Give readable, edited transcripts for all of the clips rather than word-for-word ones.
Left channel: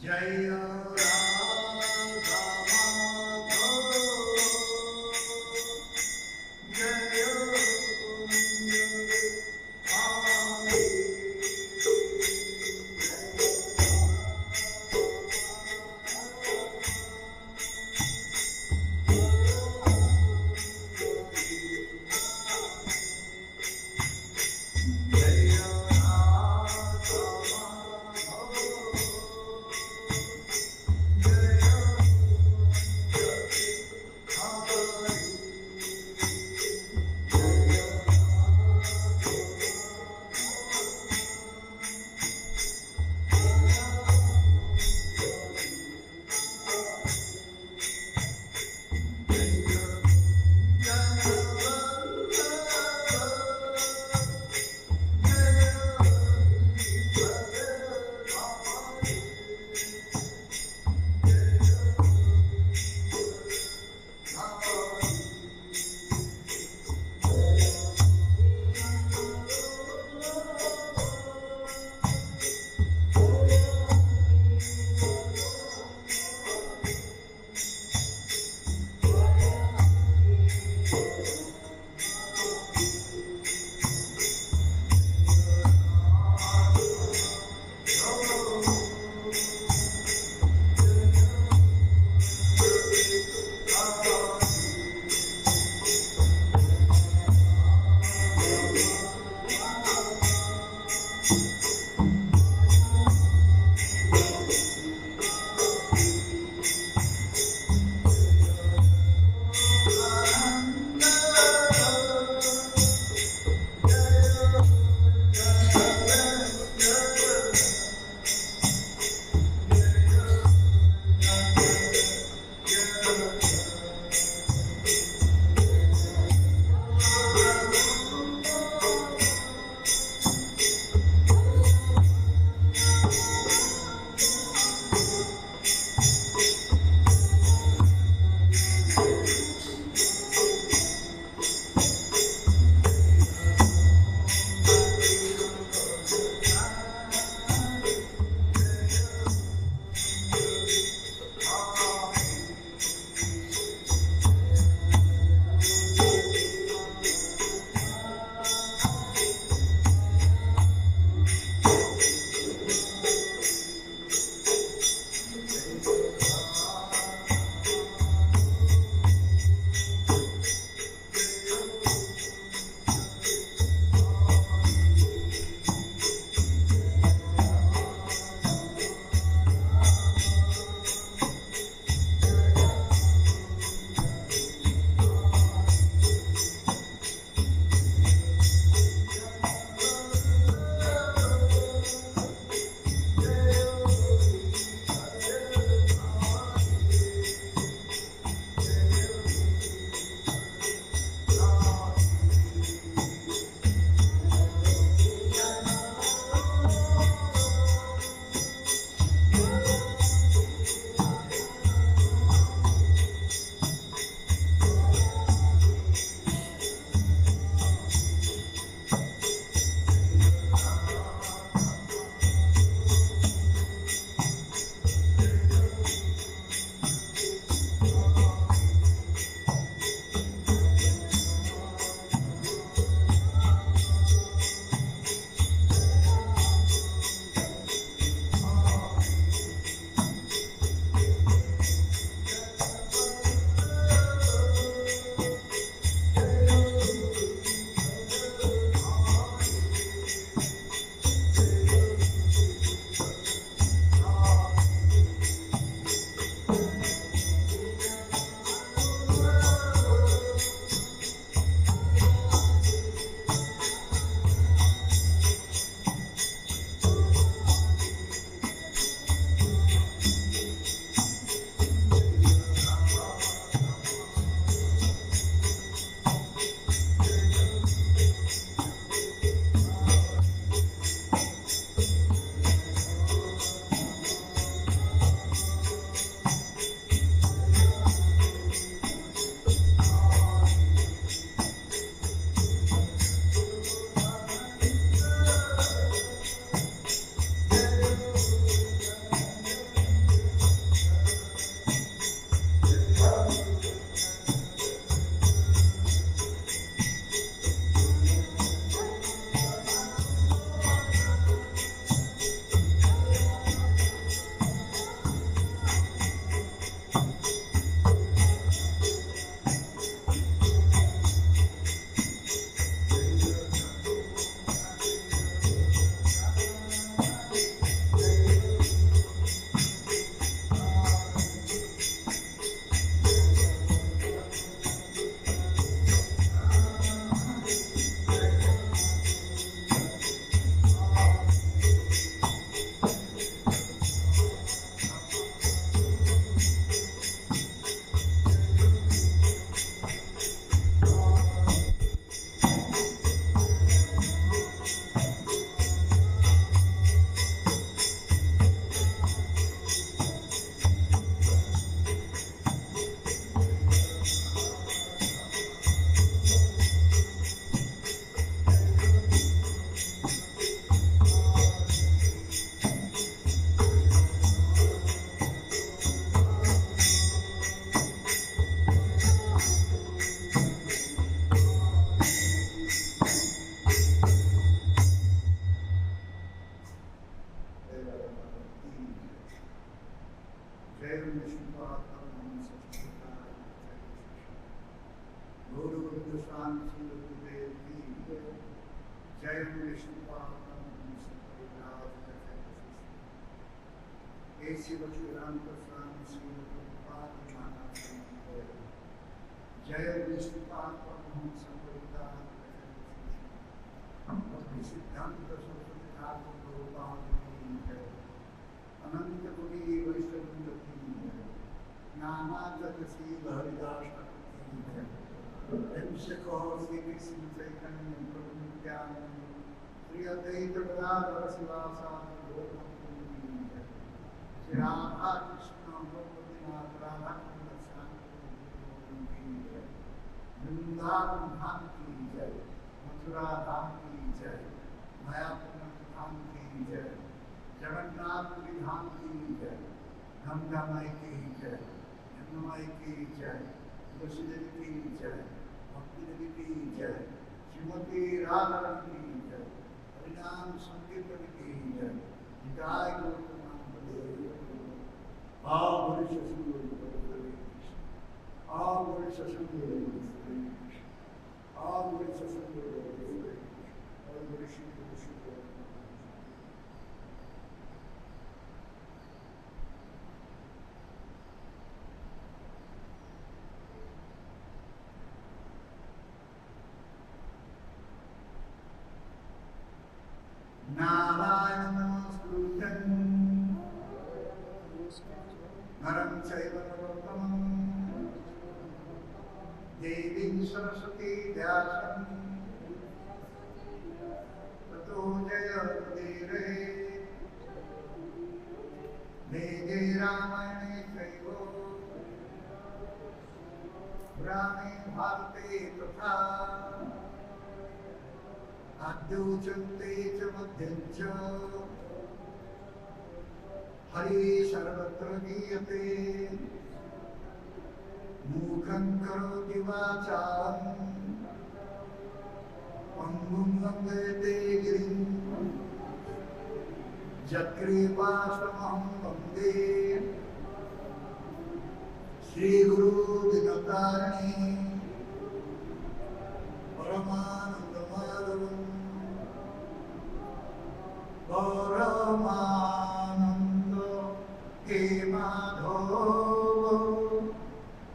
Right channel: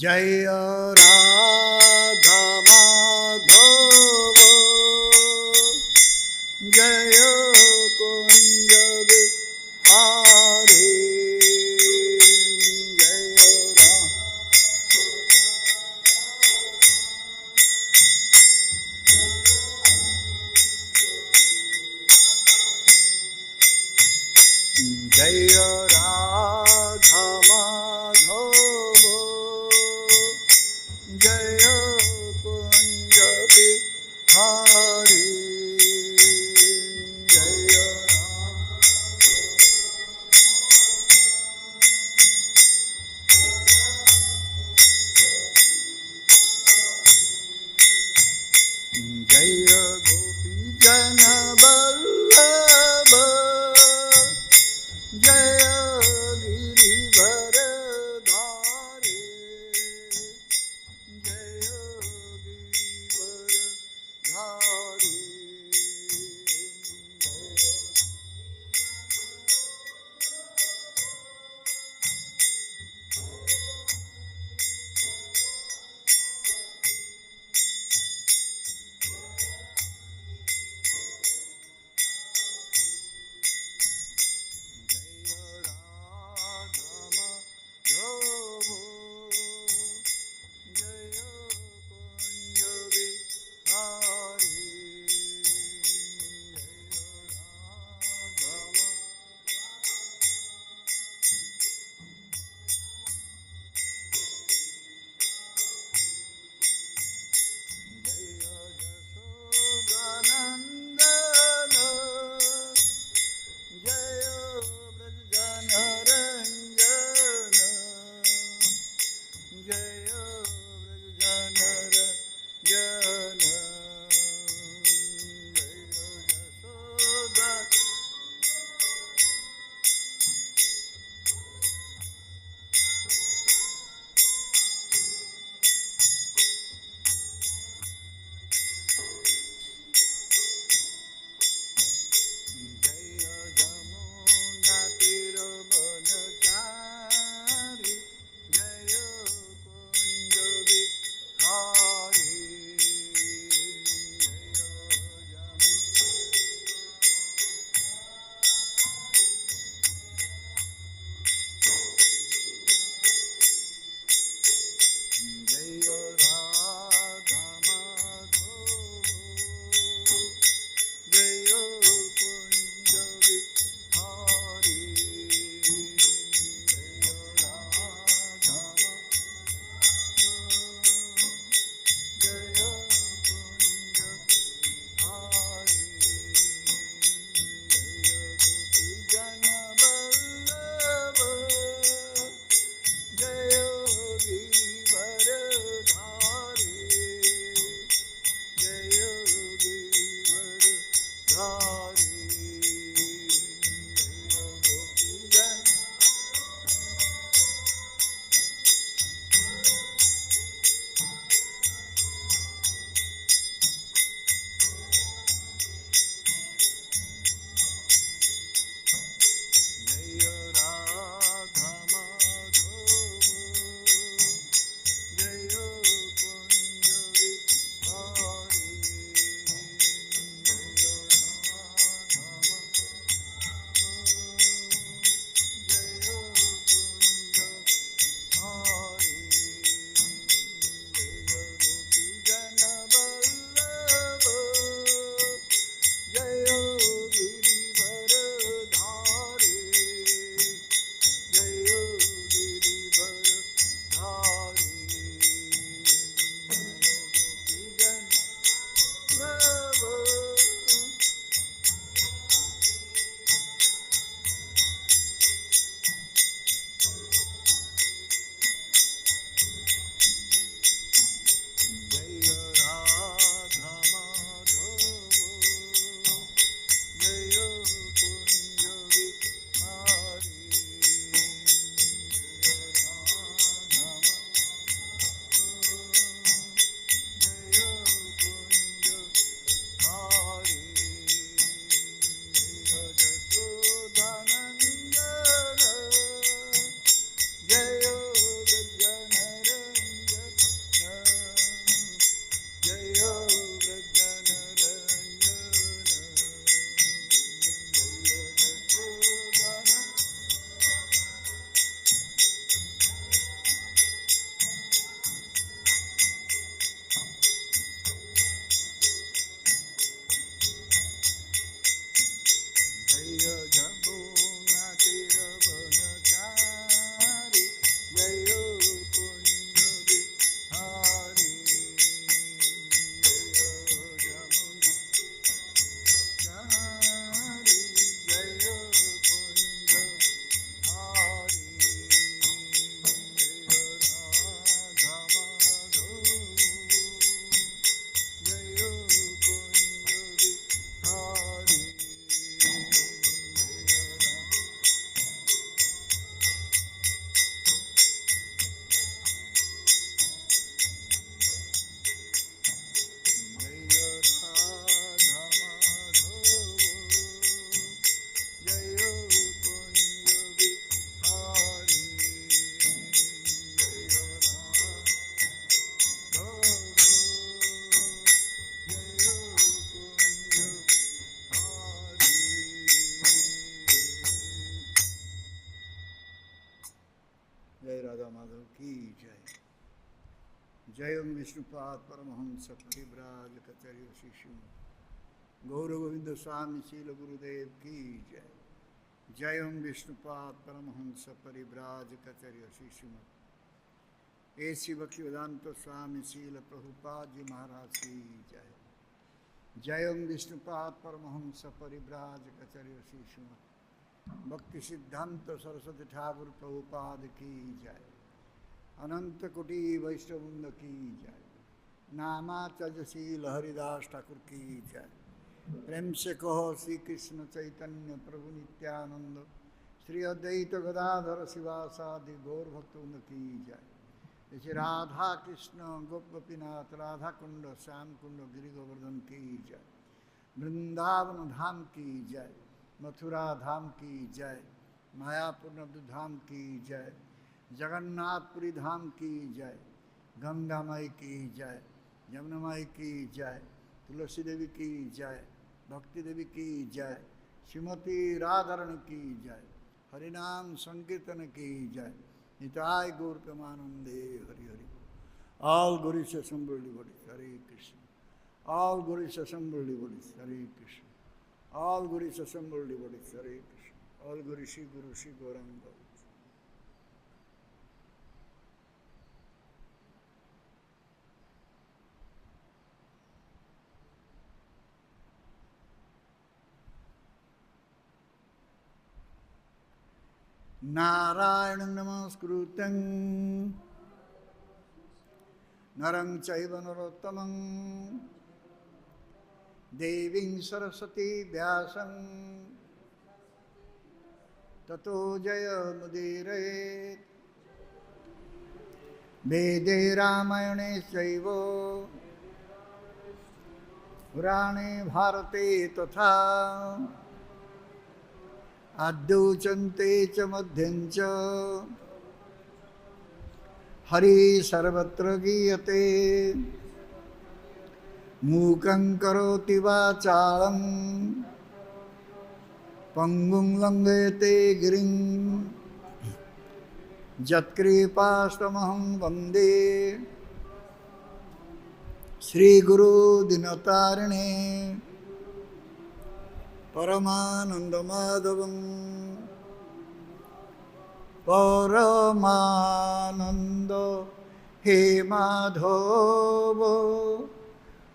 जय राधा माधव जय कुंज बिहारी जय राधा माधव जय कुंज बिहारी जय विष्णुपाद परमहंस परिव्राज कचरी शिष्य गौर गोविंद स्वामी शील गुरुदेव की जय। जय विष्णुपाद परमहंस परिव्राज कचरी शिष्य ऐसी भक्तिवेदांत स्वामी शील प्रभुपाद जी महाराज की जय। जय विष्णुपाद परमहंस परिव्राज कचरी शिष्य भक्ति सिद्धांत सरस्वती ठाकुर प्रभुपाद की जय। अनंत कोटि वैष्णववृंद की जय। नामाचशील हरिदास ठाकुर की जय। प्रेम से कहो श्री कृष्ण चैतन्य प्रभु नित्यानंद श्री अद्वैत गदाधर शिवासादि गौर भक्तवृंद की जय। जैसे राधा कृष्ण गोपतिनाथ राधा कुंड श्याम कुंड गिरिवर्धन की जय। वृंदावन धाम की जय। मथुरा धाम की जय। मायापुर धाम की जय। जगन्नाथपुरी धाम की जय। गंगा माई की जय। यमुना माई की जय। तुलसी देवी की जय। भक्ति देवी की जय। श्रीमती राधारण की जय। हरिनाम संकीर्तन की जय। निताय गौतमानंदे आओ गुरु सत्संग हरे कृष्ण। आओ गुरु सत्संग हरे कृष्ण। आओ गुरु सत्संग हरे कृष्ण। और गुरु श्री नारायण नमस्कृतं नरं चैव नरोत्तमं देवीं सरस्वती व्यासं ततो जयमुदीरये। वेदे रामायणे चैव पुराणे भारते तथा आद्योचन्ते च मध्यं च हरि सर्वत्र गीयते। मूकं करोति वाचालं पंगुं लंघयते गिरिं यत्कृपास्तमहं वन्दे श्रीगुरु दिनतारिणे परमानंदमाधवं परमानंद हे माधव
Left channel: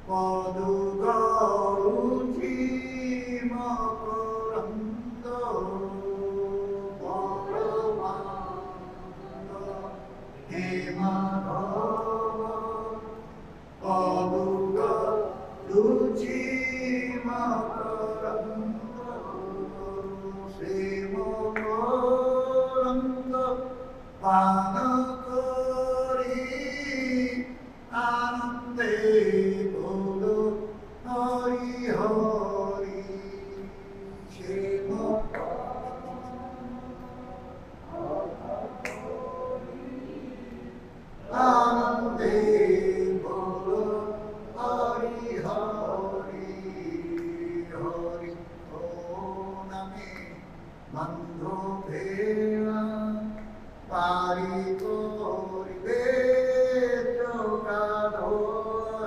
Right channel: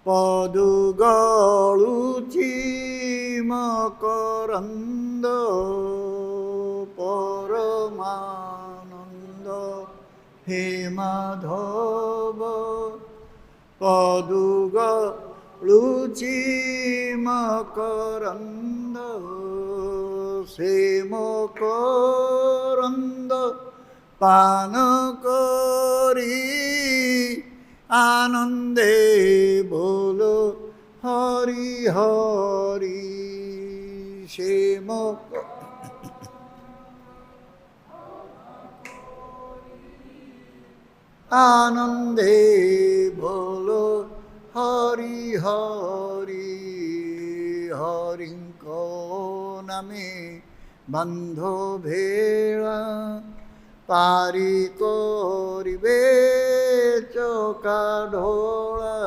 पदुगळुची मकरंद परमानंद हे माधव पदुगळुची मकरंद से मकरंद पान करी आनंदे बोलो हरि हरि। से आनंदे बोलो हरि हरि। हरि को नामे बंधो भेड़ा पारी कोरिबे चौका ढोला।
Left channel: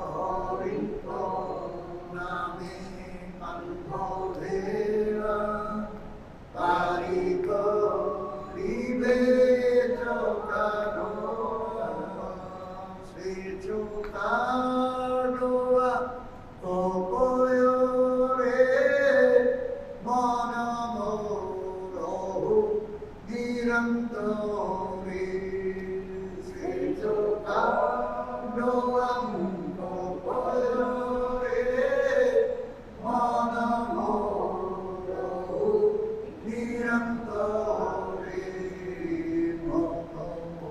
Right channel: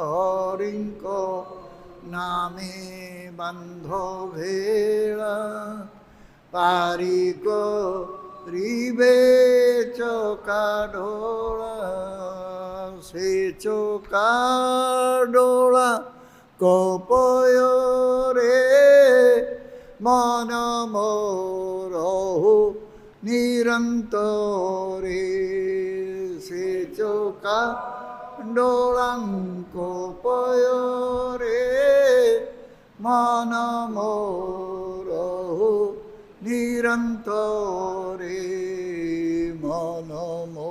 हरि को नामे बंधो भेड़ा पारी कोरिबे चौका ढोला। से चौका ढोला कोपयो रे मन मोरहु निरंतरे। से चौका ढोलां कोपयो रे मन मोरहु निरंतरे। मन मो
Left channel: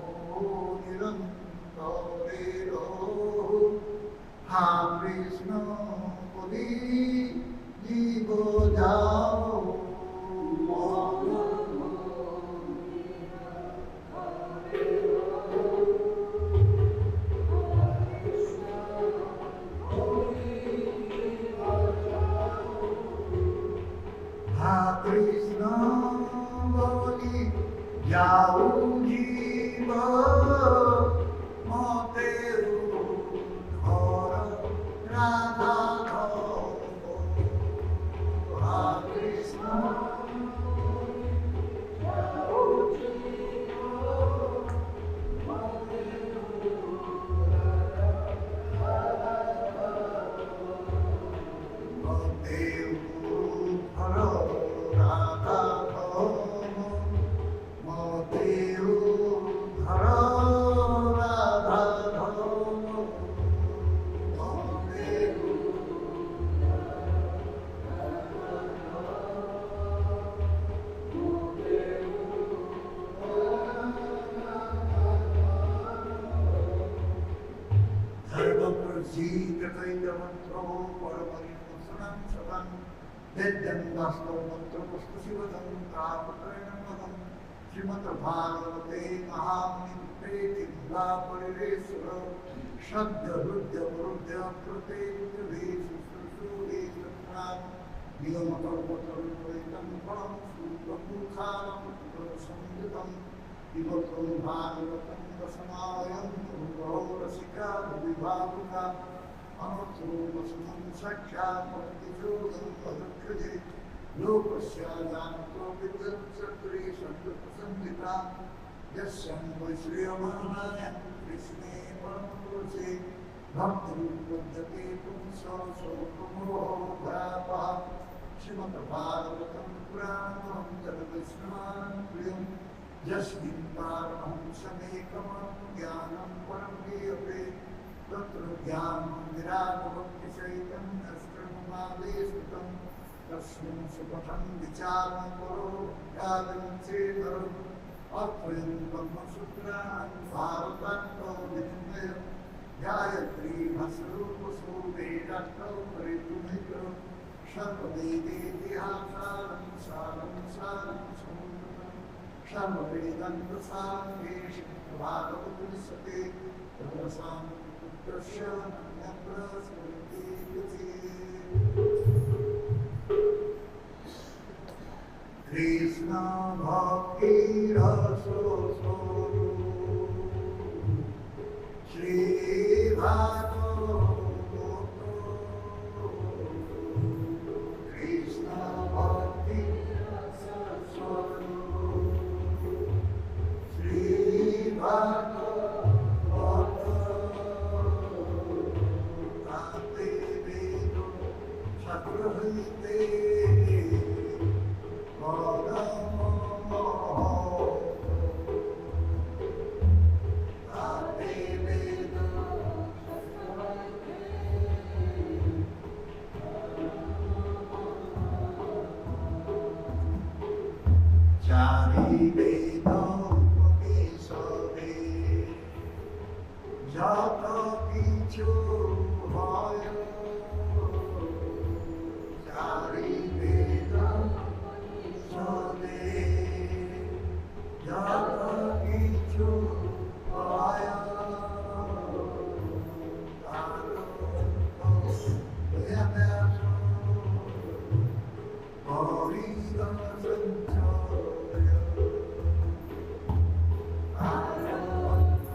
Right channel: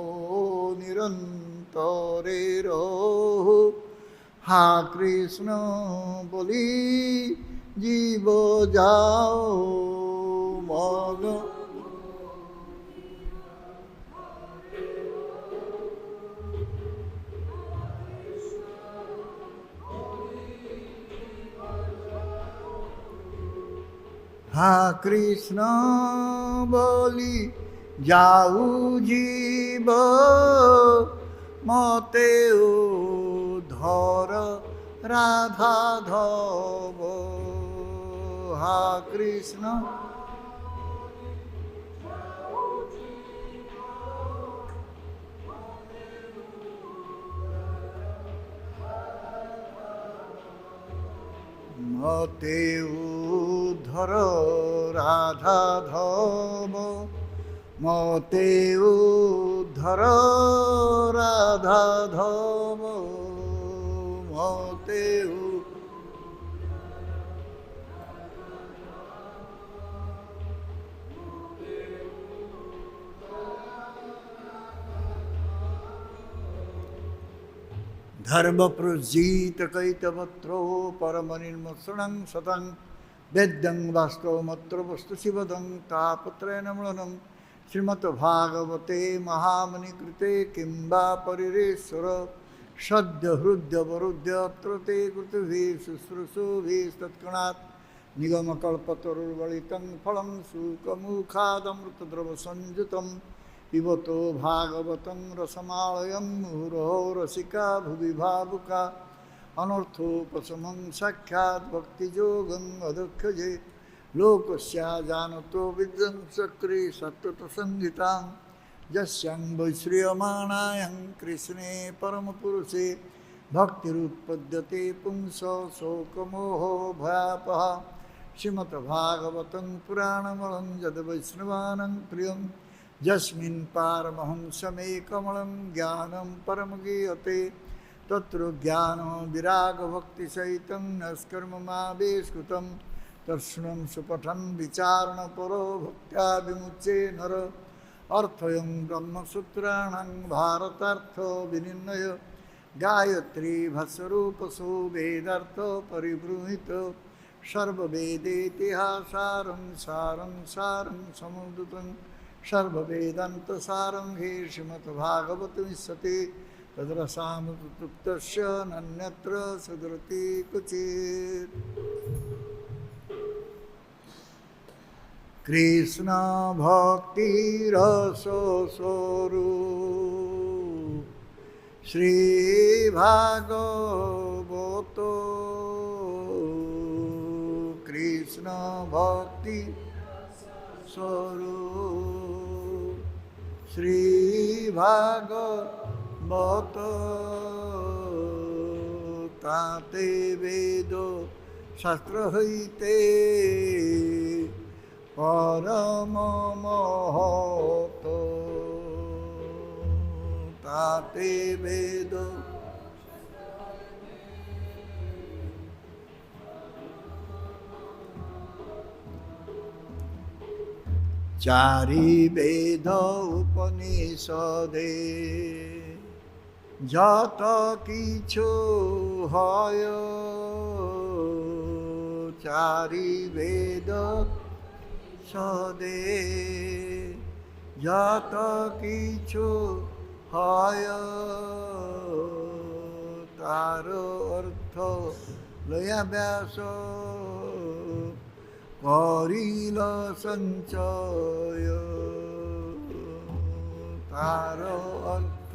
निरंतरे रहो हा कृष्ण बोली जीव जाओ मग। हा कृष्ण बोली जाऊ जीव मग মতে উদ্ধর রাধাধব মতে উদ্ধর রাধাধব মতে धर्म प्रजीत कैतवत्रो परमनिर्मसनं सतं वेद्यं वास्तवमत्र वस्तु शिवदं तापत्रयेण मृणं श्रीमद्भागवते महामुनिकृते किं वा परिरेश्वर सद्य हृद्यवरुद्य अत्र ते कृतभिः शुश्रूषुभिः तत्क्षणात् निगमकल्पतरुर्गलितं फलं शुकमुखादमृतद्रवसंयुतं पिबतो भागवतं रसमालयं मुहुरहो रसिका भुवि भावुका अनर्थोपशमं साक्षात् भक्तियोगं अदक्षजे लोकस्या जानतो विद्वंसक्रे सत्त्वसंहितां यस्यां वैश्रियमाणायां कृष्णे परमपुरुषे भक्तिरुत्पद्यते पुंसो शोकमोहो भयापः श्रीमद्भागवतं पुराणमलं यद्वैष्णवानां प्रियं यस्मिन् पारमहंसमेकमलं ज्ञानं परमगीयते तत्र ज्ञानं विरागभक्तिसहितं नस्कर्ममादेशुतं तस्मिन् सुपठन् विचारणपरो भक्त्या विमुच्ये नर अर्थयं ब्रह्मसूत्राणां भारतार्थविनिर्णय गायत्री भाष्यरूपसो वेदार्थ परिबृंहित सर्ववेदेतिहासारं सारं सारं समुद्रतं सर्ववेदान्तसारं हि श्रीमद्भागवत विशते तद्रसामुक्तस्य नन्यत्र सदृति क्वचित् कृष्ण भक्तिरसस्वरूप श्री भागवत कृष्ण भक्ति स्वरूप श्री भागवत ताते वेद शास्त्र हईते परम महत ताते वेद चारि वेद उपनिषदे যত কিছু হয় চারি বেদ সদে যত কিছু হয় তার অর্থ লয়া ব্যাস করিল সঞ্চয় তার অর্থ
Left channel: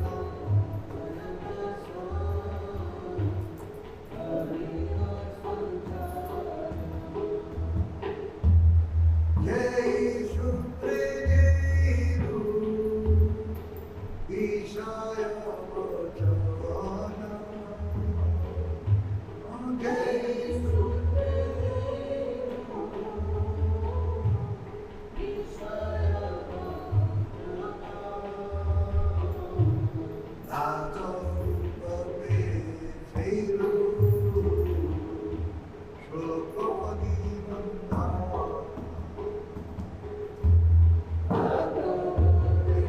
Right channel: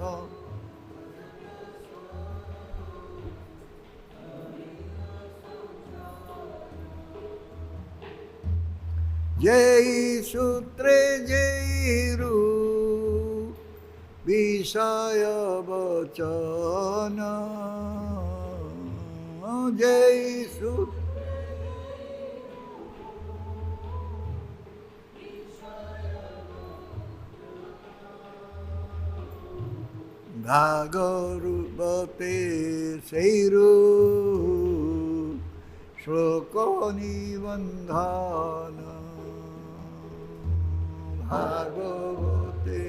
जय सूत्रे जयरु विषय वचन जय सूत्रे भागरूपते सैरु श्लोक निबंधन भागवते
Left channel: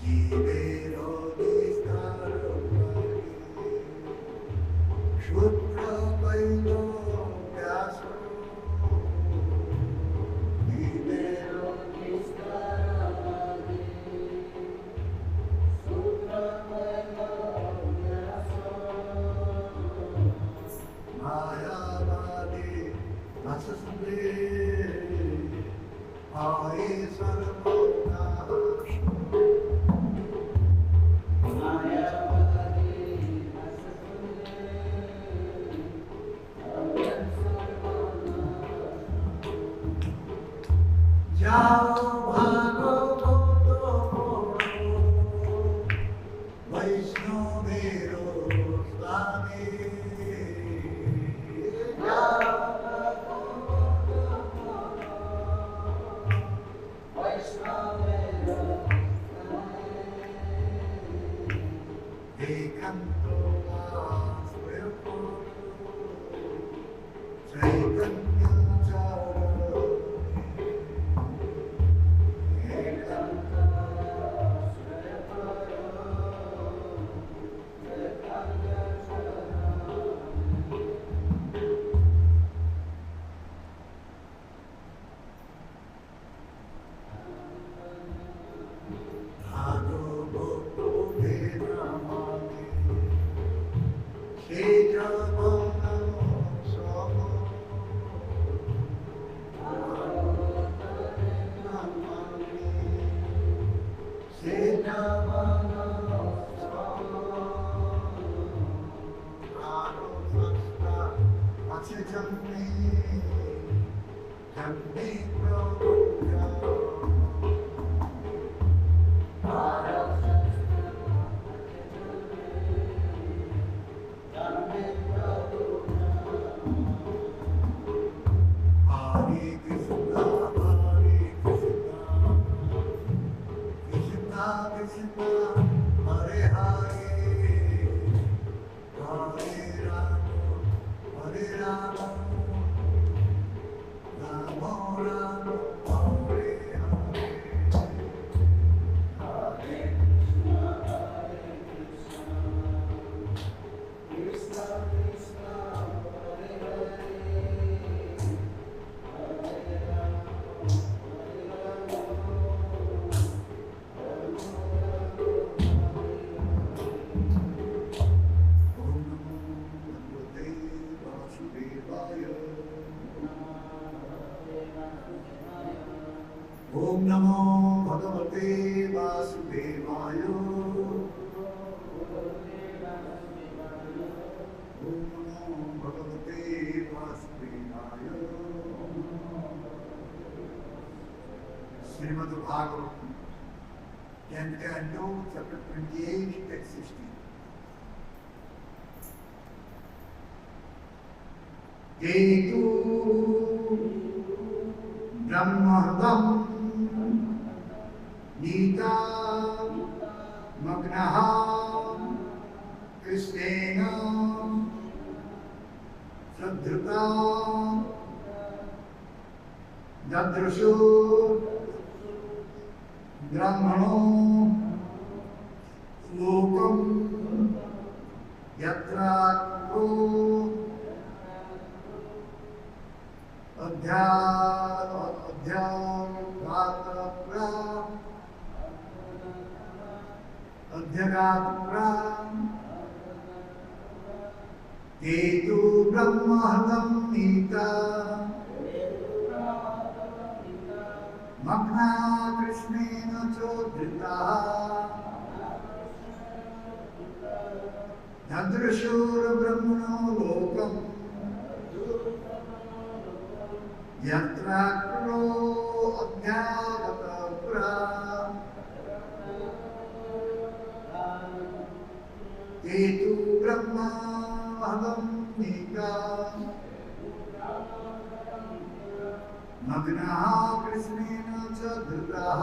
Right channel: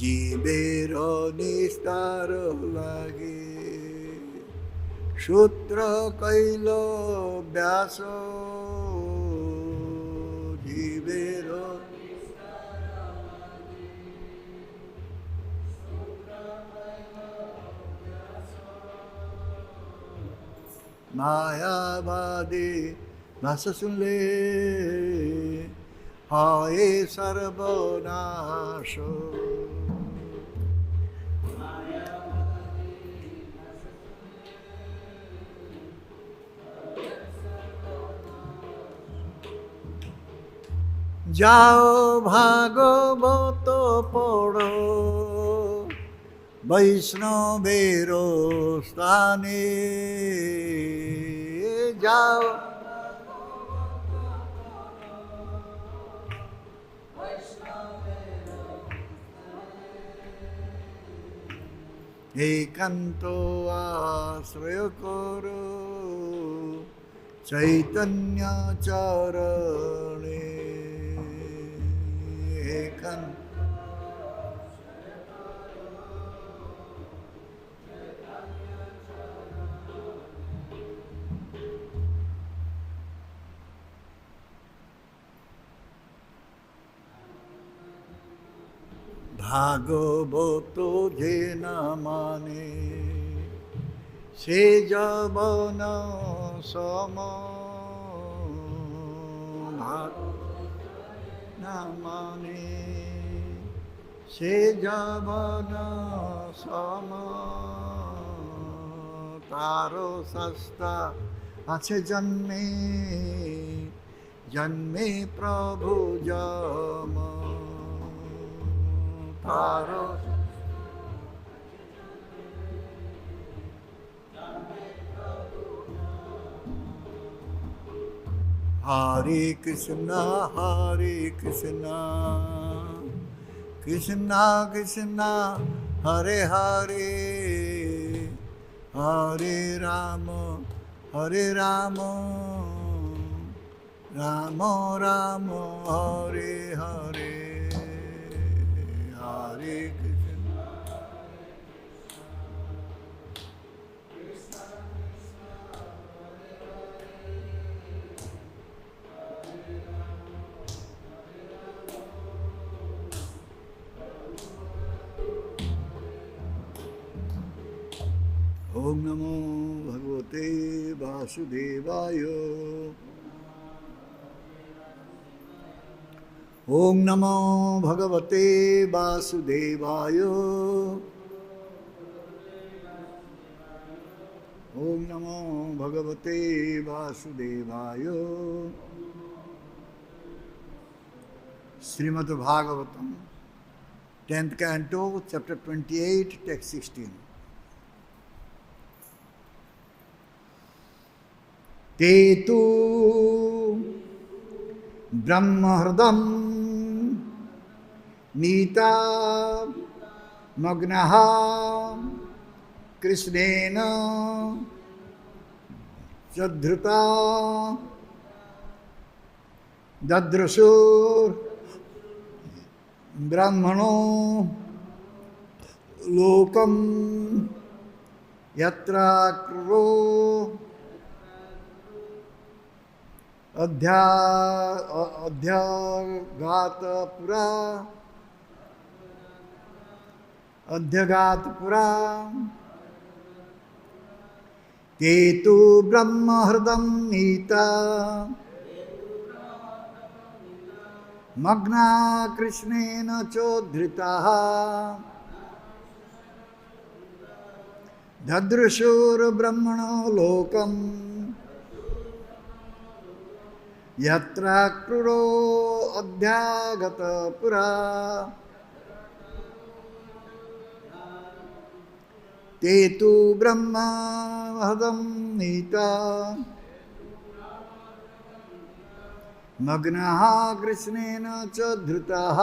जीवेर निस्तार लागे सूत्र कैल व्यास जीवेर मायावादी भाष सुनले हाय सर्वनाश जाओ भागवत पढ़ो वैष्णवेरो स्थाने जाओ। एकांतो आश्रय करो चैतन्य चरणे। भागवत जे न माने से जवन सम। न माने से जवन सम। तारो सस्ता আছে जन्मे जन्मे प्रभु जम। हरे कृष्णा कृष्णा कृष्णा हरे हरे हरे राम राम राम हरे हरे। हरे ओम नमो भगवते वासुदेवाय। ओम नमो भगवते वासुदेवाय। ओम नमो भगवते वासुदेवाय। Shrimad Bhagavatam 10th canto chapter 28 text 16। ते तु ब्रह्महृदं नीता मग्नः कृष्णेन सद्धृता ददृशु ब्रह्मणो लोकं यत्र क्रो अध्यगातपुरा ते तु ब्रह्महृदं नीता मग्ना कृष्णेन चोद्धृताः ददृशुर्ब्रह्मणो लोकम् यत्र क्रूरो अध्यागतपुरा ते तु ब्रह्महृदं नीता मग्नः कृष्णेन च धृतः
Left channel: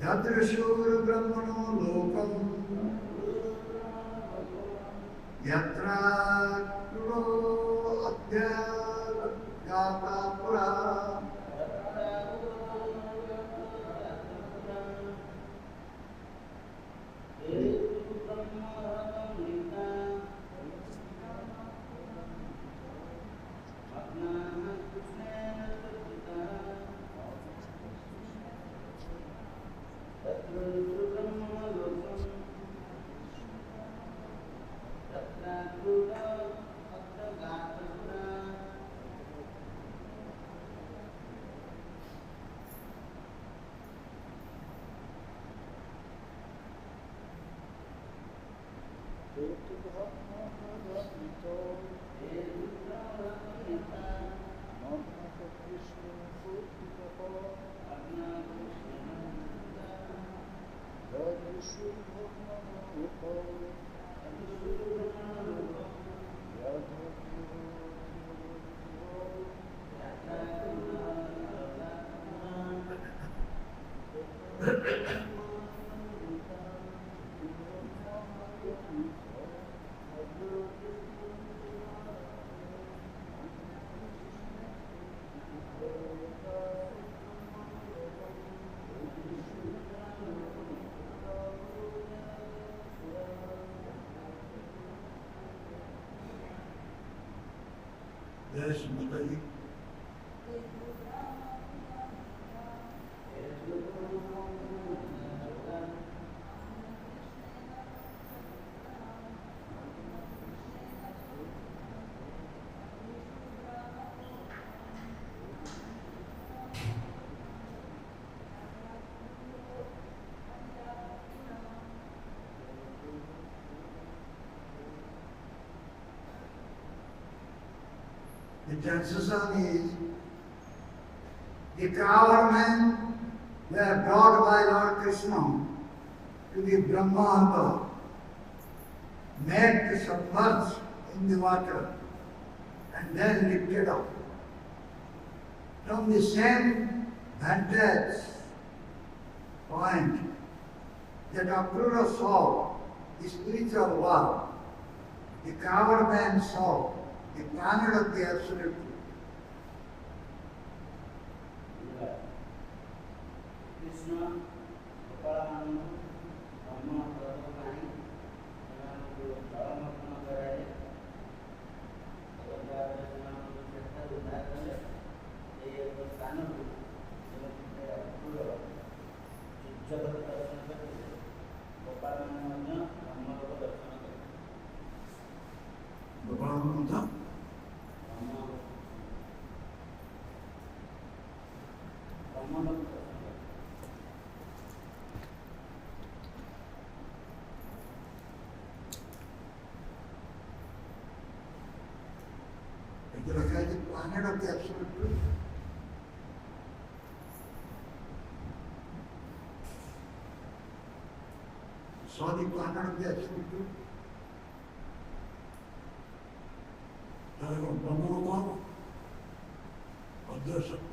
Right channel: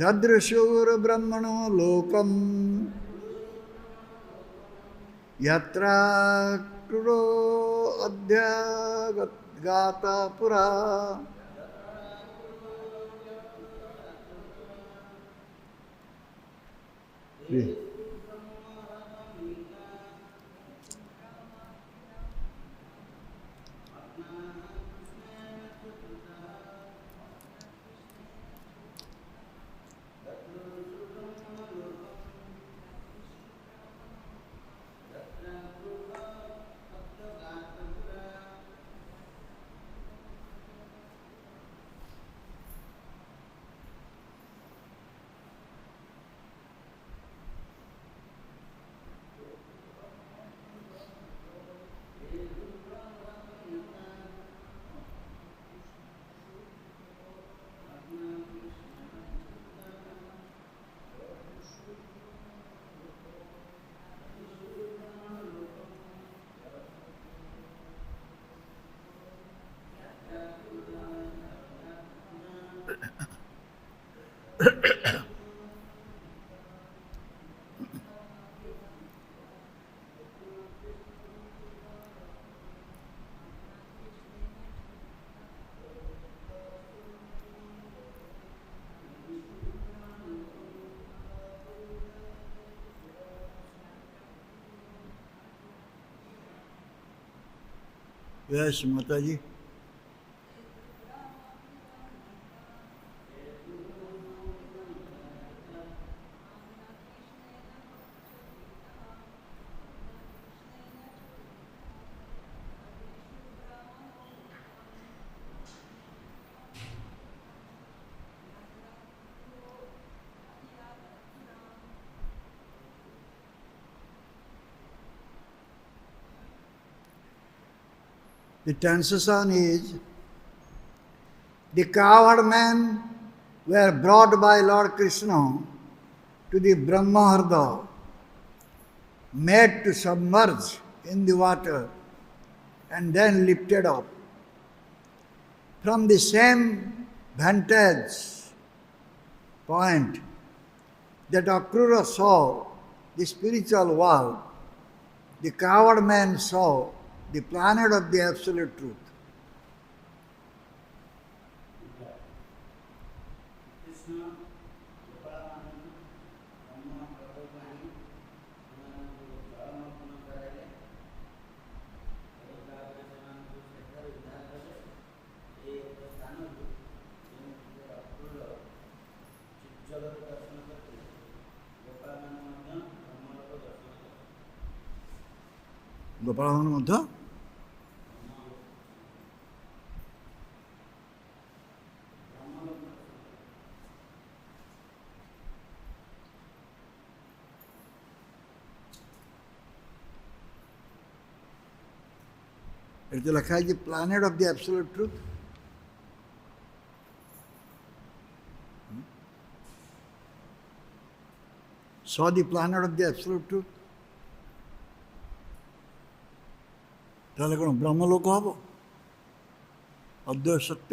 ददृशुर्ब्रह्मणो लोकम् यत्र क्रूरो अध्यागतपुरा। Yes, Mataji. The transition is, the coward men were brought by Lord Krishna to the Brahmaharda, made to submerge in the water and then lifted up. From the same vantage point that Akrura saw the spiritual world, the coward man saw the planet of the absolute truth. Gopalan Madha? It is like the planet of the absolute truth. Saw the planet of the absolute truth. তাহলে কোনো ব্রহ্মলোক হব? অদ্বৈত সত্য।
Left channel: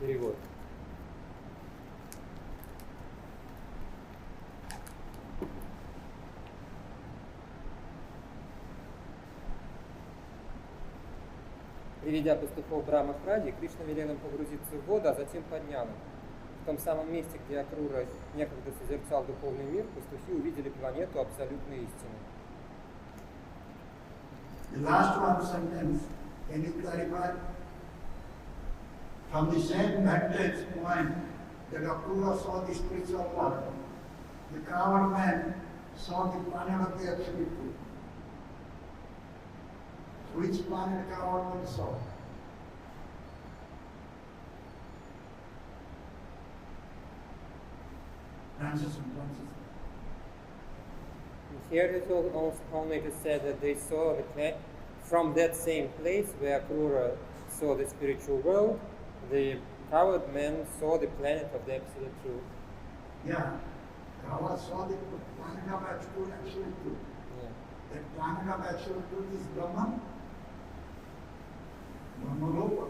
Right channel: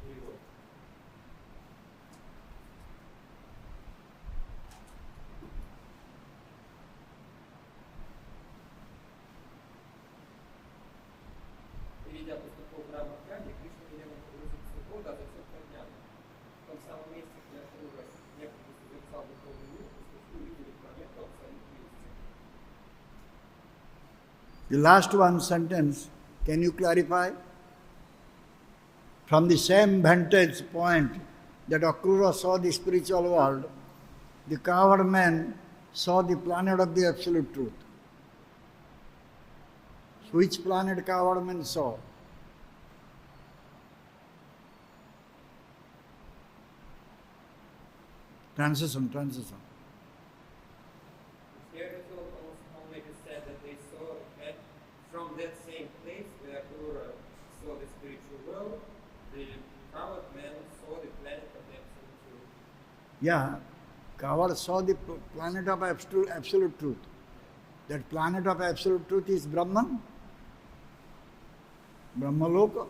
Перевод. Приведя пастухов Брахма к Раде, Кришна велел им погрузиться в воду, а затем поднял их. В том самом месте, где Акрура некогда созерцал духовный мир, пастухи увидели планету абсолютной истины. The last one sentence, can you clarify? From the same vantage point that Akrura saw the spiritual world, the coward man saw the planet of the absolute truth. Which planet coward man saw? Transition. Here it also only to say that they saw the planet from that same place where Akrura saw the spiritual world. The coward man saw the planet of the absolute truth. Yeah, coward saw the planet of absolute truth. Yeah. That planet of absolute truth is Brahman, Brahmaloka.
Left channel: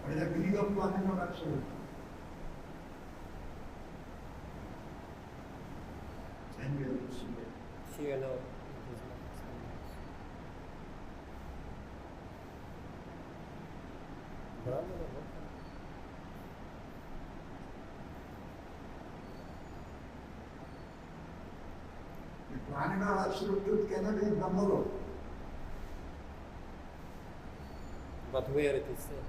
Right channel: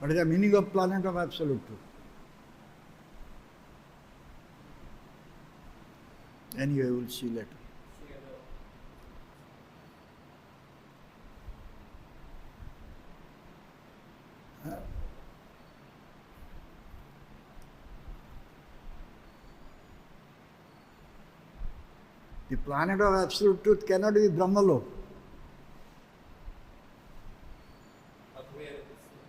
What is the meaning of planet of absolute truth? Anyway, we'll see later. Here now. The planet of absolute truth cannot be Brahmaloka. But where it is said?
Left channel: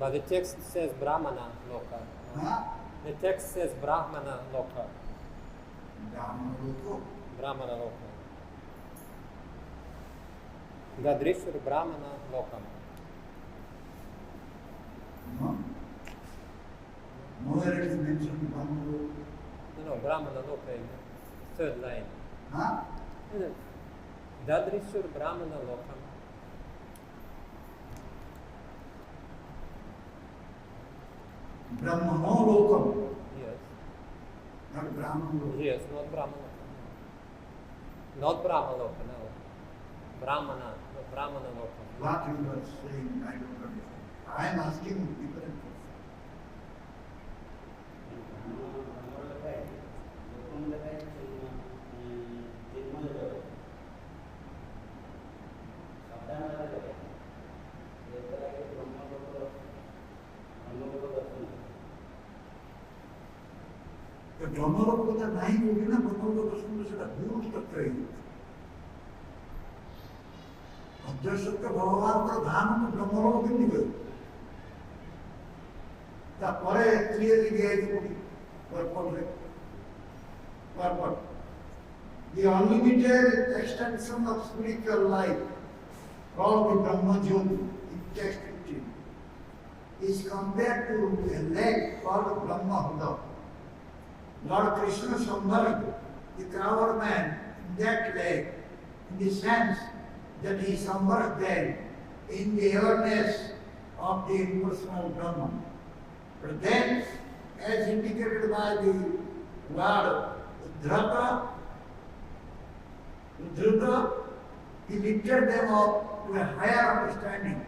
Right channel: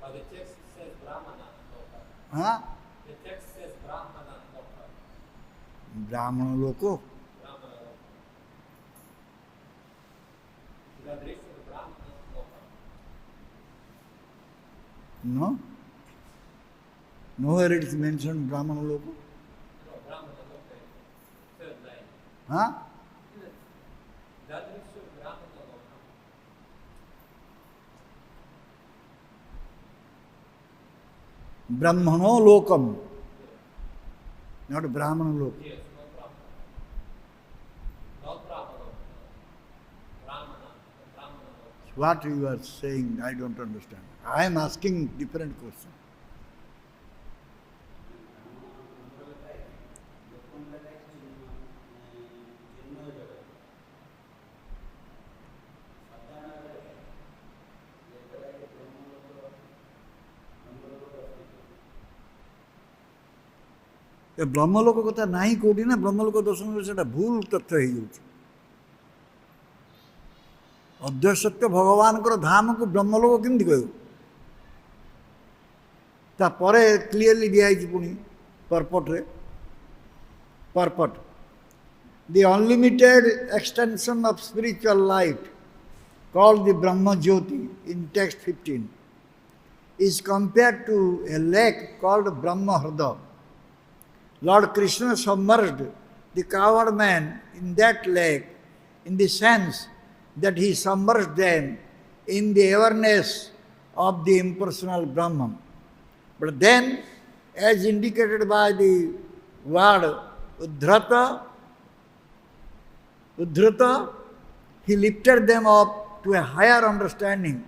But the text says Brahmana Loka. Huh? The text says Brahmana Loka. Brahmaloko. Brahmana Loka. Gadrishwar Brahmana Loka. No? Nowhere it is mentioned Brahmaloko. No, Brahmana Loka in the third line. Huh? Dadrishwar Brahmana Loka. Brahmano lokam. Yes. Not Brahmana lokam. Yes, not Brahmana. Not Brahmana Loka, no. Brahmana, no. Brahmana work. What you are saying, I don't understand. I am asking different question. ब्रह्मलोक कथा नहीं कौटी ना ब्रह्मलोक दर्शन से भूल तथ्य अद्वैत सत्य भगवान को धाम को ब्रह्मलोक केमती कह क्लीयरली दिखाई पुणी पर्पट रे पर्पट the unlimited extension of spiritual light called the Brahma Jyoti in text 15 is compared to a lake called Brahma Hrada. Lord Krishna submerged the coward man in that lake in the sense that he submerged them in the awareness of the impersonal Brahman. But then, as indicated by the word Uddhrata, he lifted them up to a higher understanding,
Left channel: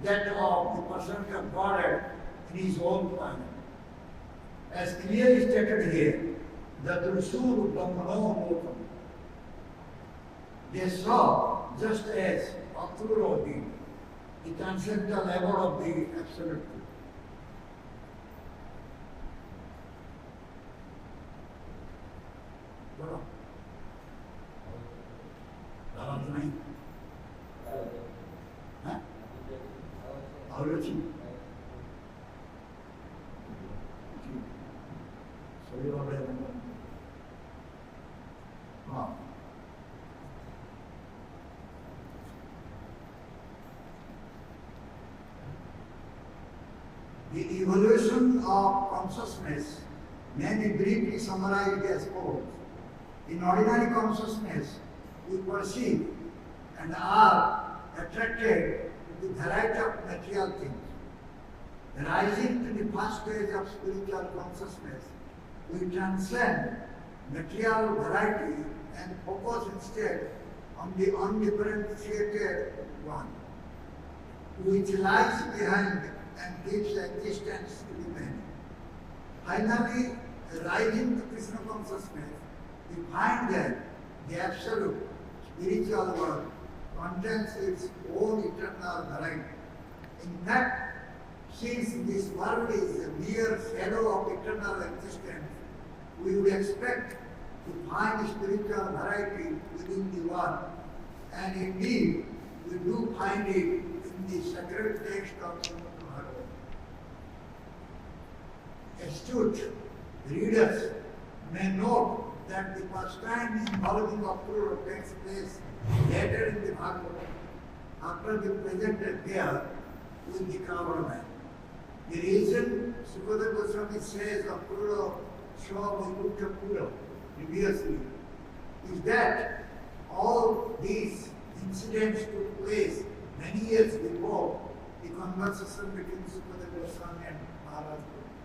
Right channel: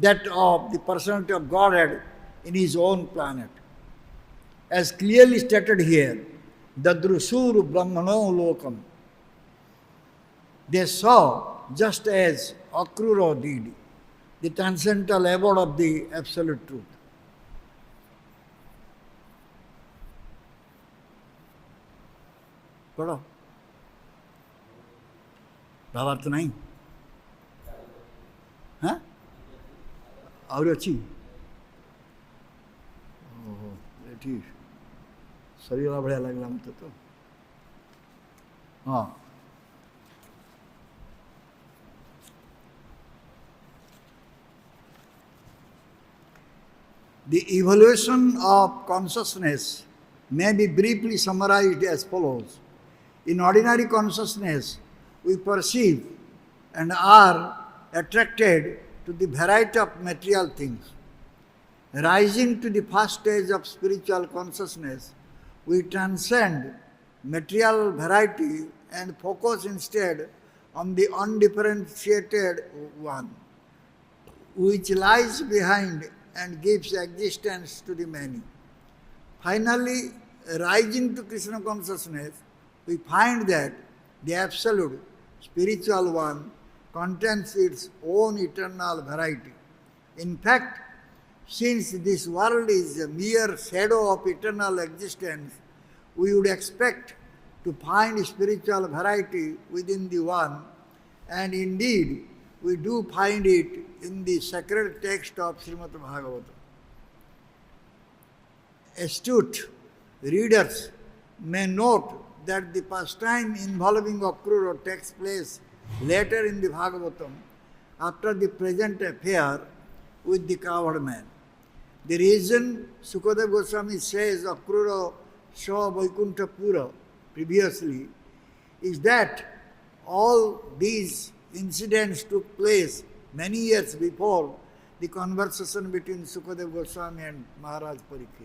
that of the personality of Godhead in his own planet. As clearly stated here, Dadrusur Brahmano Lokam. They saw, just as Akrura did, the transcendental abode of the absolute truth. पढ़ो भावार्थ नहीं हाँ और अच्छी ठीक शरीर बढ़िया लगला तो हाँ The evaluation of consciousness may be briefly summarized as follows. In ordinary consciousness, we perceive and are attracted to the variety of material things. Rising to the first stage of spiritual consciousness, we transcend material variety and focus instead on the undifferentiated one, which lies behind and gives existence to the many. Finally, rising to Krishna consciousness, we find that the absolute spiritual one contains its own eternal variety. In fact, since this world is a mere shadow of eternal existence, we would expect to find spiritual variety within the one, and indeed, we do find it in the sacred text of Srimad Bhagavatam. Astute readers may note that the pastime involving Akrura takes place later in the Bhagavatam after the present affair with the coward man. The reason Sukadeva Goswami says Akrura saw Vaikuntha Pura previously is that all these incidents took place many years before the conversation between Sukadeva Goswami and Maharaj Parikshit.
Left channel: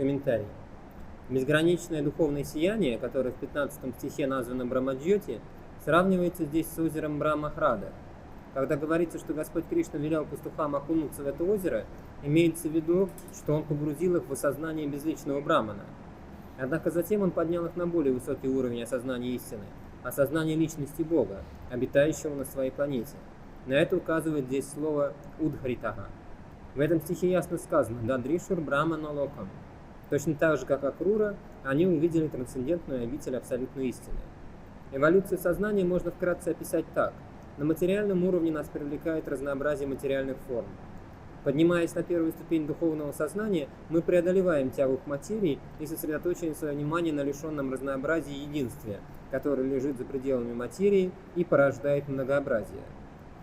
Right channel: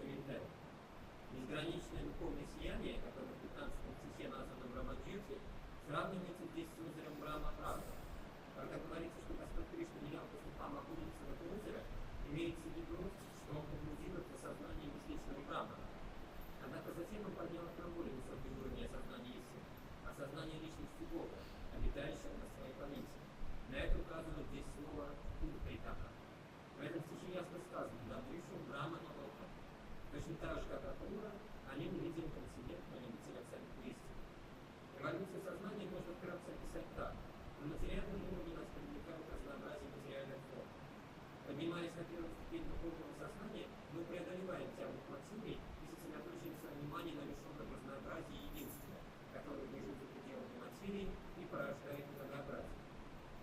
Комментарий. Безграничное духовное сияние, которое в 15 стихе названо Брамаджьоти, сравнивается здесь с озером Брахмахрада. Когда говорится, что Господь Кришна велел пастухам окунуться в это озеро, имеется в виду, что Он погрузил их в осознание безличного Брамана. Однако затем Он поднял их на более высокий уровень осознания истины, осознания личности Бога, обитающего на своей планете. На это указывает здесь слово «удхритага». В этом стихе ясно сказано «Дадришур Брамана Локам». Точно так же, как Акрура, они увидели трансцендентную обитель абсолютной истины. Эволюцию сознания можно вкратце описать так. На материальном уровне нас привлекает разнообразие материальных форм. Поднимаясь на первую ступень духовного сознания, мы преодолеваем тягу к материи и сосредоточиваем свое внимание на лишенном разнообразии единстве, которое лежит за пределами материи и порождает многообразие.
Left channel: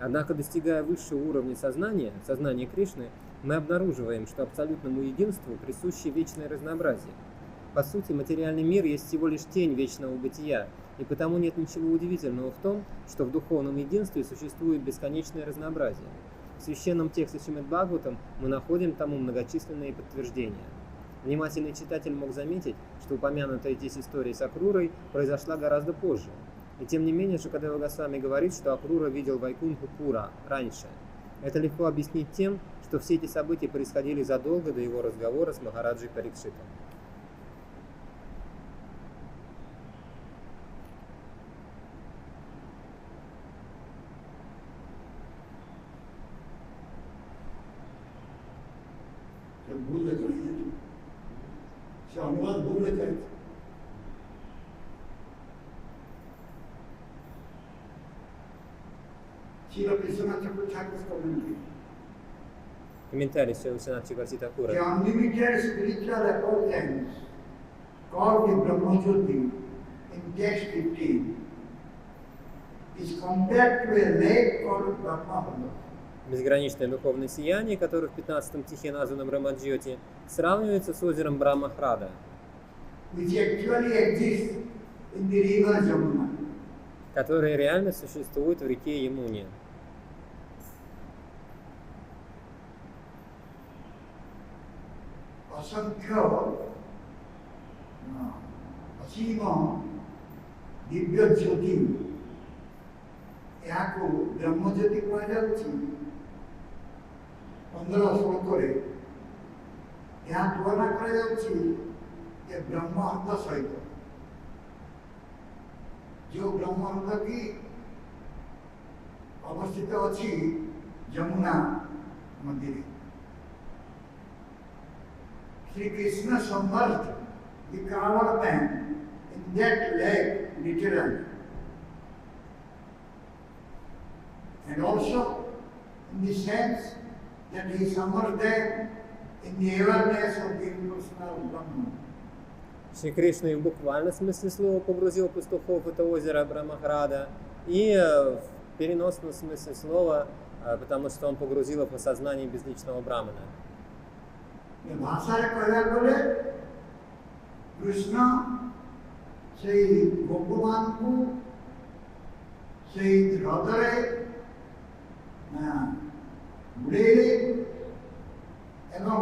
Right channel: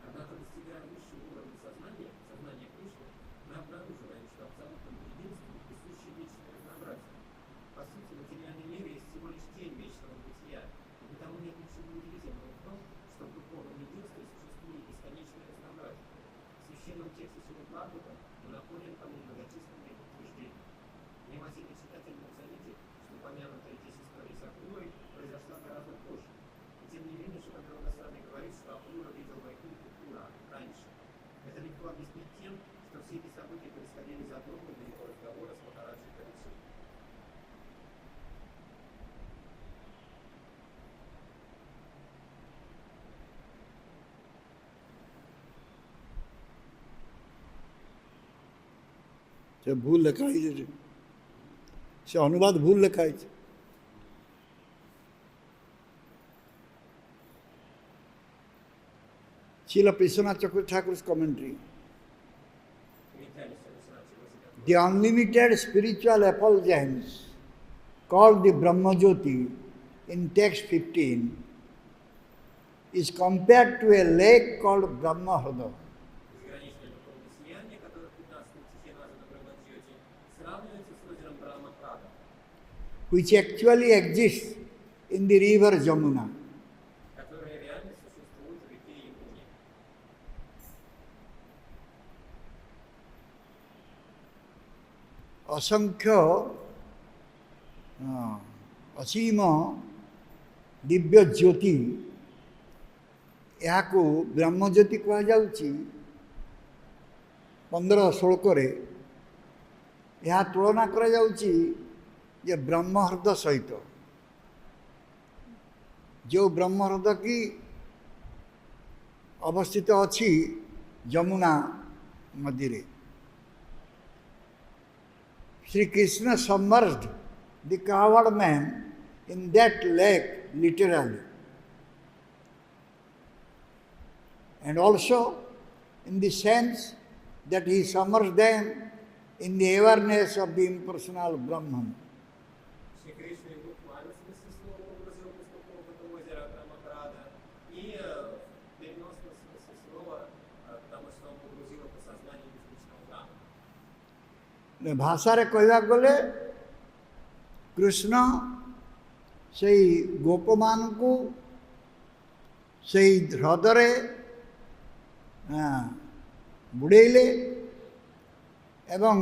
Однако, достигая высшего уровня сознания, сознания Кришны, мы обнаруживаем, что абсолютному единству присуще вечное разнообразие. По сути, материальный мир есть всего лишь тень вечного бытия, и потому нет ничего удивительного в том, что в духовном единстве существует бесконечное разнообразие. В священном тексте Шримад Бхагаватам мы находим тому многочисленные подтверждения. Внимательный читатель мог заметить, что упомянутая здесь история с Акрурой произошла гораздо позже. И тем не менее, Шукадева Госвами говорит, что Акрура видел Вайкунху Пура раньше. Это легко объяснить тем, что все эти события происходили задолго до его разговора с Махараджей Парикшитом. भूल लिखा से अनुवाद भूल लिखा है Srila Vishwanath Chakravarti Thakur's commentary. Комментарий Вишванатха Чакраварти Thakura. The unlimited spiritual effulgence called the Brahmajyoti in text 15 is compared to a lake called Brahmahrada. Безграничное духовное сияние, которое в 15 стихе названо Брамаджьоти, сравнивается с озером Брамахрада, which actually exists in the river Jamuna. которое реально существует в реке Ямуне. असंख्य असीम दिव्य ज्योति यहाँ को ब्रह्मज्योति कहुच्छी 15-16 यहाँ तुलना कर ब्रह्महृद सहित जो ब्रह्महृद की अवस्थित अच्छी जमुना मध्य Sri Krishna submerged the coward man in that lake literally, and also in the sense that he submerged them in the awareness of the impersonal Brahman. Шри Кришна в буквальном смысле слова погрузил пастухов в это озеро Брамахрада, и в переносном смысле слова, потому что он погрузил их в осознание безличного Брамана. भाषा कहवा गले कृष्ण से गोप मान को से ह्रदरे बुड़ेले एवं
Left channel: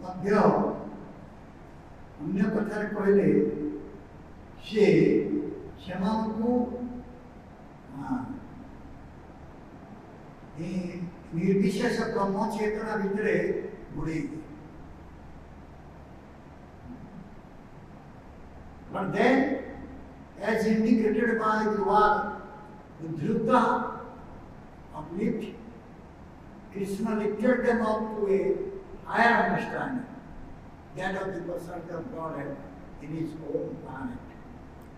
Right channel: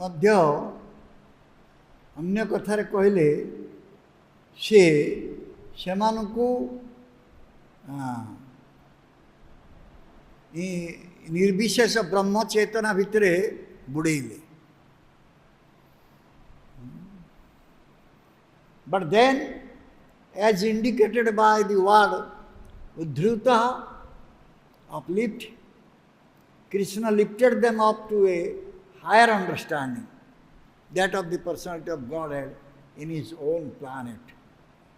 मध्य अन्य कथार कहले से सेमानकु निर्विशेष ब्रह्म चेतना भितरे बुड़ेले. But then, as indicated by the word Udhrita, uplift, Krishna lifted them up to a higher understanding, that of the personality of Godhead in his own planet.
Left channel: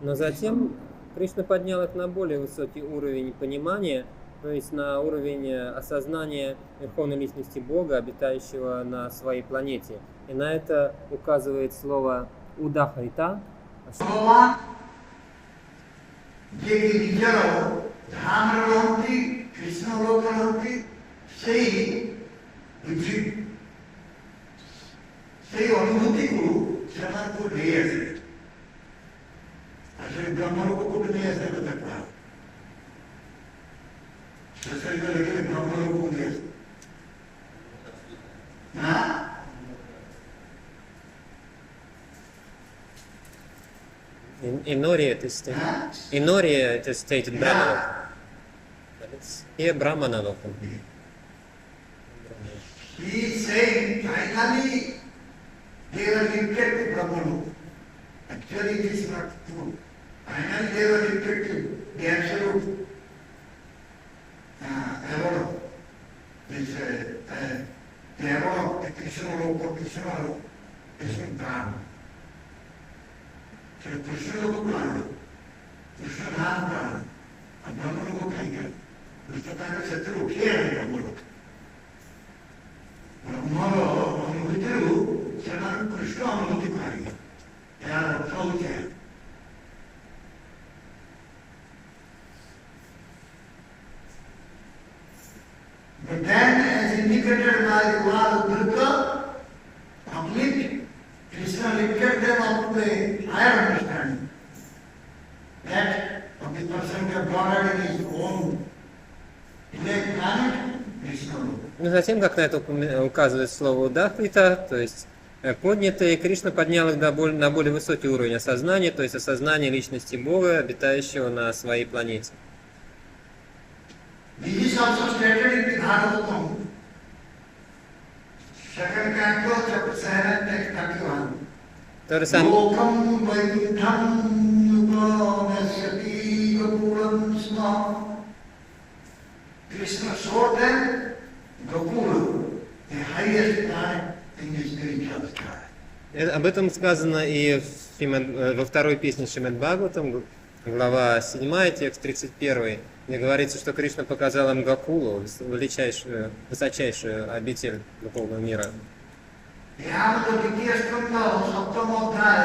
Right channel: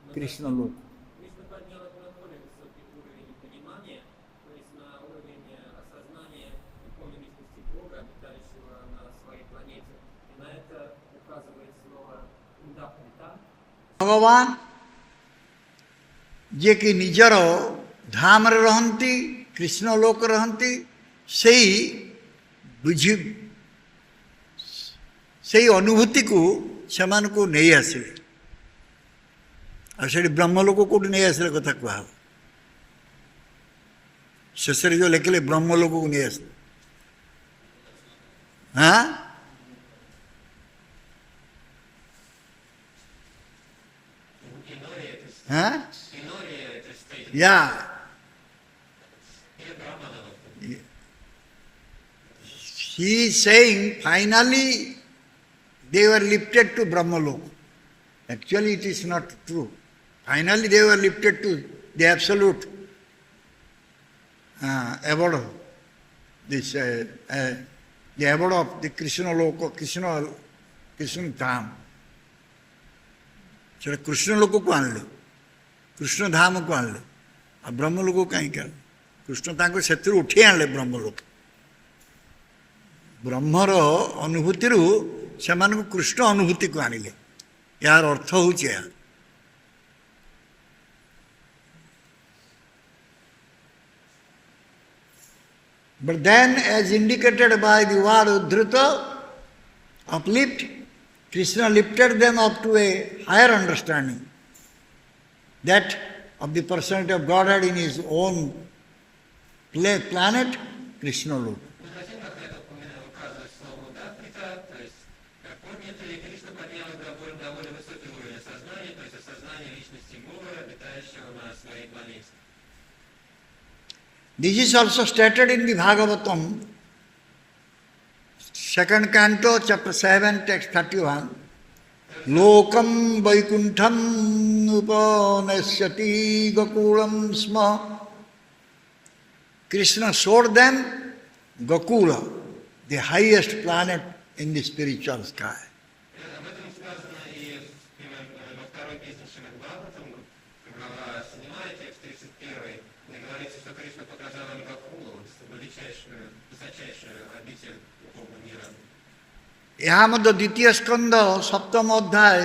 Но затем Кришна поднял их на более высокий уровень понимания, То есть на уровень осознания Верховной Личности Бога, обитающего на своей планете. И на это указывает слово «удахрита». भगवान जे कि निजर धाम रहती कृष्ण लोक रहती से अनुभूति को से नहीं आसिले और ब्रह्मलोक कौट नहीं आसिले कथा कह शेष जो लिखिले ब्रह्मलोक को नहीं आस हाँ Inori, it is stated. Yeah. Here Brahmana lokum. He is saying finally they were lifted to Brahmalok. Actually it is not true. Finally they were lifted to the absolute abode of this, the abode of the Krishna Loka, Krishna Dham. ସେଟା କୃଷ୍ଣ ଲୋକକୁ ଆଣିଲେ କୃଷ୍ଣ ଧାମକୁ ଆଣିଲେ ଆଉ ବ୍ରହ୍ମ ଲୋକ କାହିଁକି ଆଣିଲେ କୃଷ୍ଣ ତାଙ୍କୁ ସେଥିରୁ ଉଠେଇ ଆଣିଲେ ବ୍ରହ୍ମଲୋକ ବ୍ରହ୍ମର ଅନୁଭୂତିରୁ ସେମାନଙ୍କୁ କୃଷ୍ଣ ଅନୁଭୂତିକୁ ଆଣିଲେ ଏହାର ଅର୍ଥ ହେଉଛି ଏହା But then as indicated by the word Uddhrita, uplift, Krishna lifted them up to a higher understanding, that of the personality of Godhead in his own planet, Krishna Loka. Ну, затем, как на это указывает слово «удахрита», то есть поднятые, Кришна поднял их на более высокий уровень осознания, то есть осознание личности Бога, обитающего на своей планете. This is also stated in the Bhagavatam. Second canto, chapter 7, text 31. Lokam Vaikuntham Upanesyati Gakulam Sma. Krishna showed them Gokula, the highest planet in the spiritual sky. Об этом сказано и во второй песне Шримад Бхагаватам, глава 7, текст 31, где говорится, что Кришна показал им Гокулу, высочайшую обитель духовного мира. यहाँ मध्य द्वितीय स्कंद सप्तम अध्याय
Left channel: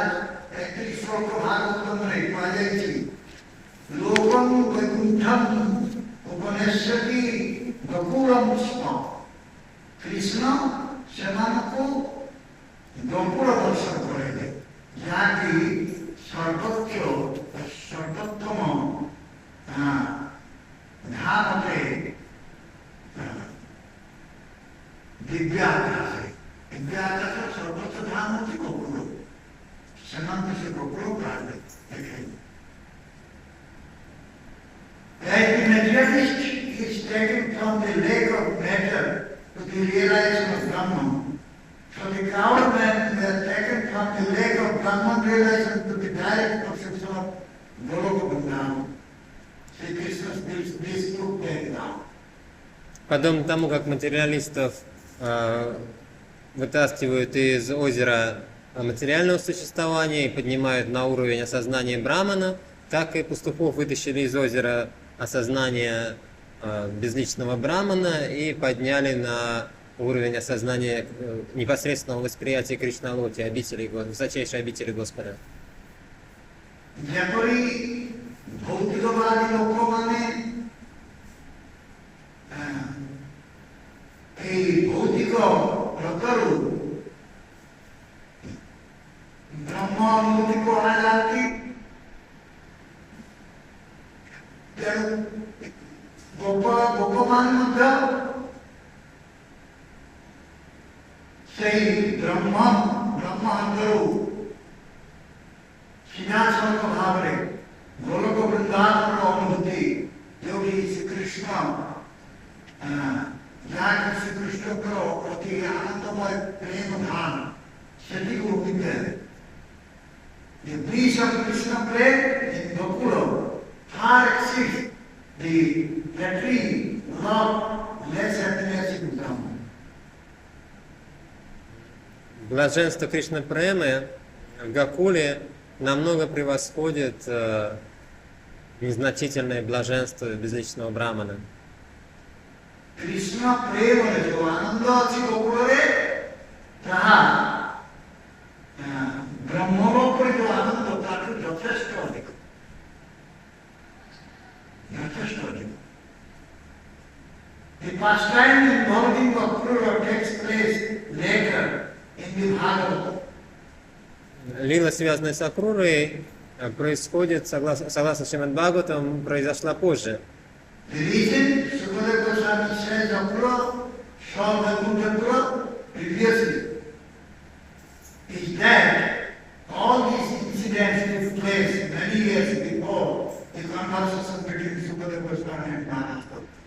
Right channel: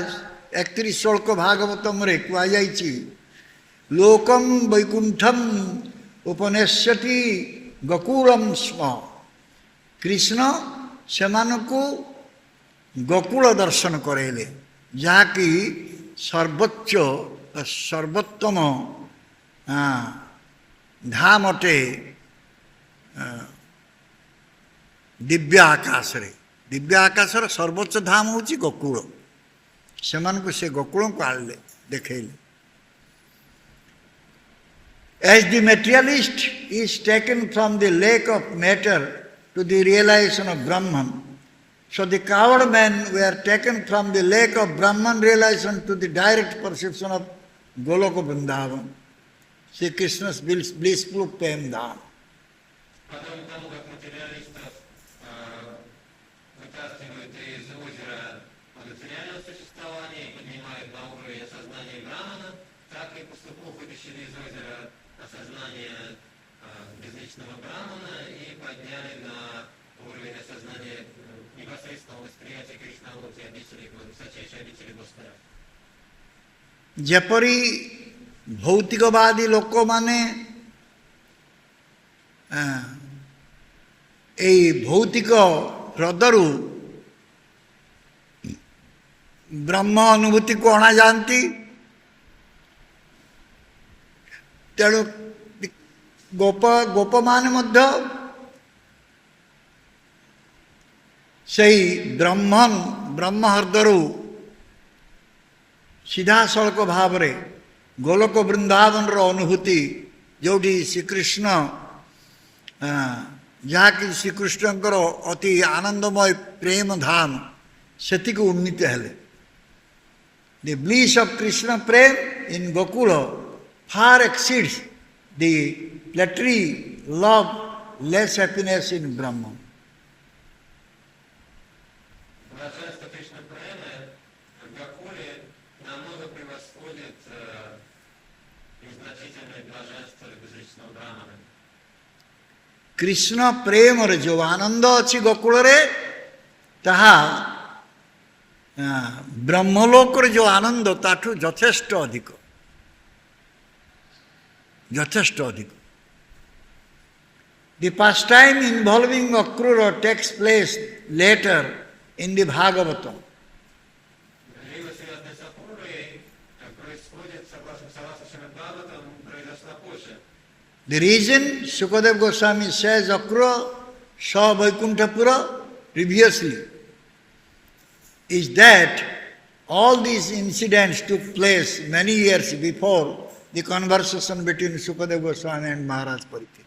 31 श्लोक भागवतम रे कुहाଯାଇଛି लोकम वैकुंठम उपनेश्यति गकुलम स्म कृष्ण सेमानकु गकुल दर्शन करेले जहाँकि सर्वोच्च सर्वोत्तम धाम अटे दिव्य आकाश रे दिव्य आकाशर सर्वोच्च धाम हूँ गोकुल से गोकुल को आने देखले As the materialist is taken from the lake of matter to the realization of Brahman, so the coward men were taken from the lake of Brahman realization to the direct perception of Goloka Vrindavan, Sri Krishna's blissful Prem Dham. Подобно тому, как материалистов вытаскивают из озера материального существования и поднимают на уровень осознания Брамана, так и пастухов вытащили из озера осознания безличного Брамана и подняли на уровень осознания непосредственного восприятия Кришналоки, высочайшей обители Господа. Japari bhautikavadi lokmane এই ভৌতিক হ্রদରୁ ବ୍ରହ୍ମ ଅନୁଭୂତିକୁ ଅଣାଯାଆନ୍ତି ତେଣୁ ଗୋପମାନେ ମଧ୍ୟ ସେହି ବ୍ରହ୍ମ ହ୍ରଦରୁ ସିଧାସଳଖ ଭାବରେ ଗୋଲୋକ ବୃନ୍ଦାବନର ଅନୁଭୂତି ଯେଉଁଠି ଶ୍ରୀକୃଷ୍ଣ जहाँकि श्रीकृष्णଙ୍କର ଅତି ଆନନ୍ଦମୟ ପ୍ରେମ ଧାମ ସେତିକି ଉନ୍ନୀତ ହେଲେ The bliss of Krishna Prem in Gokula far exceeds the flattery, love, less happiness in Brahma. Блаженство Кришна Премы в Гокуле намного превосходит незначительное блаженство безличного Брамана. Krishna प्रेम जो आनंद अच्छी गोकुल ताहा ब्रह्मलोक जो आनंद ताठू यथेष्ट अधिक यथेष्ट अधिक The pastime involving Akrura takes place later in the Bhagavata. Лила, связанная с Акрурой, происходит, согласно Шримад Бхагаватам, произошла позже. The reason Sukadeva Goswami says Akrura saw Vaikuntapura previously is that all these incidents took place many years before the conversation between Sukadeva Goswami and Maharaj Parikshit.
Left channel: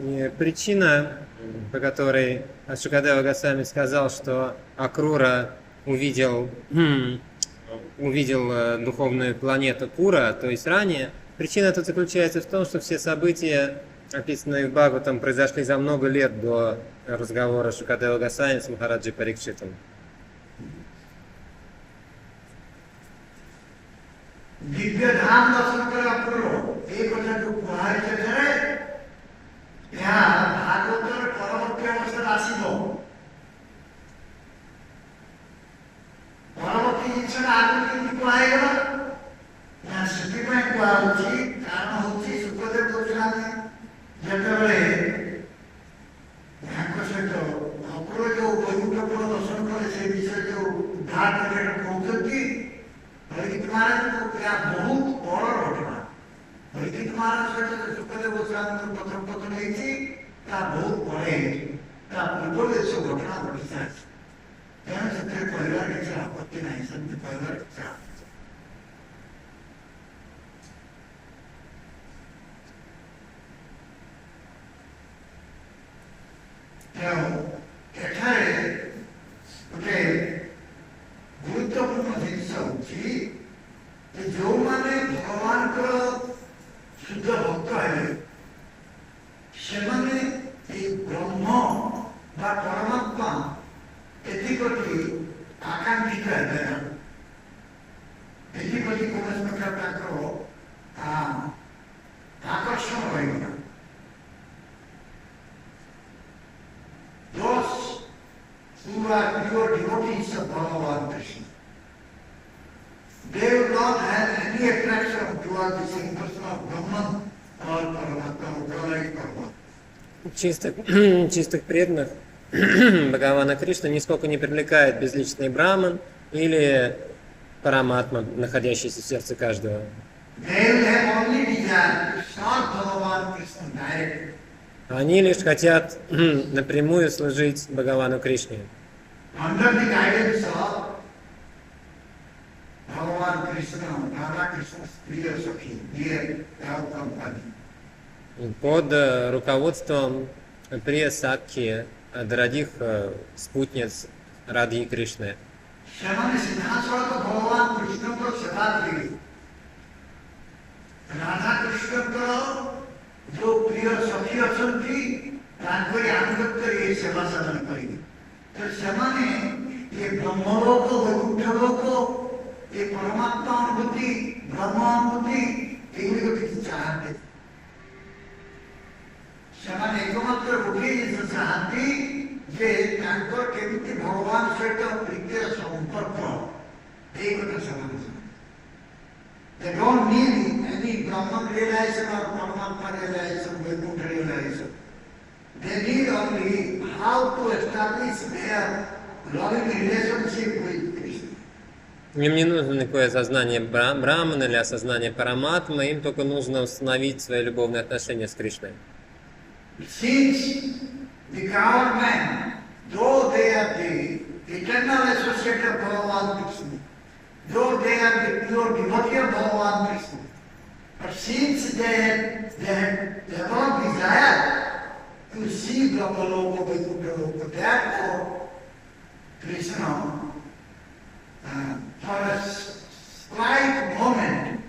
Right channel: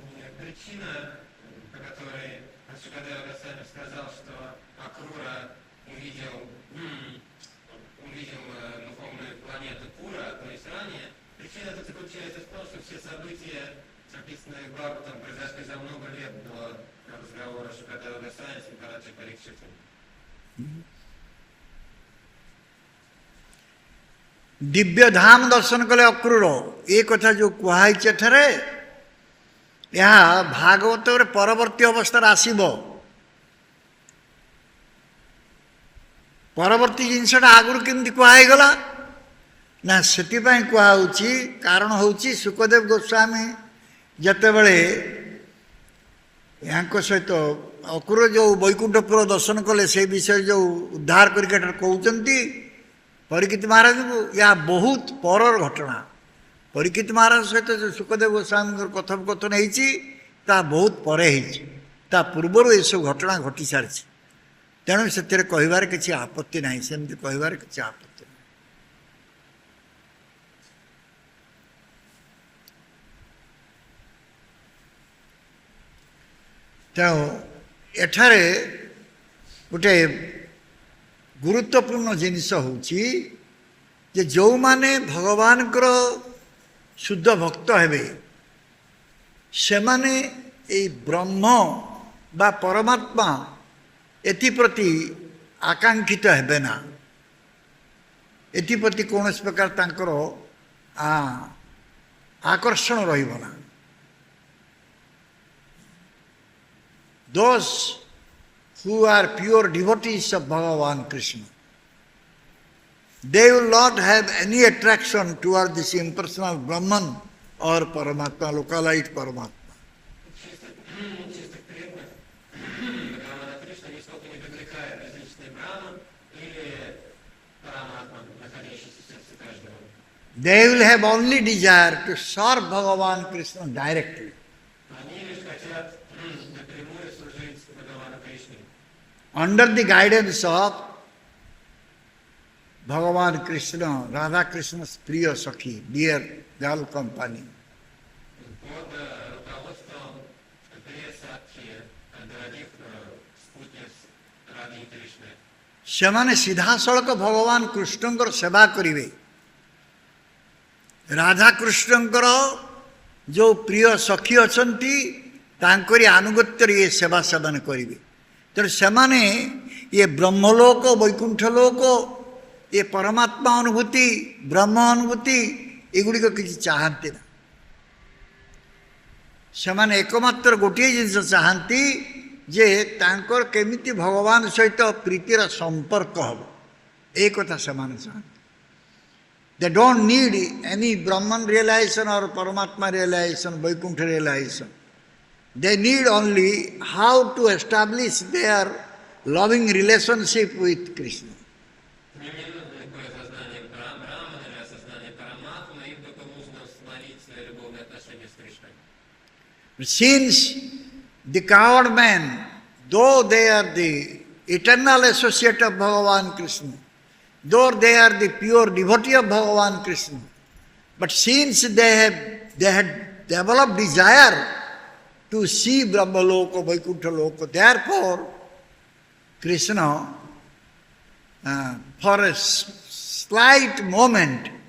И причина, по которой Шукадева Госвами сказал, что Акрура увидел духовную планету Пура, то есть ранее, причина тут заключается в том, что все события, описанные в Бхагаватам, произошли за много лет до разговора Шукадева Госвами с Махараджей Парикшитом. Divya धाम दर्शन कले अक्रूर ये कथा जो कहुई एठारे यह भागवत परवर्ती अवस्था आसब परवर्ती जिनसा आगुरी केमती कहगला ना से कहुच्छी कारण हूँ सुखदेव गोस्वामी जितेबले यहाँ सहित अक्रूर जो वैकुंठपुर दर्शन कले से विषय जो उद्धार कर कहते परीक्षित महाराज को या बहुत पर घटना परीक्षित महाराज सहित जो सुखदेव गोस्वामी कथोपकथन होती बहुत पर पूर्वर ये सब घटना घटी सारी तेणु से कहबार किसी आपत्ति ना सेमती कहबार किसी आपत्ति तेणु एठारे गोटे गुरुत्वपूर्ण जिनिस होची जे जो माने भगवान शुद्ध भक्त हेबे से माने ए ब्रह्म बा परमात्मा एप्रति आकांक्षित हेबे ना एप्रति कौन प्रकार तांकर आकर्षण रहिबो ना दोस who are pure devotees of Bhagavan Krishna. They will not have any attraction toward this impersonal Brahman or Paramatma, localized Paramatma. Чистых преданных Бхагавана Кришна нисколько не привлекает безличный Браман или Параматма, находящийся в сердце каждого. They will have only desire to serve Bhagavan Krishna directly. Они лишь хотят напрямую служить Бхагавану Кришне. Under the guidance of Bhagavan Krishna, Radha Krishna's Priya Sakhi, dear girl company. Под руководством Прия Сакхи, дорогих спутниц Радхи Кришны. ସେମାନେ ସିଧାସଳଖ ଭଗବାନ କୃଷ୍ଣଙ୍କର ସେବା କରିବେ ରାଧା କୃଷ୍ଣଙ୍କର जो प्रिय सखी अछंती तांकरी आनुगत्य ये सेवा सेवन करेंगे तेणु सेमाने ये ब्रह्मलोक वैकुंठ लोक ये परमात्मा अनुभूति ब्रह्म अनुभूति एगुड़िक किसी चाहते सेमाने एकमात्र गोटे जिनस चाहती जे तांकर केमिति भगवान सहित प्रीतिर संपर्क एक कथा सेमाने चाहते They don't need any Brahman realization or Paramatma realization, Vaikuntha realization. They need only how to establish their loving relationship with Krishna. Им не нужно никакое осознание Брахмана или осознание Параматмы, им только нужно установить свои любовные отношения с Кришной. Since the coward men, though they are the eternal associate of Bhagavan Krishna, though they are the pure devotee of Bhagavan Krishna, but since they had developed desire to see Brahmaloka, Vaikuntha Loka, therefore Krishna, for a slight moment,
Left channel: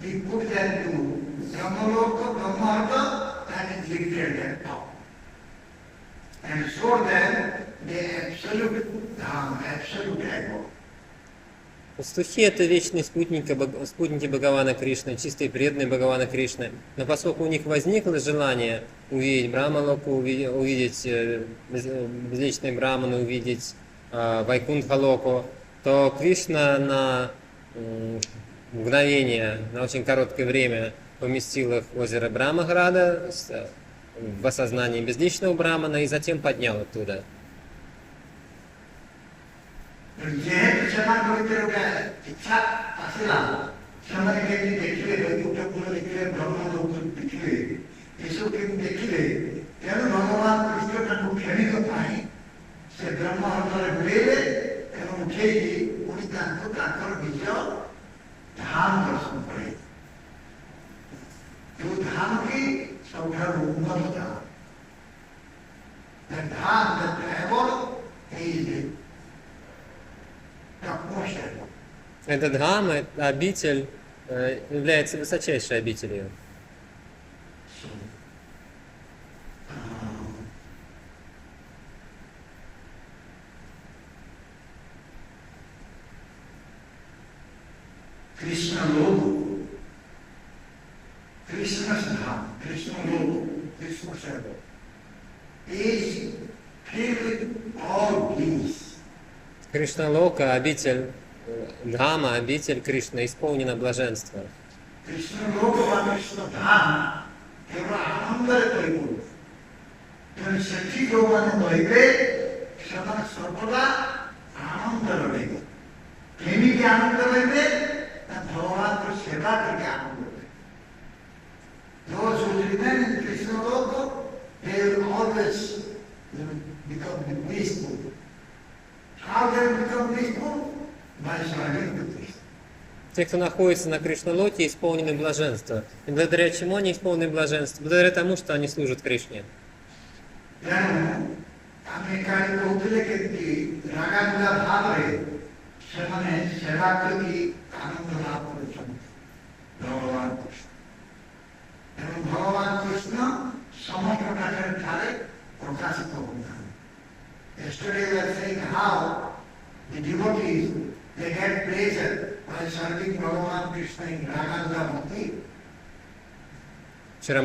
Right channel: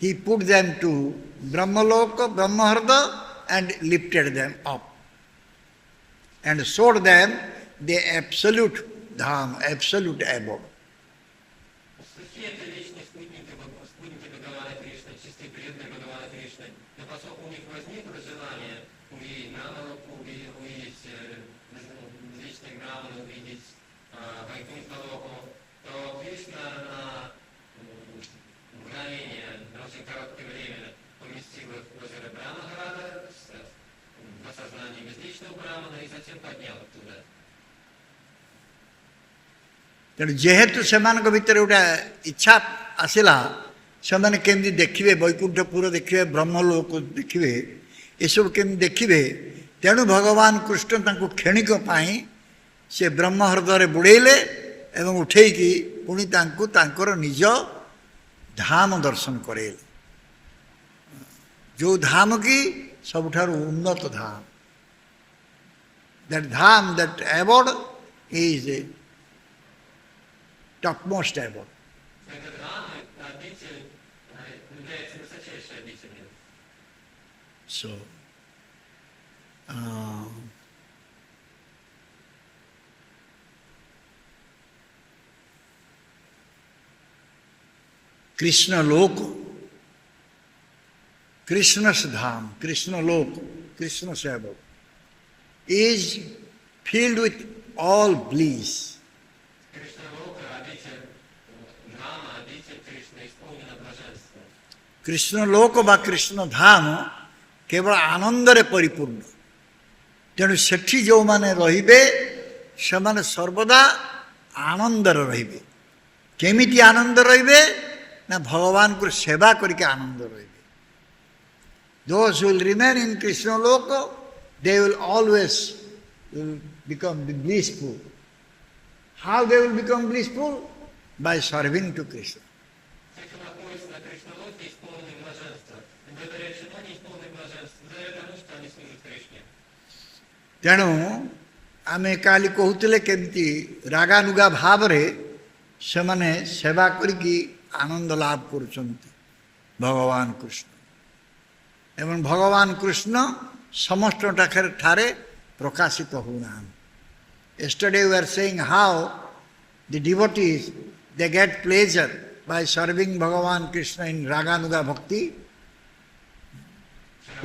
he put them to Brahmaloka, Brahmaharta, and lifted them up and showed them the absolute Dham, absolute abode. Пастухи — это вечные спутники Бхагавана Кришны, чистые преданные Бхагавана Кришны. Но поскольку у них возникло желание увидеть Брахмалоку, увидеть безличные браманы, увидеть Вайкунтха-локу, то Кришна на мгновение, на очень короткое время поместил их в озеро Брамаграда в осознании безличного брамана и затем поднял оттуда. যেহেতু সেମାନଙ୍କ ভিতরে ওটা ইচ্ছা আসিলা ସେମାନେ କେମିତି ଦେଖିବେ ବୈକୁଣ୍ଠପୁର ଦେଖିବେ ବ୍ରହ୍ମଲୋକ ଦେଖିବେ ଏସବୁ କେମିତି ଦେଖିବେ ତେଣୁ ଭଗବାନ କୃଷ୍ଣ ତାଙ୍କୁ କ୍ଷଣିକ ପାଇଁ ସେ ବ୍ରହ୍ମ ହ୍ରଦରେ ବୁଡ଼େଇଲେ ଏବଂ ଉଠେଇକି ପୁଣି ତାଙ୍କୁ ତାଙ୍କର ନିଜ ଧାମ ଦର୍ଶନ କରେଇଲେ ଯେଉଁ ଧାମ କି ସବୁଠାରୁ ଉନ୍ନତ ଧାମ that dham, that abode is topmost abode. Этот Дхам, эта обитель, является высочайшей обителью. So, Krishna Loku, Krishna's Dham, Krishna Loku, Krishna's abode is filled with all bliss. Кришна Лока, обитель Дхама, обитель Кришны, исполнена блаженства. Krishna Loka বা Krishna Dham କେବଳ ଆନନ୍ଦରେ ପରିପୂର୍ଣ୍ଣ ତେଣୁ ସେଠି ଯେଉଁମାନେ ରହିବେ ସେମାନେ ସର୍ବଦା ଆନନ୍ଦରେ ରହିବେ କେମିତି ଆନନ୍ଦ ରହିବେ ନା ଭଗବାନଙ୍କୁ ସେବା କରିକି ଆନନ୍ଦ ରହିବେ those who will remain in Krishna Loka they will always become blissful. How they will become blissful? By serving to Krishna. Те, кто находится на Кришналоке, исполнены блаженства. И благодаря чему они исполнены блаженства? Благодаря тому, что они служат Кришне. ତେଣୁ ଆମେ କାଲି କହୁଥିଲେ କେମିତି ରାଗାନୁଗା ଭାବରେ ସେମାନେ ସେବା କରିକି ଆନନ୍ଦ ଲାଭ କରୁଛନ୍ତି ଭଗବାନ କୃଷ୍ଣ ଏବଂ ଭଗବାନ କୃଷ୍ଣ ସମସ୍ତ ଠାରେ ପ୍ରକାଶିତ ହଉନାହାନ୍ତି. Yesterday we were saying how the devotees they get pleasure by serving Bhagavan Krishna in Raganuga Bhakti,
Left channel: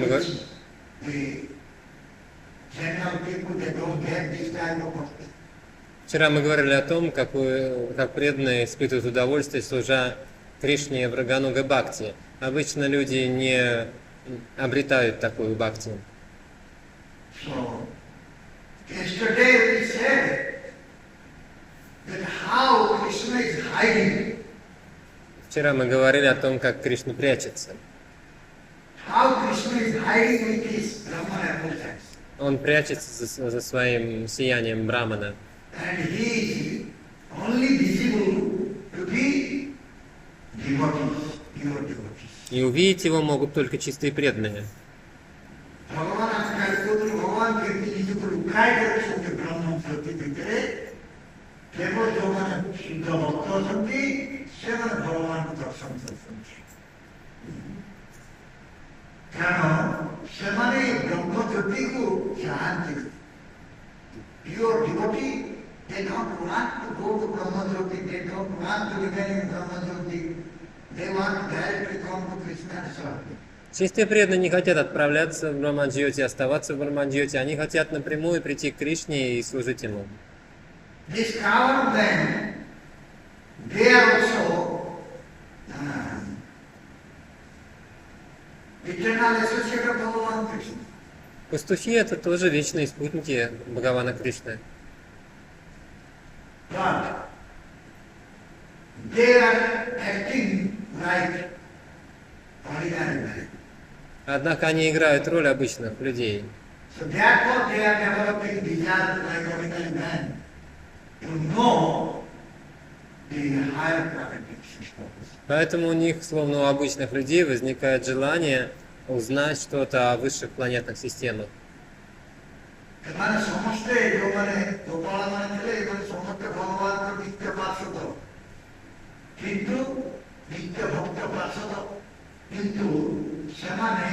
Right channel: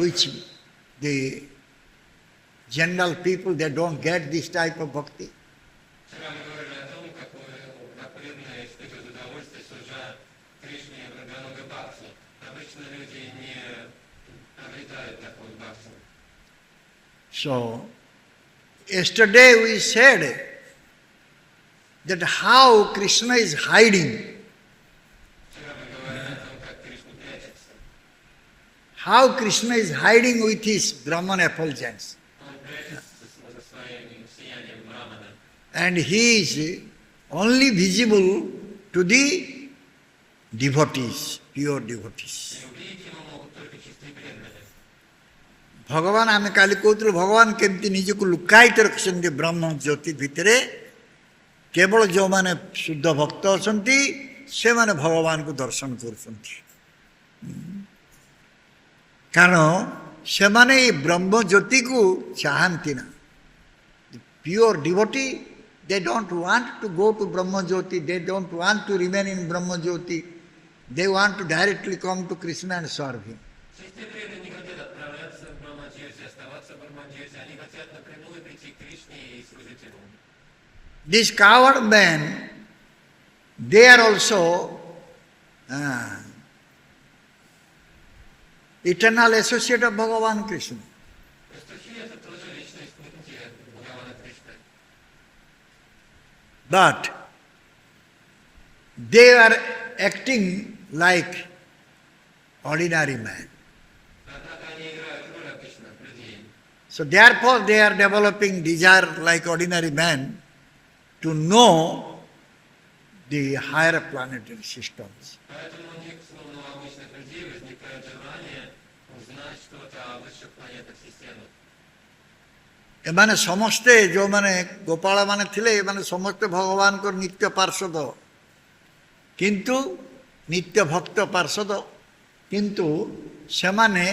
which the general people they don't get this type of bhakti. Вчера мы говорили о том, как преданные испытывают удовольствие, служа Кришне в Рагануга Бхакти. Обычно люди не обретают такую бхакти. So, yesterday we said that how Krishna is hiding. Вчера мы говорили о том, как Кришна прячется. How Krishna is hiding with his Brahman effulgence. Он прячется за своим сиянием Брамана. And he is only visible to the devotees, pure devotees. И увидеть его могут только чистые преданные. भगवान आमे काली कहते भगवान केमती निजक लुकायित रखुଛନ୍ତି ब्रह्म ज्योति भितर केवल जो माने शुद्ध भक्त अछंती से माने भगवान को दर्शन करछंती कारण से माने ब्रह्म ज्योति को चाहंती ना pure devotee they don't want to go to Brahma Jyoti, they don't want to remain in Brahma Jyoti, they want to directly come to Krishna and serve him. Чистые преданные не хотят отправляться в Брамаджьоти, оставаться в Брамаджьоти, они хотят напрямую прийти к Кришне и служить ему. These coward men, they are also eternal associate of Bhagavan Krishna. Пастухи — это тоже вечные спутники Бхагавана Кришны. But they are acting like ordinary men. Однако они играют роль обычных людей. So therefore they are developing desire like ordinary men to know the higher planetary systems. Поэтому у них, словно у обычных людей, возникает желание узнать что-то о высших планетных системах. एमाने समस्ते जो माने गोपाल माने थिले एमाने समस्त भगवान को नित्य पार्षद किंतु नित्य भक्त पार्षद किंतु सेमाने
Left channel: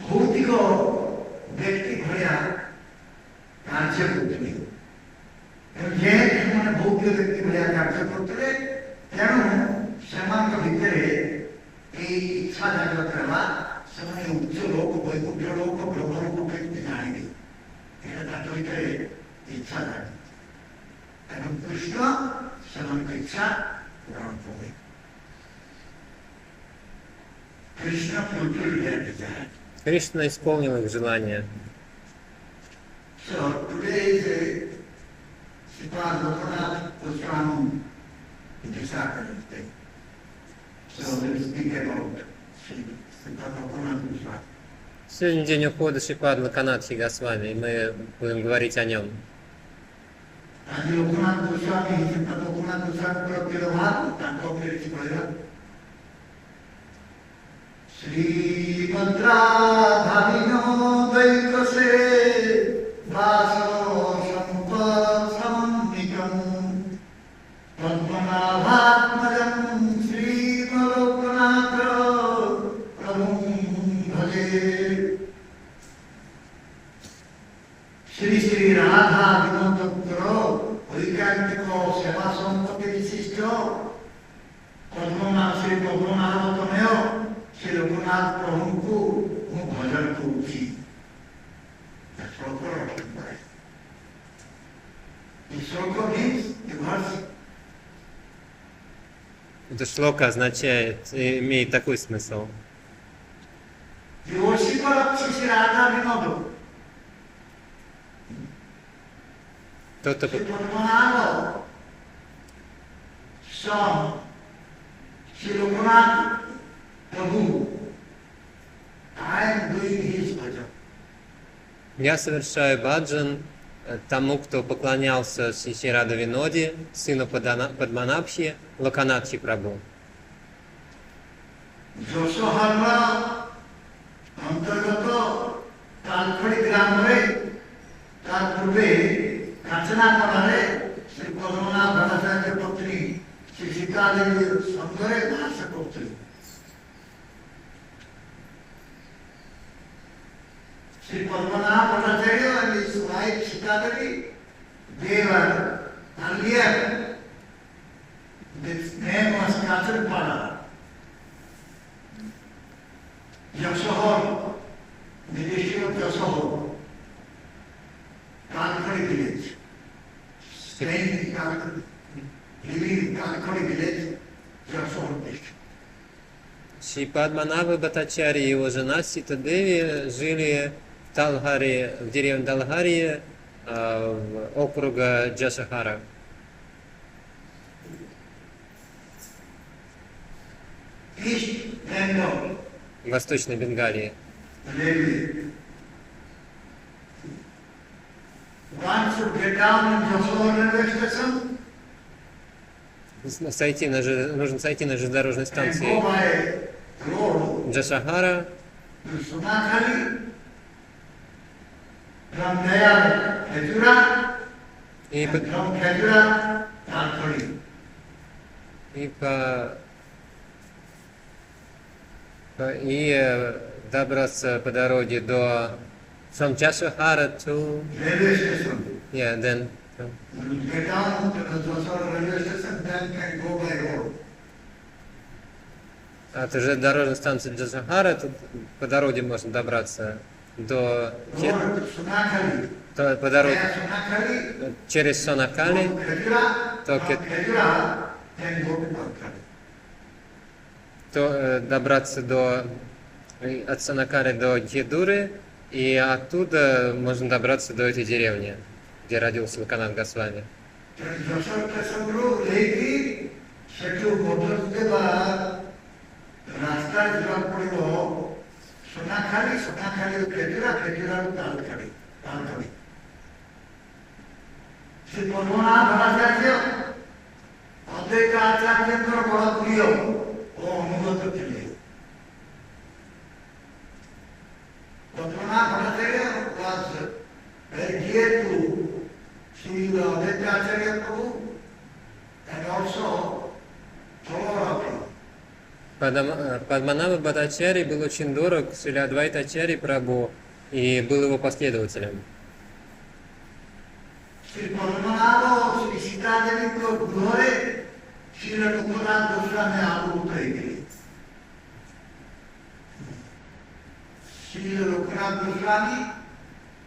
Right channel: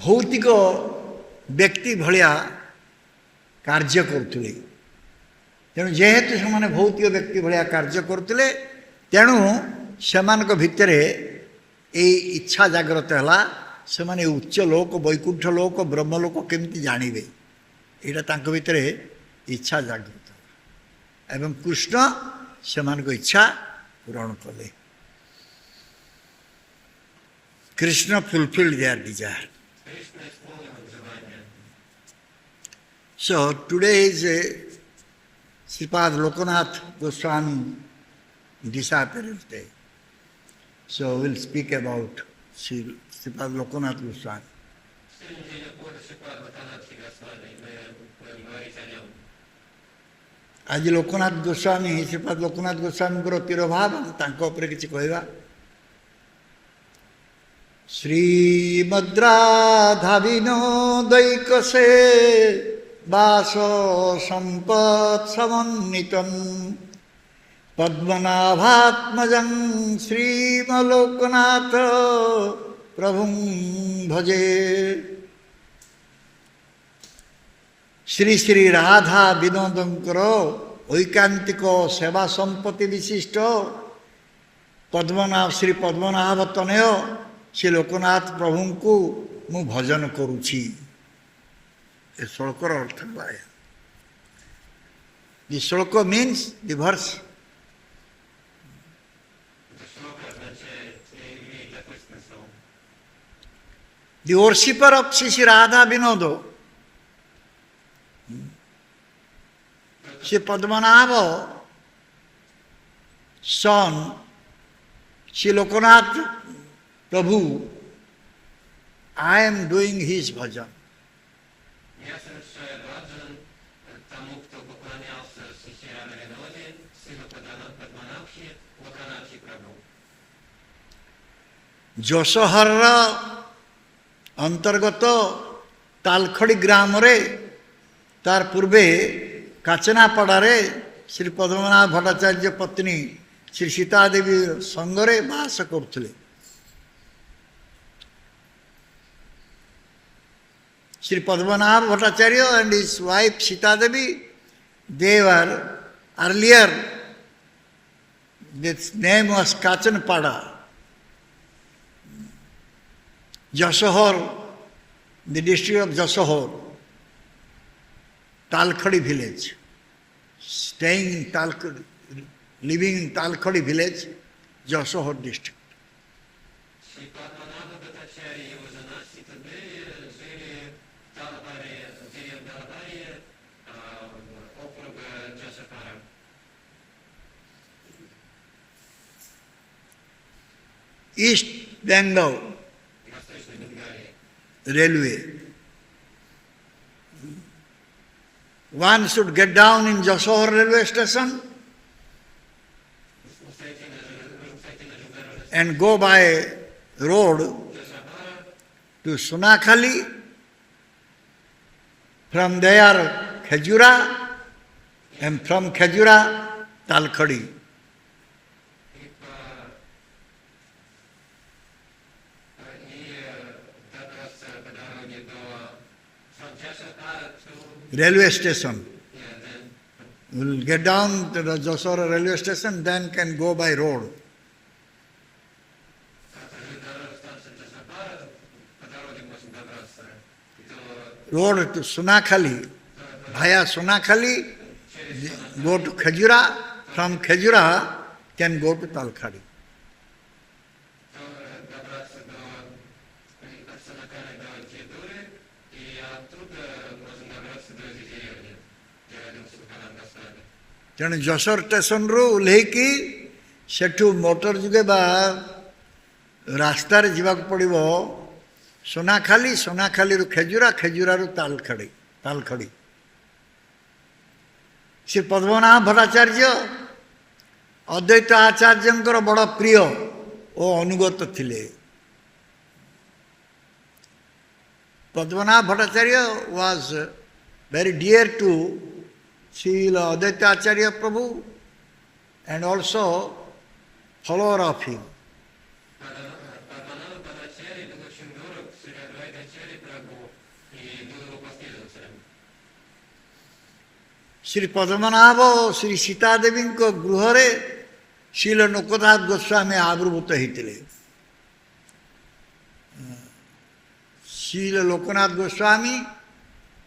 भौतिक व्यक्ति भलिया कार्य करथुले तेणु जेहेतु सेमाने भौतिक व्यक्ति भलिया कार्य करथुले तेणु सेमानक भितरे ए इच्छा जागृत हला से माने उच्च लोक वैकुंठ लोक ब्रह्मलोक केमती जानवे यहाँ भितर इच्छा जागृत एवं कृष्ण से इच्छा पूरण कले Krishna fulfilled there Dzire Кришна исполнил их желание. So today is Sripad Lokanath Goswami disappearance day. So we'll speak about Sripad Lokanath Goswami. Сегодня день ухода Шрипад Локанатхи Госвами, и мы будем говорить о нем. आज लोकनाथ गोस्वामी श्रीपद लोकनाथ गोस्वामी को तिरभाग किसी कहवा श्रीमद्राधाविनोदैक से वास संपत् समन्वितम् पद्मनाभात्मजं श्रीमलोकनाथ प्रभुं भजे। श्री श्री राधा विनोदंकर ऐकांतिक सेवा संपत्ति विशिष्ट पद्मनाभ श्री पद्मनाभ तनय श्री लोकनाथ प्रभु को मु भजन करुछि। श्लोकर अर्थ श्लोक means verse Это шлока означает, имеет такой смысл. The worshipper of Shri Radha Vinoda, Shri Padmanabha, son Shri Lokanath Prabhu, I am doing his bhajan. Я совершаю баджан тому, кто поклонялся Шри Рада Виноде, сыну Падманабхи, Локанатхи Прабhu. Josohara अंतर्गत तालखड़ी ग्राम रे तार पूर्वे काचनापड़ारे श्री पद्मनाभ भट्टाचार्य पत्नी श्री सीता देवी संगरे बास करते। Shri Padmanabha Bhattacharya and his wife Sita Devi, they were earlier, its name was Kachanpada. Jasohar, the district of Jasohar, Talkhadi village, staying in Talkhadi, living in Talkhadi village, Jasohar district. Шри Падманабха Бхаттачарья и его жена Сита Деви жили в Талхаре, в деревне Талхари, округа Джасахара. East Bengal, Восточной Бенгалии. railway. One should get down in Jasohar railway station Нужно сойти на железнодорожной and go станции by road Джасахара to Sunakhali. From there, Khajura, and from Khajura, Talkhadi. И добраться по дороге до from Jasahara to Railway station. then We will get down to the Jasohar railway station, then can go by road. от железнодорожной станции Джасахара по дороге можно добраться до Road to Sunakhali. по Via дороге Sunakhali, через go to Сонахали, Khajura. From Okay. Khajura, can go to Talkhadi. то добраться от Сонакари до Хедуры, и оттуда можно добраться до этой деревни, где родился Локанатх Госвами. ତେଣୁ ଯଶୋର ଷ୍ଟେସନରୁ ଓହ୍ଲେଇକି ସେଠୁ motor ଯୋଗେ ବା ରାସ୍ତାରେ ଯିବାକୁ ପଡ଼ିବ ସୁନାଖାଲିରୁ ଖେଜୁରା, ଖେଜୁରାରୁ ତାଲଖଡ଼ି। ସେ ପଦ୍ମନାଭ ଭଟ୍ଟାଚାର୍ଯ୍ୟ ଅଦ୍ୱୈତ ଆଚାର୍ଯ୍ୟଙ୍କର ବଡ଼ ପ୍ରିୟ ଓ ଅନୁଗତ ଥିଲେ। Padmanabha Bhattacharya was very dear to Srila Advaita Acharya Prabhu and also follower of him. Падманабха Бхаттачарья был очень дорог Шрила Адвайта Ачарьи Прабху и был его последователем. Sri Padmanabha Sri Sita Devinko Gruhare Srila Lokanath Goswami Avirbhuta ହେଇଥିଲେ। Srila Lokanath Goswami,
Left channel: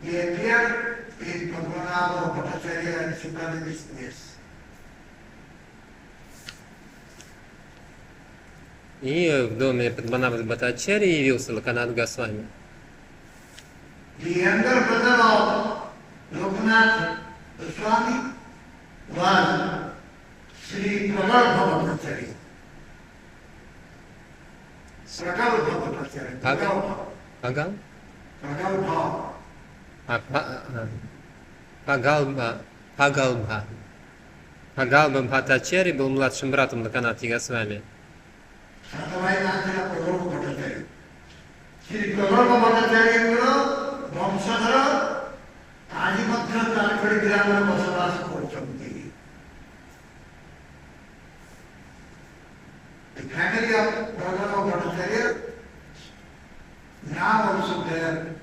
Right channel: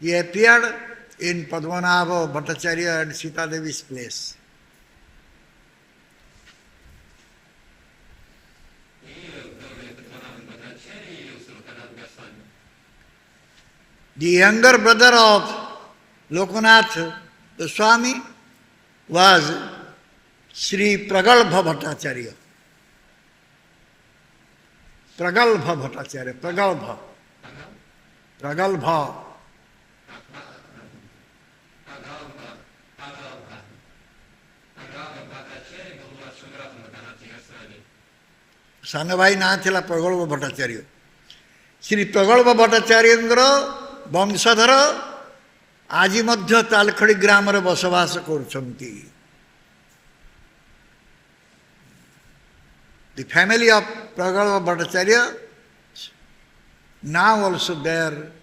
he appeared in Padmanabha Bhattacharya and Sita Devi's place. И в доме Падманабха Бхаттачарьи явился Локанат Госвами. The younger brother of Lokanath Goswami was Sri Pragalbha Bhattacharya. Pragalbha Bhattacharya. Pragalbha. Пагал? Pragalbha. Пагалбха. Пагалбха Бхаттачарьи был младшим братом Локанатхи Госвами. ସାନଭାଇ ନାଁ ଥିଲା ପ୍ରଗଳ୍ଭ ଭଟ୍ଟାଚାର୍ଯ୍ୟ। ଶ୍ରୀ ପ୍ରଗଳ୍ଭ ଭଟ୍ଟାଚାର୍ଯ୍ୟଙ୍କର ବଂଶଧର ଆଜି ମଧ୍ୟ ତାଲଖଡି ଗ୍ରାମରେ ବସବାସ କରୁଛନ୍ତି। The family of ପ୍ରଗଳ୍ଭ Bhattacharya now also there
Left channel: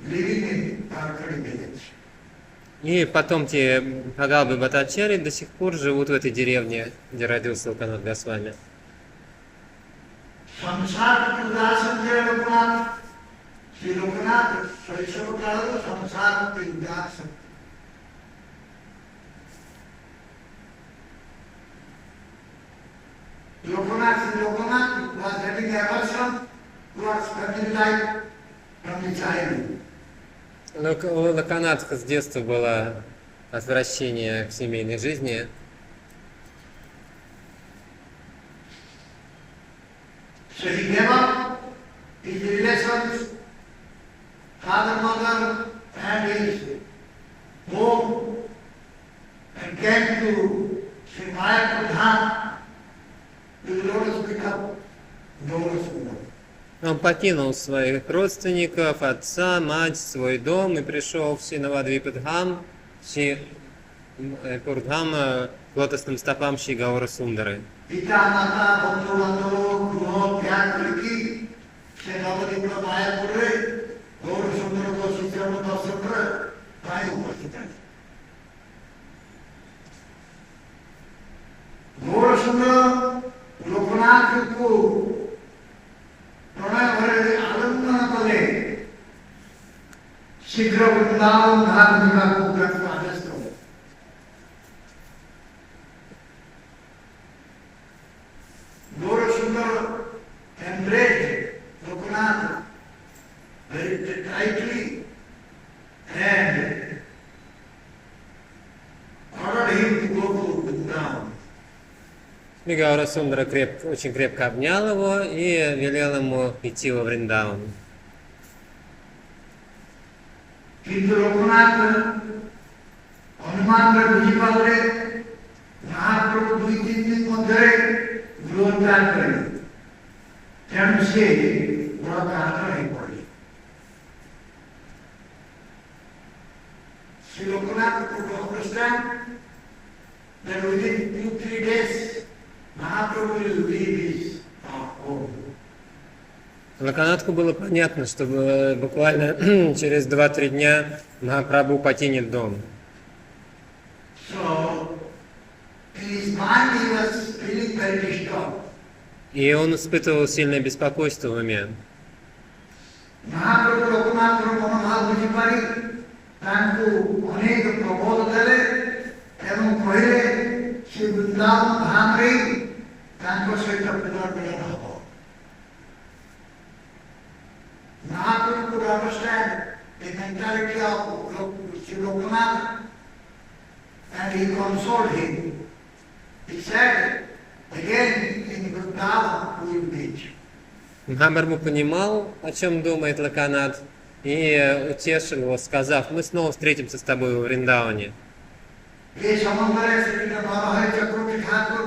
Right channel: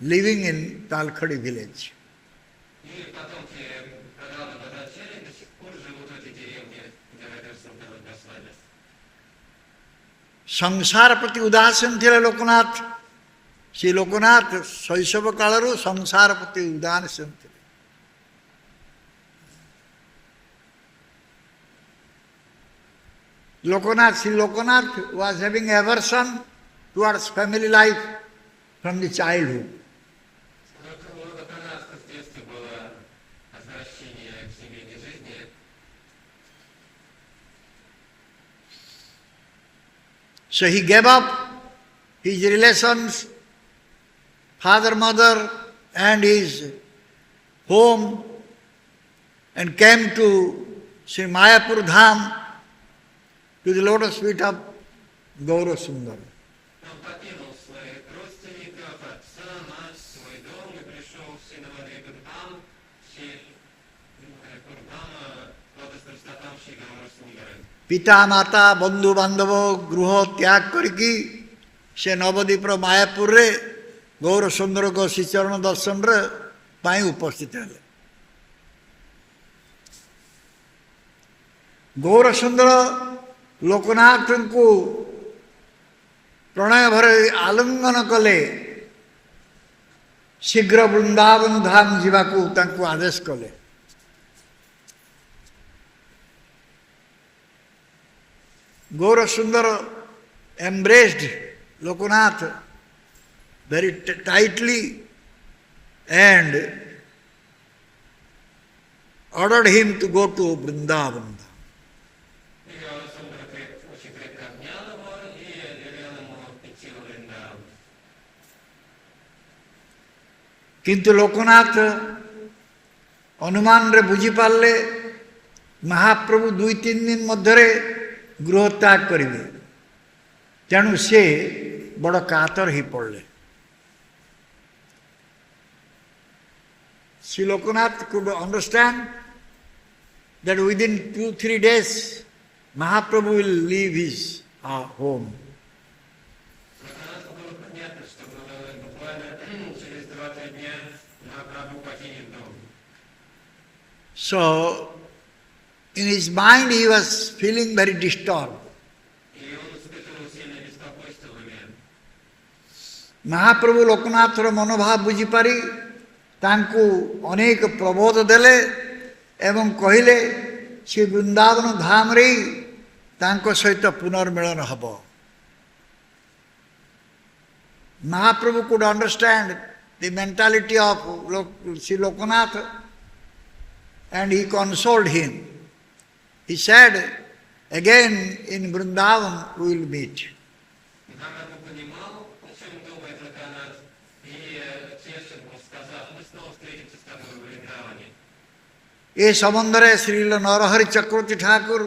living in Talkhadi village. И потомки Пагалбхи Бхаттачарьи до сих пор живут в этой деревне, где родился Локанат Госвами. ସଂସାର ପ୍ରତି ଉଦାସୀନ ଥିଲେ ଲୋକନାଥ। ସେ ଲୋକନାଥ ଶୈଶବ କାଳରୁ ସଂସାର ପ୍ରତି ଉଦାସୀନ ଥିଲେ। Shri Loknath was having aversion towards family life from the childhood. У Локанатха с детства было отвращение к семейной жизни. So he gave up his relations, father, mother, and his home, and came to Sri Mayapur Dham, to the lotus feet of Gaura Sundar. Он покинул своих родственников, отца, мать, свой дом и пришел в Шинавадвипадхам, Пурдхам, к лотосным стопам Шри Гауры Сундары. पिता माता बंधु बांधव गृह त्याग करके से नवद्वीप मायापुर रे गौर सुंदर को श्रीचरण दर्शन पाई उपस्थित है। गौर सुंदर लोकनाथ को प्रणय भरे आलिंगन कले शीघ्र वृंदावन धाम जावाक आदेश कले। Gaura Sundar embraced Lokanath very tightly and ordered him to go to Vrindavan. Гаура Сундара очень крепко обнял его и велел ему идти во Вриндаван. किंतु लोकनाथ अनुमान रे बुझी पाले महाप्रभु 2-3 दिन मध्य गृह त्याग करेंगे, तेणु से बड़ कातर ही पड़े। Sri Lokanath could understand that within 2-3 days Mahaprabhu will leave his home. Локанатху было понятно, что буквально через 2-3 дня Махапрабху покинет дом. So, in his mind he was feeling very disturbed. И он испытывал сильное беспокойство в уме. Mahaprabhu Lokanathର ମନୋଭାବ ବୁଝିପାରି ତାଙ୍କୁ ଅନେକ ପ୍ରବୋଧ ଦେଲେ ଏବଂ କହିଲେ ସେ ବୃନ୍ଦାବନ ଧାମରେ ତାଙ୍କ ସହିତ ପୁନର୍ମିଳନ ହେବ। Mahaprabhu could understand the mentality of Sri Lokanath and he consoled him. He said, again in Vrindavan we will meet. Махапрабху понимал, о чем думает Локанат, и утешил его, сказав: мы снова встретимся с тобой в Вриндаване. ये समंदरे श्री नरहरि चक्रवर्ती ठाकुर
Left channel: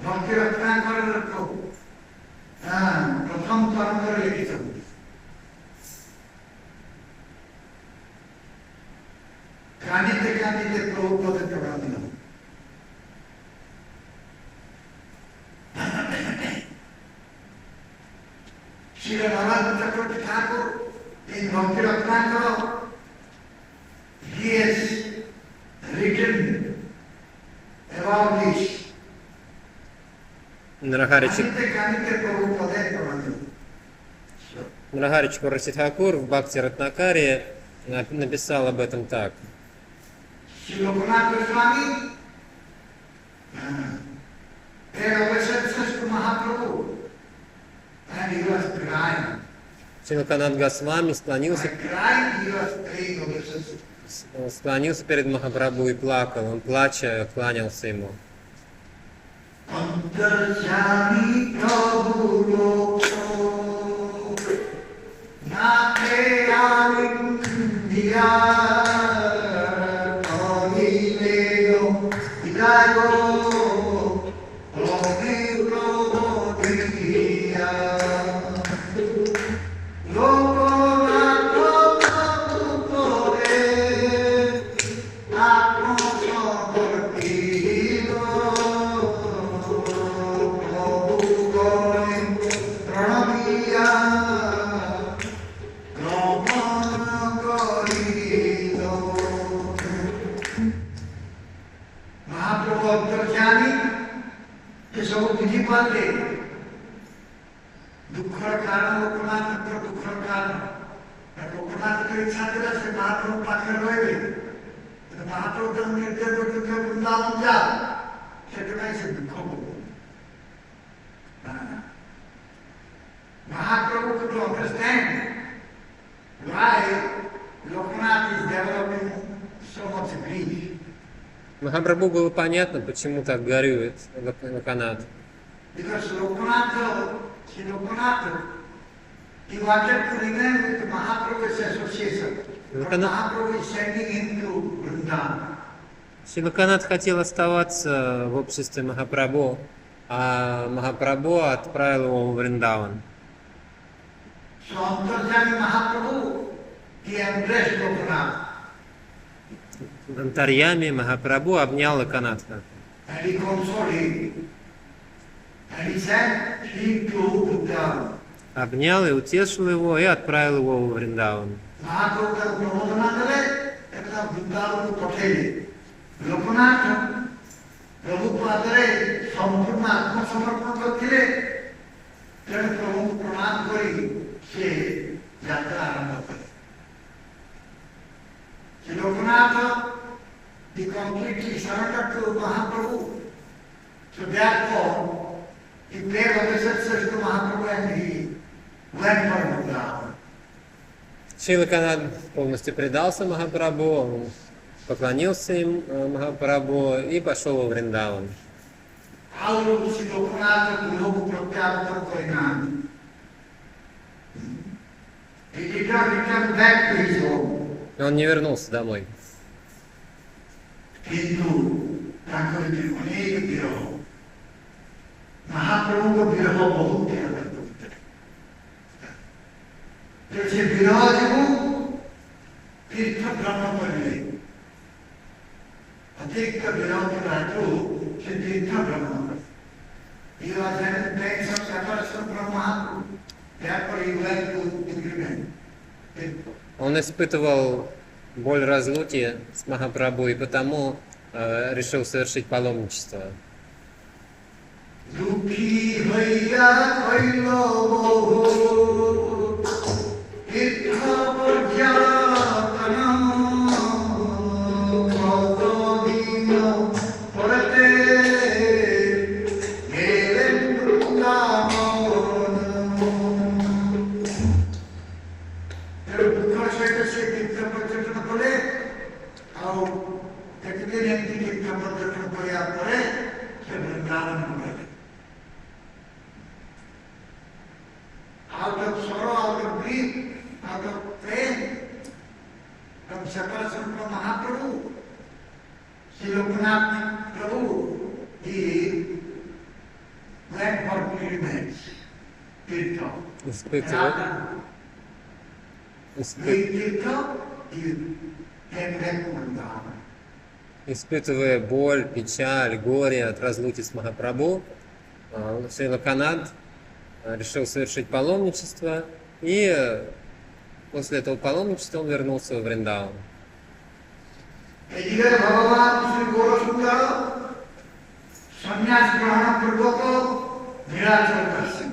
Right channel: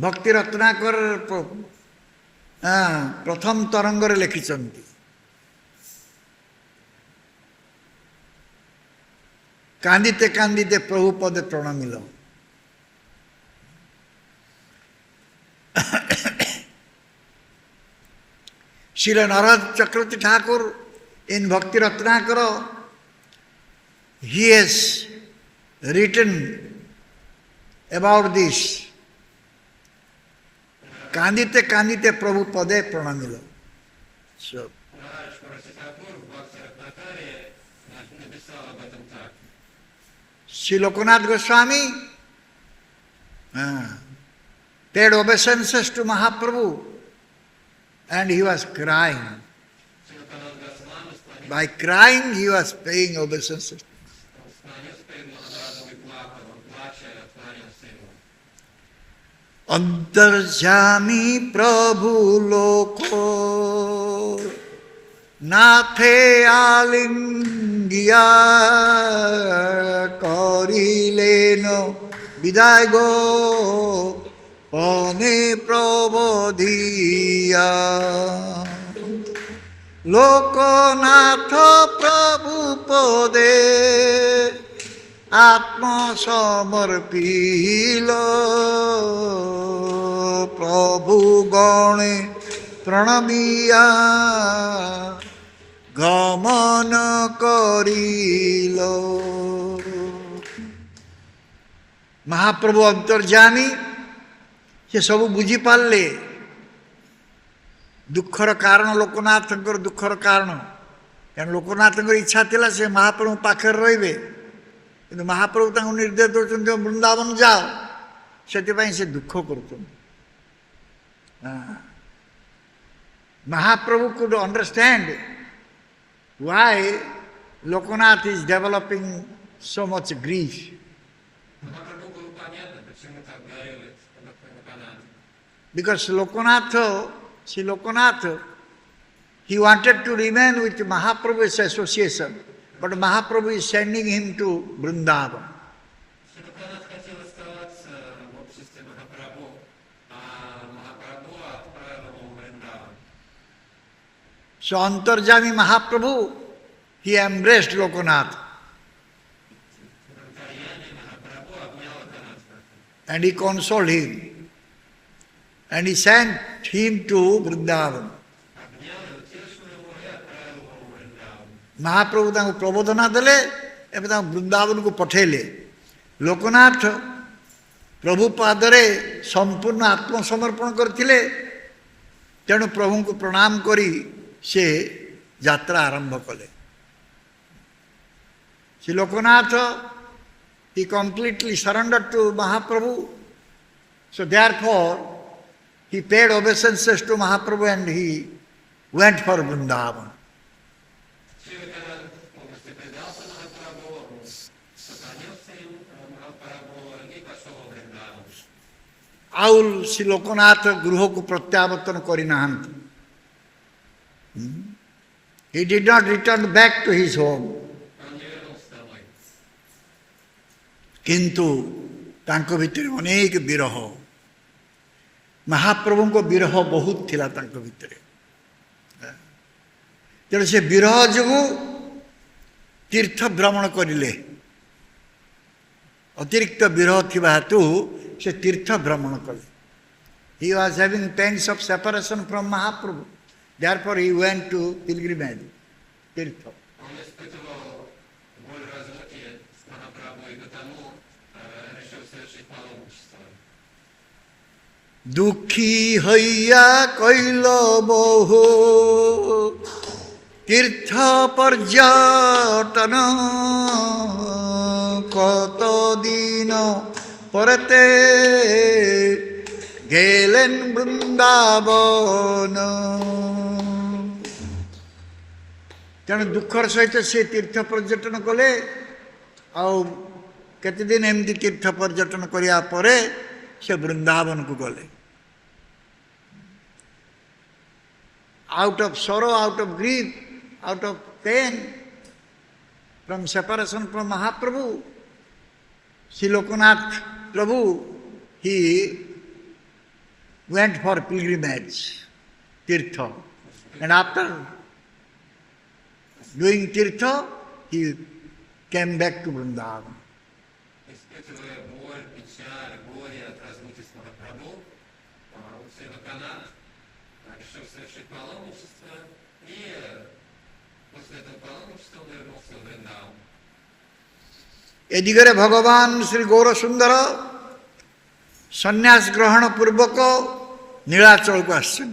भक्ति रत्नाकर प्रथम तरंगरे लिखिछन्ति। कांदिते कांदिते प्रभु पदे प्रणमिल। श्री नरहरि चक्रवर्ती Thakur in Bhakti Ratnakara, he has written about this. Kandite kandite Prabhu pade pranamila. So, Мрагари Чакраварти Тхакур в Бхакти Ратнакаре написал об этом так. Sri Lokanath Goswami paid obeisances to Mahaprabhu and he was crying. Шри Локанат Госвами By crying he was paying obeisances. склонился перед Махапрабху и плакал. Он, плача, кланялся ему. Antarjami Prabhu Loko Nathe Alingya Korileno Vidago Pone Prabodhiya Lokonatha Prabhu Pode Atma Samarpilo Prabhu Gone Pranamiya Gamana Karilo Mahaprabhu Antarjami se sabu buji parle ଦୁଃଖର କାରଣ ଲୋକନାଥଙ୍କର ଦୁଃଖର କାରଣ କାରଣ ଲୋକନାଥଙ୍କର ଇଚ୍ଛା ଥିଲା ସେ ମହାପ୍ରଭୁ ପାଖରେ ରହିବେ କିନ୍ତୁ ମହାପ୍ରଭୁ ତାଙ୍କୁ ନିର୍ଦ୍ଦେଶ ଦେଉଛନ୍ତି ବୃନ୍ଦାବନ ଯାଅ ସେଥିପାଇଁ ସେ ଦୁଃଖ କରୁଛନ୍ତି ମହାପ୍ରଭୁ could understand why Lokanath is developing so much grief. Махапрабху было понятно, почему так горюет Локанат. Because Sri Lokanath, he wanted to remain with Mahaprabhu's association, but Mahaprabhu is sending him to Vrindavan. Шри Локанат хотел оставаться в обществе Махапрабху, а Махапрабху отправил его в Вриндаван. So Antarjami Mahaprabhu, he embraced Lokanath. Антарьями Махапрабху обнял Локанатха. And he consoled him. And he sent him to Vrindavan. Обнял и утешил его, и отправил его в Вриндаван. Mahaprabhu ତାଙ୍କୁ ପ୍ରବୋଧନା ଦେଲେ ଏବଂ ତାଙ୍କୁ ବୃନ୍ଦାବନକୁ ପଠେଇଲେ ଲୋକନାଥ ପ୍ରଭୁ ପାଦରେ ସମ୍ପୂର୍ଣ୍ଣ ଆତ୍ମସମର୍ପଣ କରିଥିଲେ ତେଣୁ ପ୍ରଭୁଙ୍କୁ ପ୍ରଣାମ କରି ସେ ଯାତ୍ରା ଆରମ୍ଭ କଲେ Shri Loknath he completely surrendered to Mahaprabhu. So therefore he paid obeisances to Mahaprabhu and he went for Vrindavan. Шри Локанат полностью предался Махапрабху, он поклонился им Махапрабху и пошел во Вриндаван. ଆଉ ଶ୍ରୀ ଲୋକନାଥ ଗୃହକୁ ପ୍ରତ୍ୟାବର୍ତ୍ତନ କରିନାହାନ୍ତି. He did not return back to his home. Он не вернулся домой. କିନ୍ତୁ ତାଙ୍କ ଭିତରେ ଅନେକ ବିରହ ମହାପ୍ରଭୁଙ୍କ ବିରହ ବହୁତ ଥିଲା ତାଙ୍କ ଭିତରେ ତେଣୁ ସେ ବିରହ ଯୋଗୁଁ ତୀର୍ଥ ଭ୍ରମଣ କରିଲେ ଅତିରିକ୍ତ ବିରହ ଥିବା ହେତୁ ସେ ତୀର୍ଥ ଭ୍ରମଣ କଲେ. He was having pangs of separation from Mahaprabhu. Therefore he went to pilgrimage. Он испытывал боль разлуки с Махапрабху и потому решил совершить паломничество. Dukhi haiya kailo boho tirtha parjatana koto dino parate gelen Vrindavana. ତେଣୁ ଦୁଃଖର ସହିତ ସେ ତୀର୍ଥ ପର୍ଯ୍ୟଟନ କଲେ ଆଉ କେତେଦିନ ଏମିତି ତୀର୍ଥ ପର୍ଯ୍ୟଟନ କରିବା ପରେ ସେ ବୃନ୍ଦାବନକୁ ଗଲେ. Out of sorrow, out of grief, out of pain from separation from Mahaprabhu, Sri Lokanath Prabhu, he went for pilgrimage, tirtha. And after doing tirtha, he came back to Vrindavan. Испытывая боль, печаль, горе от разлуки с Махапрабху, Шри Локанат решил совершить паломничество, и после этого паломничества он вернулся в Вриндаван. এদিকে ভগবান শ্রী গৌরসুন্দর সন্ন্যাস গ্রহণ পূর্বক নীলাচলକୁ আসছেন.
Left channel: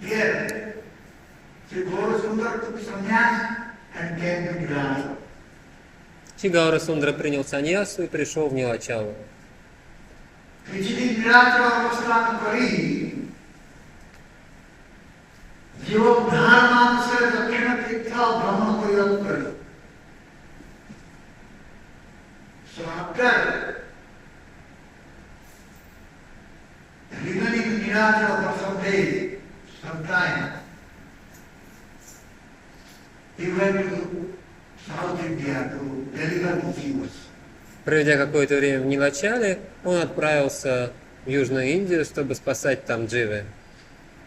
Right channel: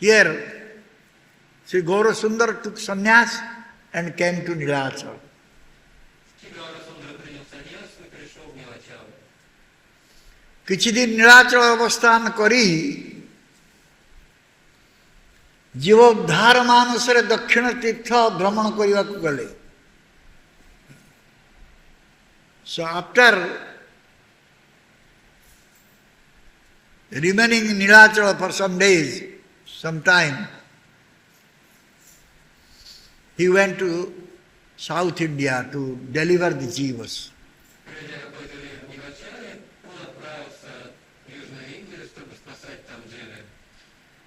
Here, Sri Gaurasundar took sannyas and came to Nilachala. Шри Гаурасундара принял саньясу и пришел в Нилачалу. किछिदिन Nilachal अवस्थान करी जीवोद्धार मानसरे दक्षिण तीर्थ भ्रमण करने गले. So after remaining in Nilachala for some days, some time, he went to South India to deliver the jivas. Проведя какое-то время в Нилачале, он отправился в Южную Индию, чтобы спасать там дживы.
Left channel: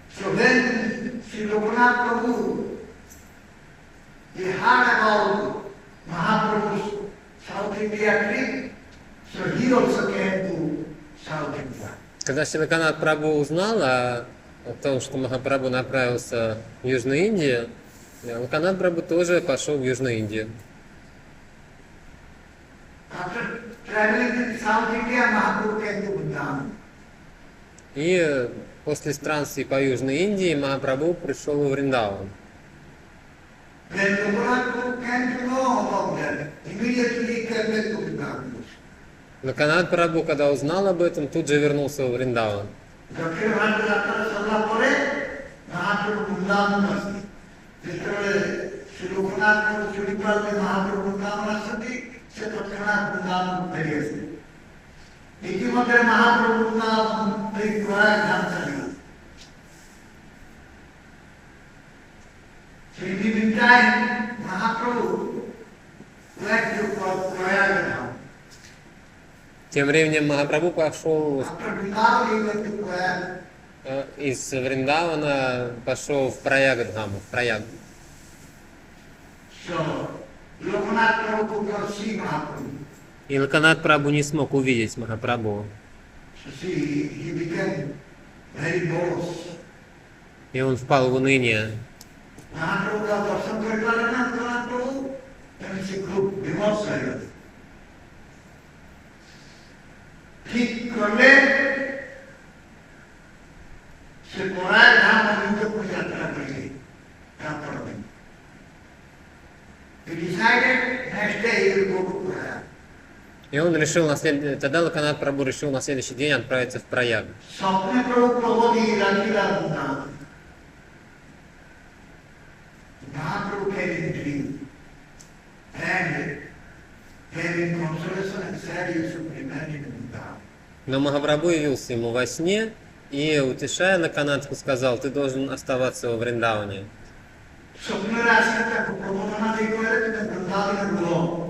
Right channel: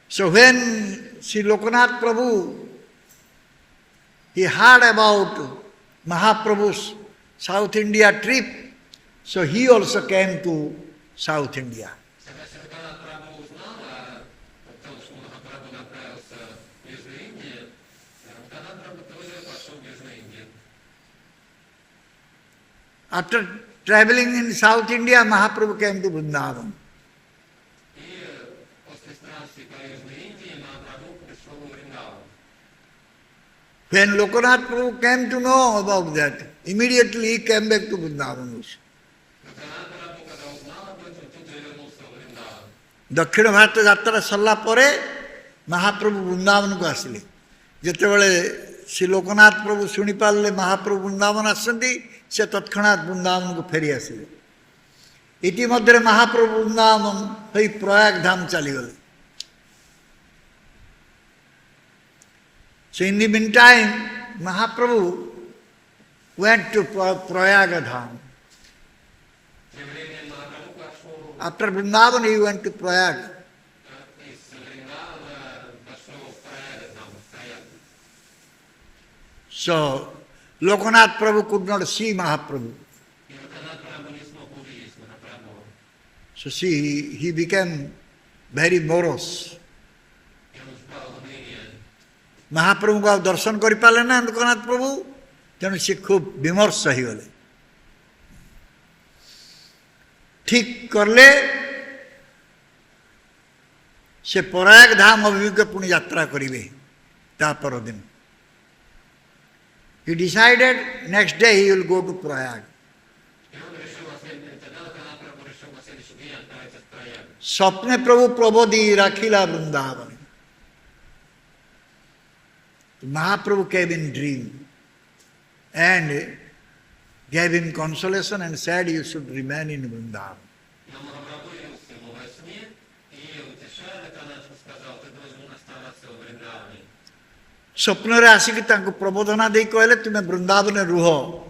So when Sri Lokanath Prabhu, he heard about Mahaprabhu's South India trip, so he also came to South India. Когда Шри Локанат Прабху узнал о том, что Махапрабху направился в Южную Индию, Локанат Прабху тоже пошел в Южную Индию. After traveling in South India, Mahaprabhu came to Vrindavan. И после странствий по Южной Индии Махапрабху пришел во Вриндаван. When Lokanath Prabhu came to know about that, immediately he came back to Vrindavan. Локанат Прабху, когда узнал об этом, тут же вернулся во Вриндаван. दक्षिण भारत यात्रा सरला परे महाप्रभु वृंदावन को आसले जितेबले श्री लोकनाथ प्रभु शुणी पारे महाप्रभु वृंदावन आसती से तत्क्षणात वृंदावन को फेरी आसले. इतिमध्य महाप्रभु वृंदावन प्रयाग धाम चलीगले. So in the meantime, Mahaprabhu went to Prayaga Dham. Тем временем Махапрабху пошел After Vrindavan, he went to Prayag. из Вриндавана, пошел в Праягадхам, в Праяг. So Lokanath Prabhu could not see Mahaprabhu. И Локанат Прабху не смог увидеть Махапрабху. So see, he became very morose. И он впал в уныние. महाप्रभु का दर्शन कर पाले ना लोकनाथ प्रभु तेणु से खूब विमर्श ही गले. ठीक करले से प्रयाग धाम अभिमुखे पुणी यात्रा करेंगे ता पर दिन. He decided next day he will go to Prayag. И он решил тогда Локанат Прабху решил на следующий день отправиться в Праяг. स्वप्ने प्रभु प्रबोधि राखिला Vrindavan. Mahaprabhu came in dream and gave him consolation and said you should remain in Vrindavan. Но Махапрабху явился ему во сне и, утешая Локанатху, сказал: ты должен оставаться во Вриндаване. स्वप्न आसिक प्रबोधना दे कहले तुम्हें वृंदावन रुह.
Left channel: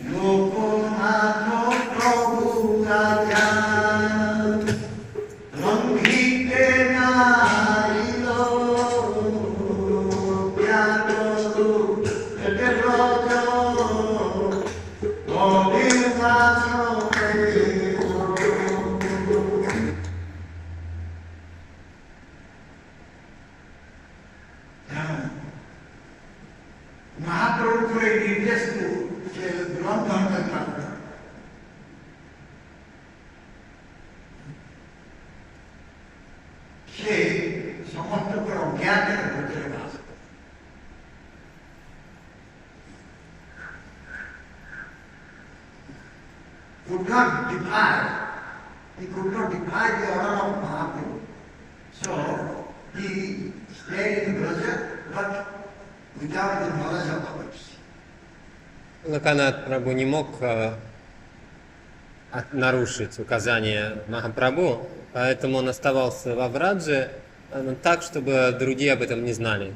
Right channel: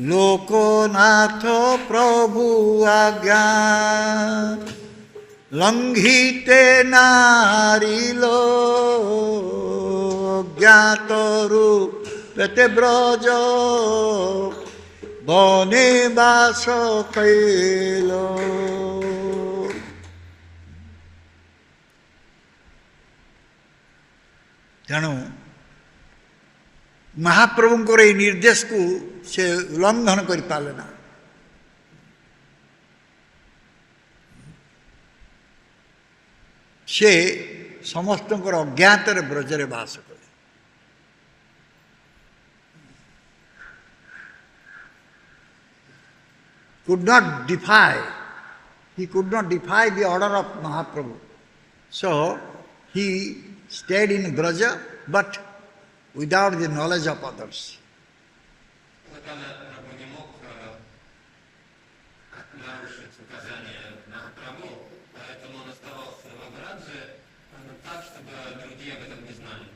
लोकनाथ प्रभु आज्ञा लंघिते नारिलो ज्ञातरु पेटे ब्रज बनिवास पेलो. तेणु महाप्रभुंकर ये निर्देश को से उल्लंघन कर पारना. से समस्त अज्ञात ब्रजरे बास करे. He could not defy the order of Mahaprabhu. So he stayed in Braja, but without the knowledge of others. Локанат Прабху не мог нарушить указания Махапрабху, поэтому он оставался во Врадже так, чтобы другие об этом не знали.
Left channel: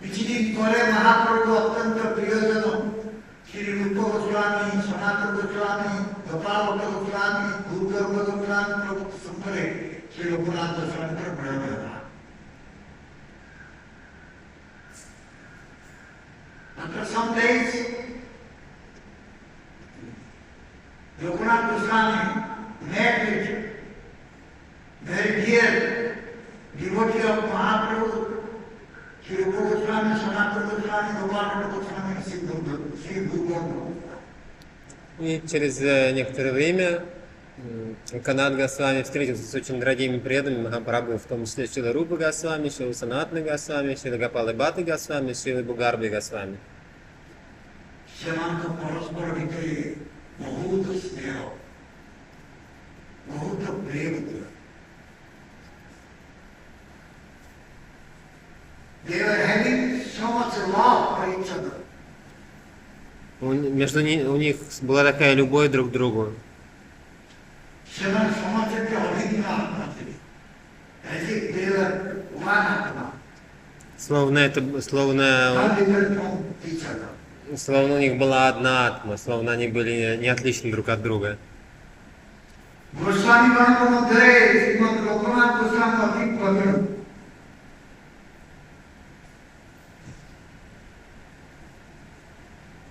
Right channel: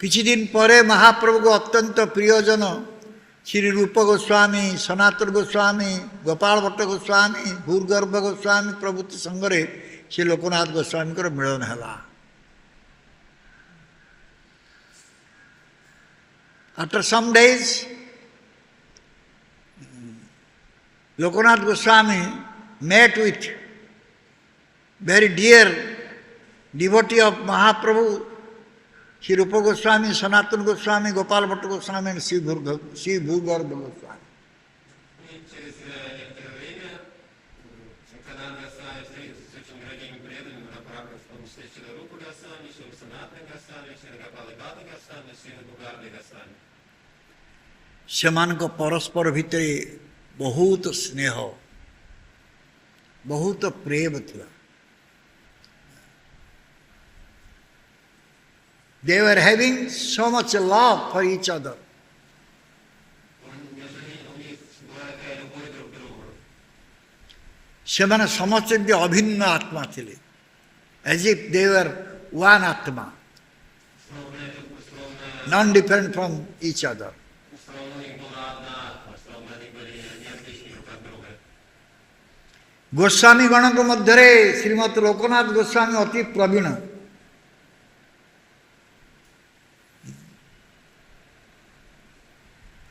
किछिदिन परे महाप्रभु को अत्यंत प्रियजन श्री रूप गोस्वामी, सनातन गोस्वामी, गोपाल भट्ट गोस्वामी, भूर्गर्भ गोस्वामी प्रभृति संगरे श्री लोकनाथ गोस्वामी मिलन है. After some days, Lokanath Goswami met with very dear devotee of Mahaprabhu, Sri Rupa Goswami, Sanatana Goswami, Gopal Bhatta Goswami and Sri Bhurgarva Goswami. И через некоторое время Канат Госвами встретился с очень дорогими преданными Махапрабху, в том числе Шрила Рупа Госвами, Шрила Санатана Госвами, Шрила Гопала Бхатта Госвами, Шрила Бугарби Госвами. ସେମାନଙ୍କ ପରସ୍ପର ଭିତରେ ବହୁତ ସ୍ନେହ ବହୁତ ପ୍ରେମ ଥିଲା. They were having so much love for each other. У них была такая любовь друг к другу. ସେମାନେ ସମସ୍ତେ ବି ଅଭିନ୍ନ ଆତ୍ମା ଥିଲେ. As if they were one atma. Словно Non-different from each other. у них была одна атма, словно они были не отличны друг от друга. Goswami ଗଣଙ୍କ ମଧ୍ୟରେ ଶ୍ରୀମତ୍ ଲୋକନାଥ ଗୋସ୍ୱାମୀ ଅତି ପ୍ରବୀଣ.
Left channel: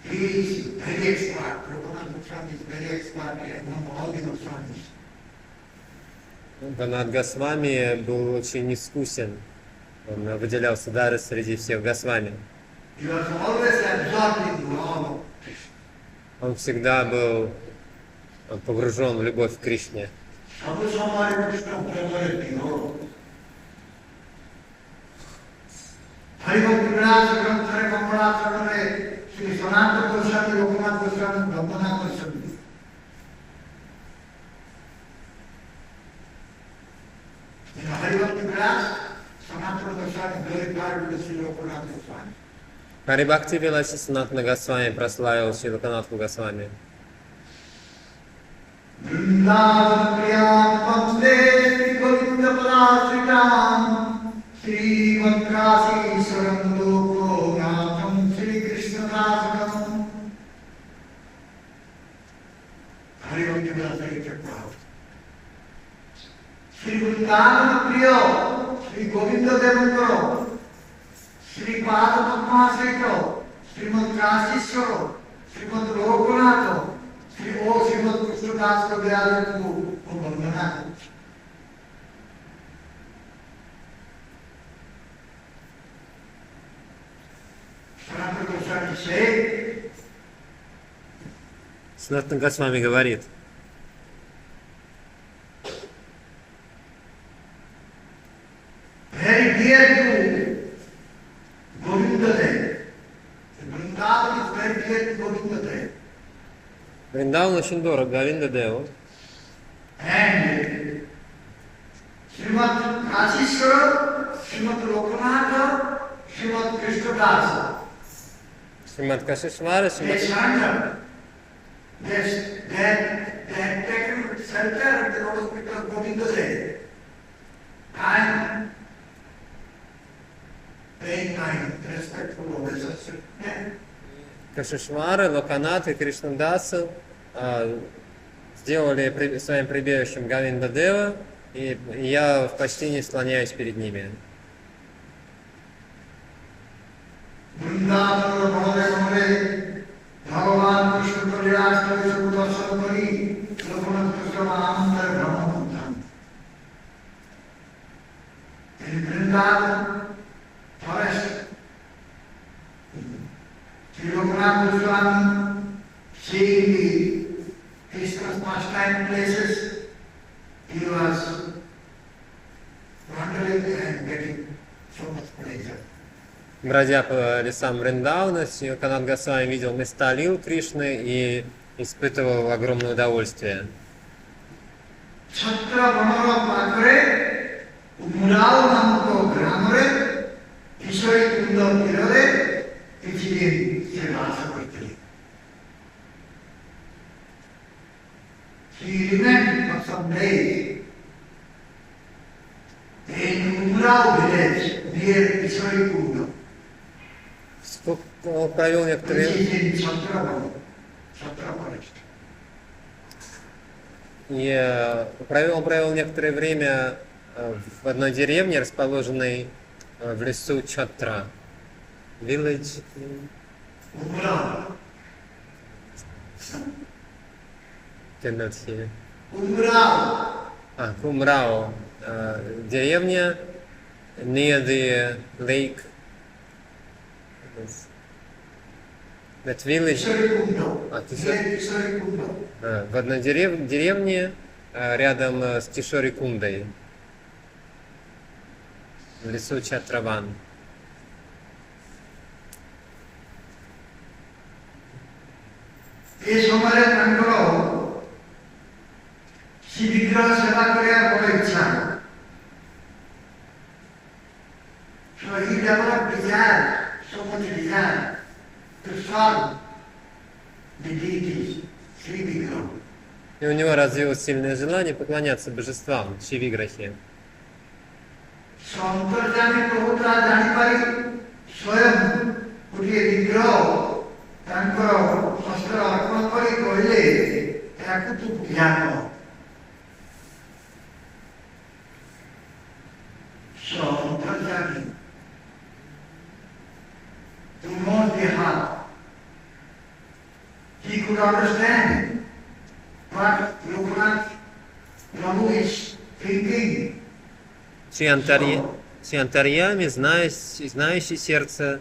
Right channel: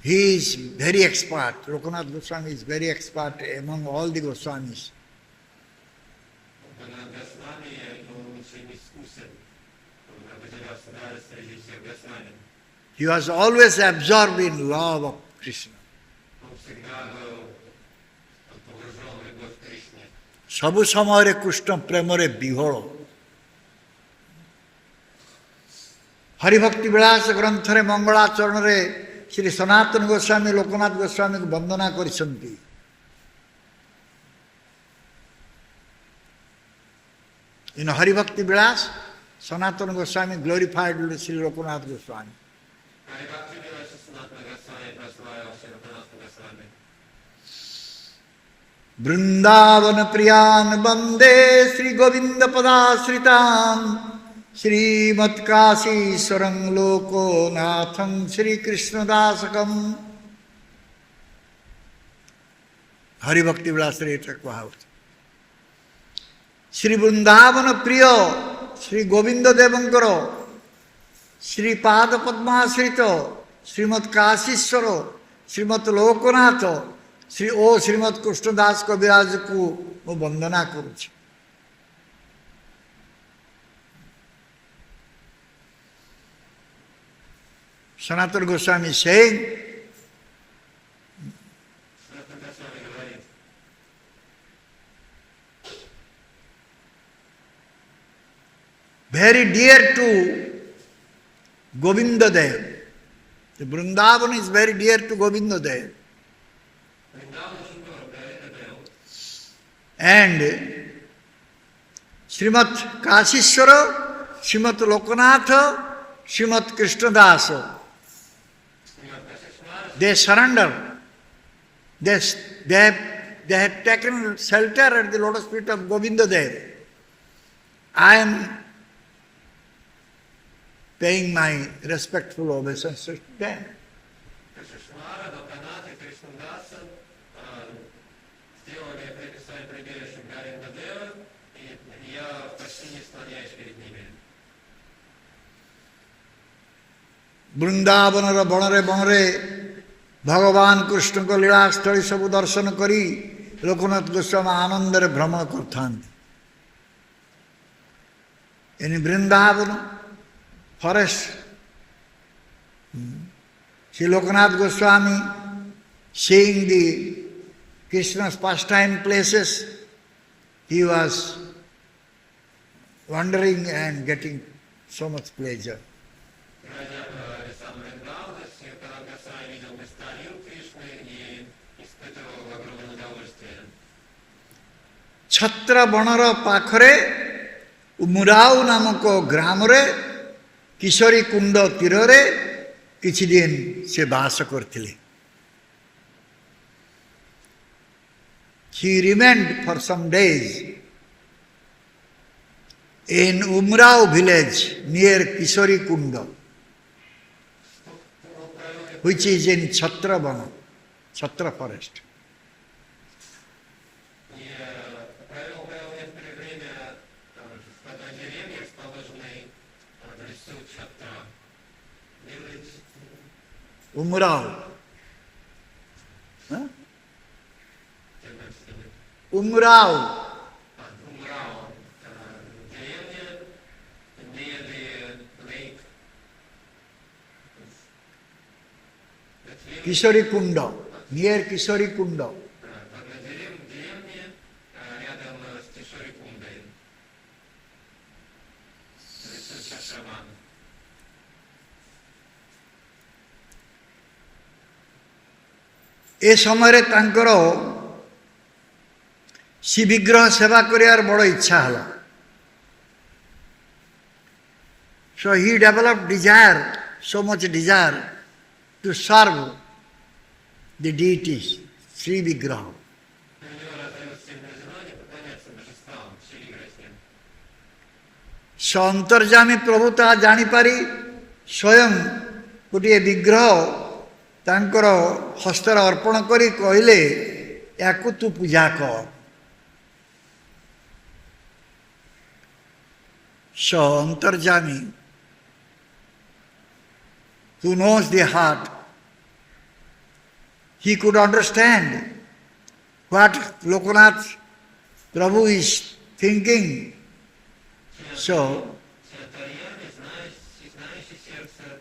He is very expert. Lokanath Goswami is very expert among all the Goswamis. Канат Госвами был очень искусен. Он выделялся даже среди всех Госвами. He was always absorbed in love of Krishna. Он всегда был погружен в любовь к Кришне. ସବୁ ସମୟରେ କୃଷ୍ଣ ପ୍ରେମରେ ବିହୋଳ. ହରିଭକ୍ତି ବିଳାସ ଗ୍ରନ୍ଥରେ ମଙ୍ଗଳାଚରଣରେ ଶ୍ରୀ ସନାତନ ଗୋସ୍ୱାମୀ ଲୋକନାଥ ଗୋସ୍ୱାମୀଙ୍କୁ ବନ୍ଦନା କରିଛନ୍ତି. In Haribhakti Vilas, Sanatana Goswami glorified Sri Lokanath Goswami. Харибхакти Виласи Санатана Госвами прославил Шри Локанатху Госвами. Vrindavan Priyan Bande Sri Govinda Padasritam Sri Matkasi Sarang Loko Natham Sri Krishna Dasakam. Haribhakti Vilas Kuhaut. Sri Vrindavan Priya Sri Govinda Devankaro Sri Pada Padmasrito Srimad Kasiswaro Srimad Lokonath Srimad Krishna Das Kaviraj ko ମୁଁ ବନ୍ଦନା କରୁଛି. Sanatana Goswami say, Санатана Госвами говорит, very dear to Govinda Dev. The Vrindavan is very dear to Govinda Dev. Вриндаван очень дорог Говинда Деву. And Srimad Kasiswara, Srimad Lokanath, Srimad Krishnadasa. Шримад Кашишвара, They surrender. They had taken shelter at the lotus feet of Govinda Dev. I am paying my respectful obeisance to them. Кашишвара, Локанат и Кришнадаса сделали своим прибежищем Говинда Дева, и я в почтении склоняюсь перед ними. Vrindavanara Banare Banare Bhagavan Krishna ko Leelastali sabu darshan kari Lokanath Goswami anandare bhrama karthan. In Vrindavan forest, Sri Lokanath Goswami seeing the Krishna's pastime places, he was wandering and getting so much pleasure. Бродя по лесам Вриндауна, Канат Госвами видел места лил Кришны и испытывал огромное удовольствие. Chhatra Banara Pakhare Umurao Namako Gramare Kishori Kunda Tirare Kichidin se Basa Kortili. He remained for some days in Umrao village near Kishori Kunda, which is in Chhatra Bana, Chhatra forest. Он провел некоторое время в одной деревне, расположенной в лесу Чатра. Village. Umrao. Умрау. Кумрау. Деревня near the lake. That village. Kishori Kunda. Near Kishori Kunda. В одной деревне рядом с Тишорикундой, в лесу Чатраван. ए समय तांकर श्री विग्रह सेवा करियार बड़ इच्छा है. So he developed desire, so much desire to serve the deities, Sri Vigraha. И у него развилось сильное желание поклоняться божествам, Шивиграхе. अंतर्जामी प्रभु ता जानीपारी स्वयं गोटे विग्रह तांकर हस्तर अर्पण करी कहले याकु तू पूजा कर. अंतर्जामी who knows the heart, he could understand what Lokanath Prabhu is thinking. Сиантарьями, знающий сердце,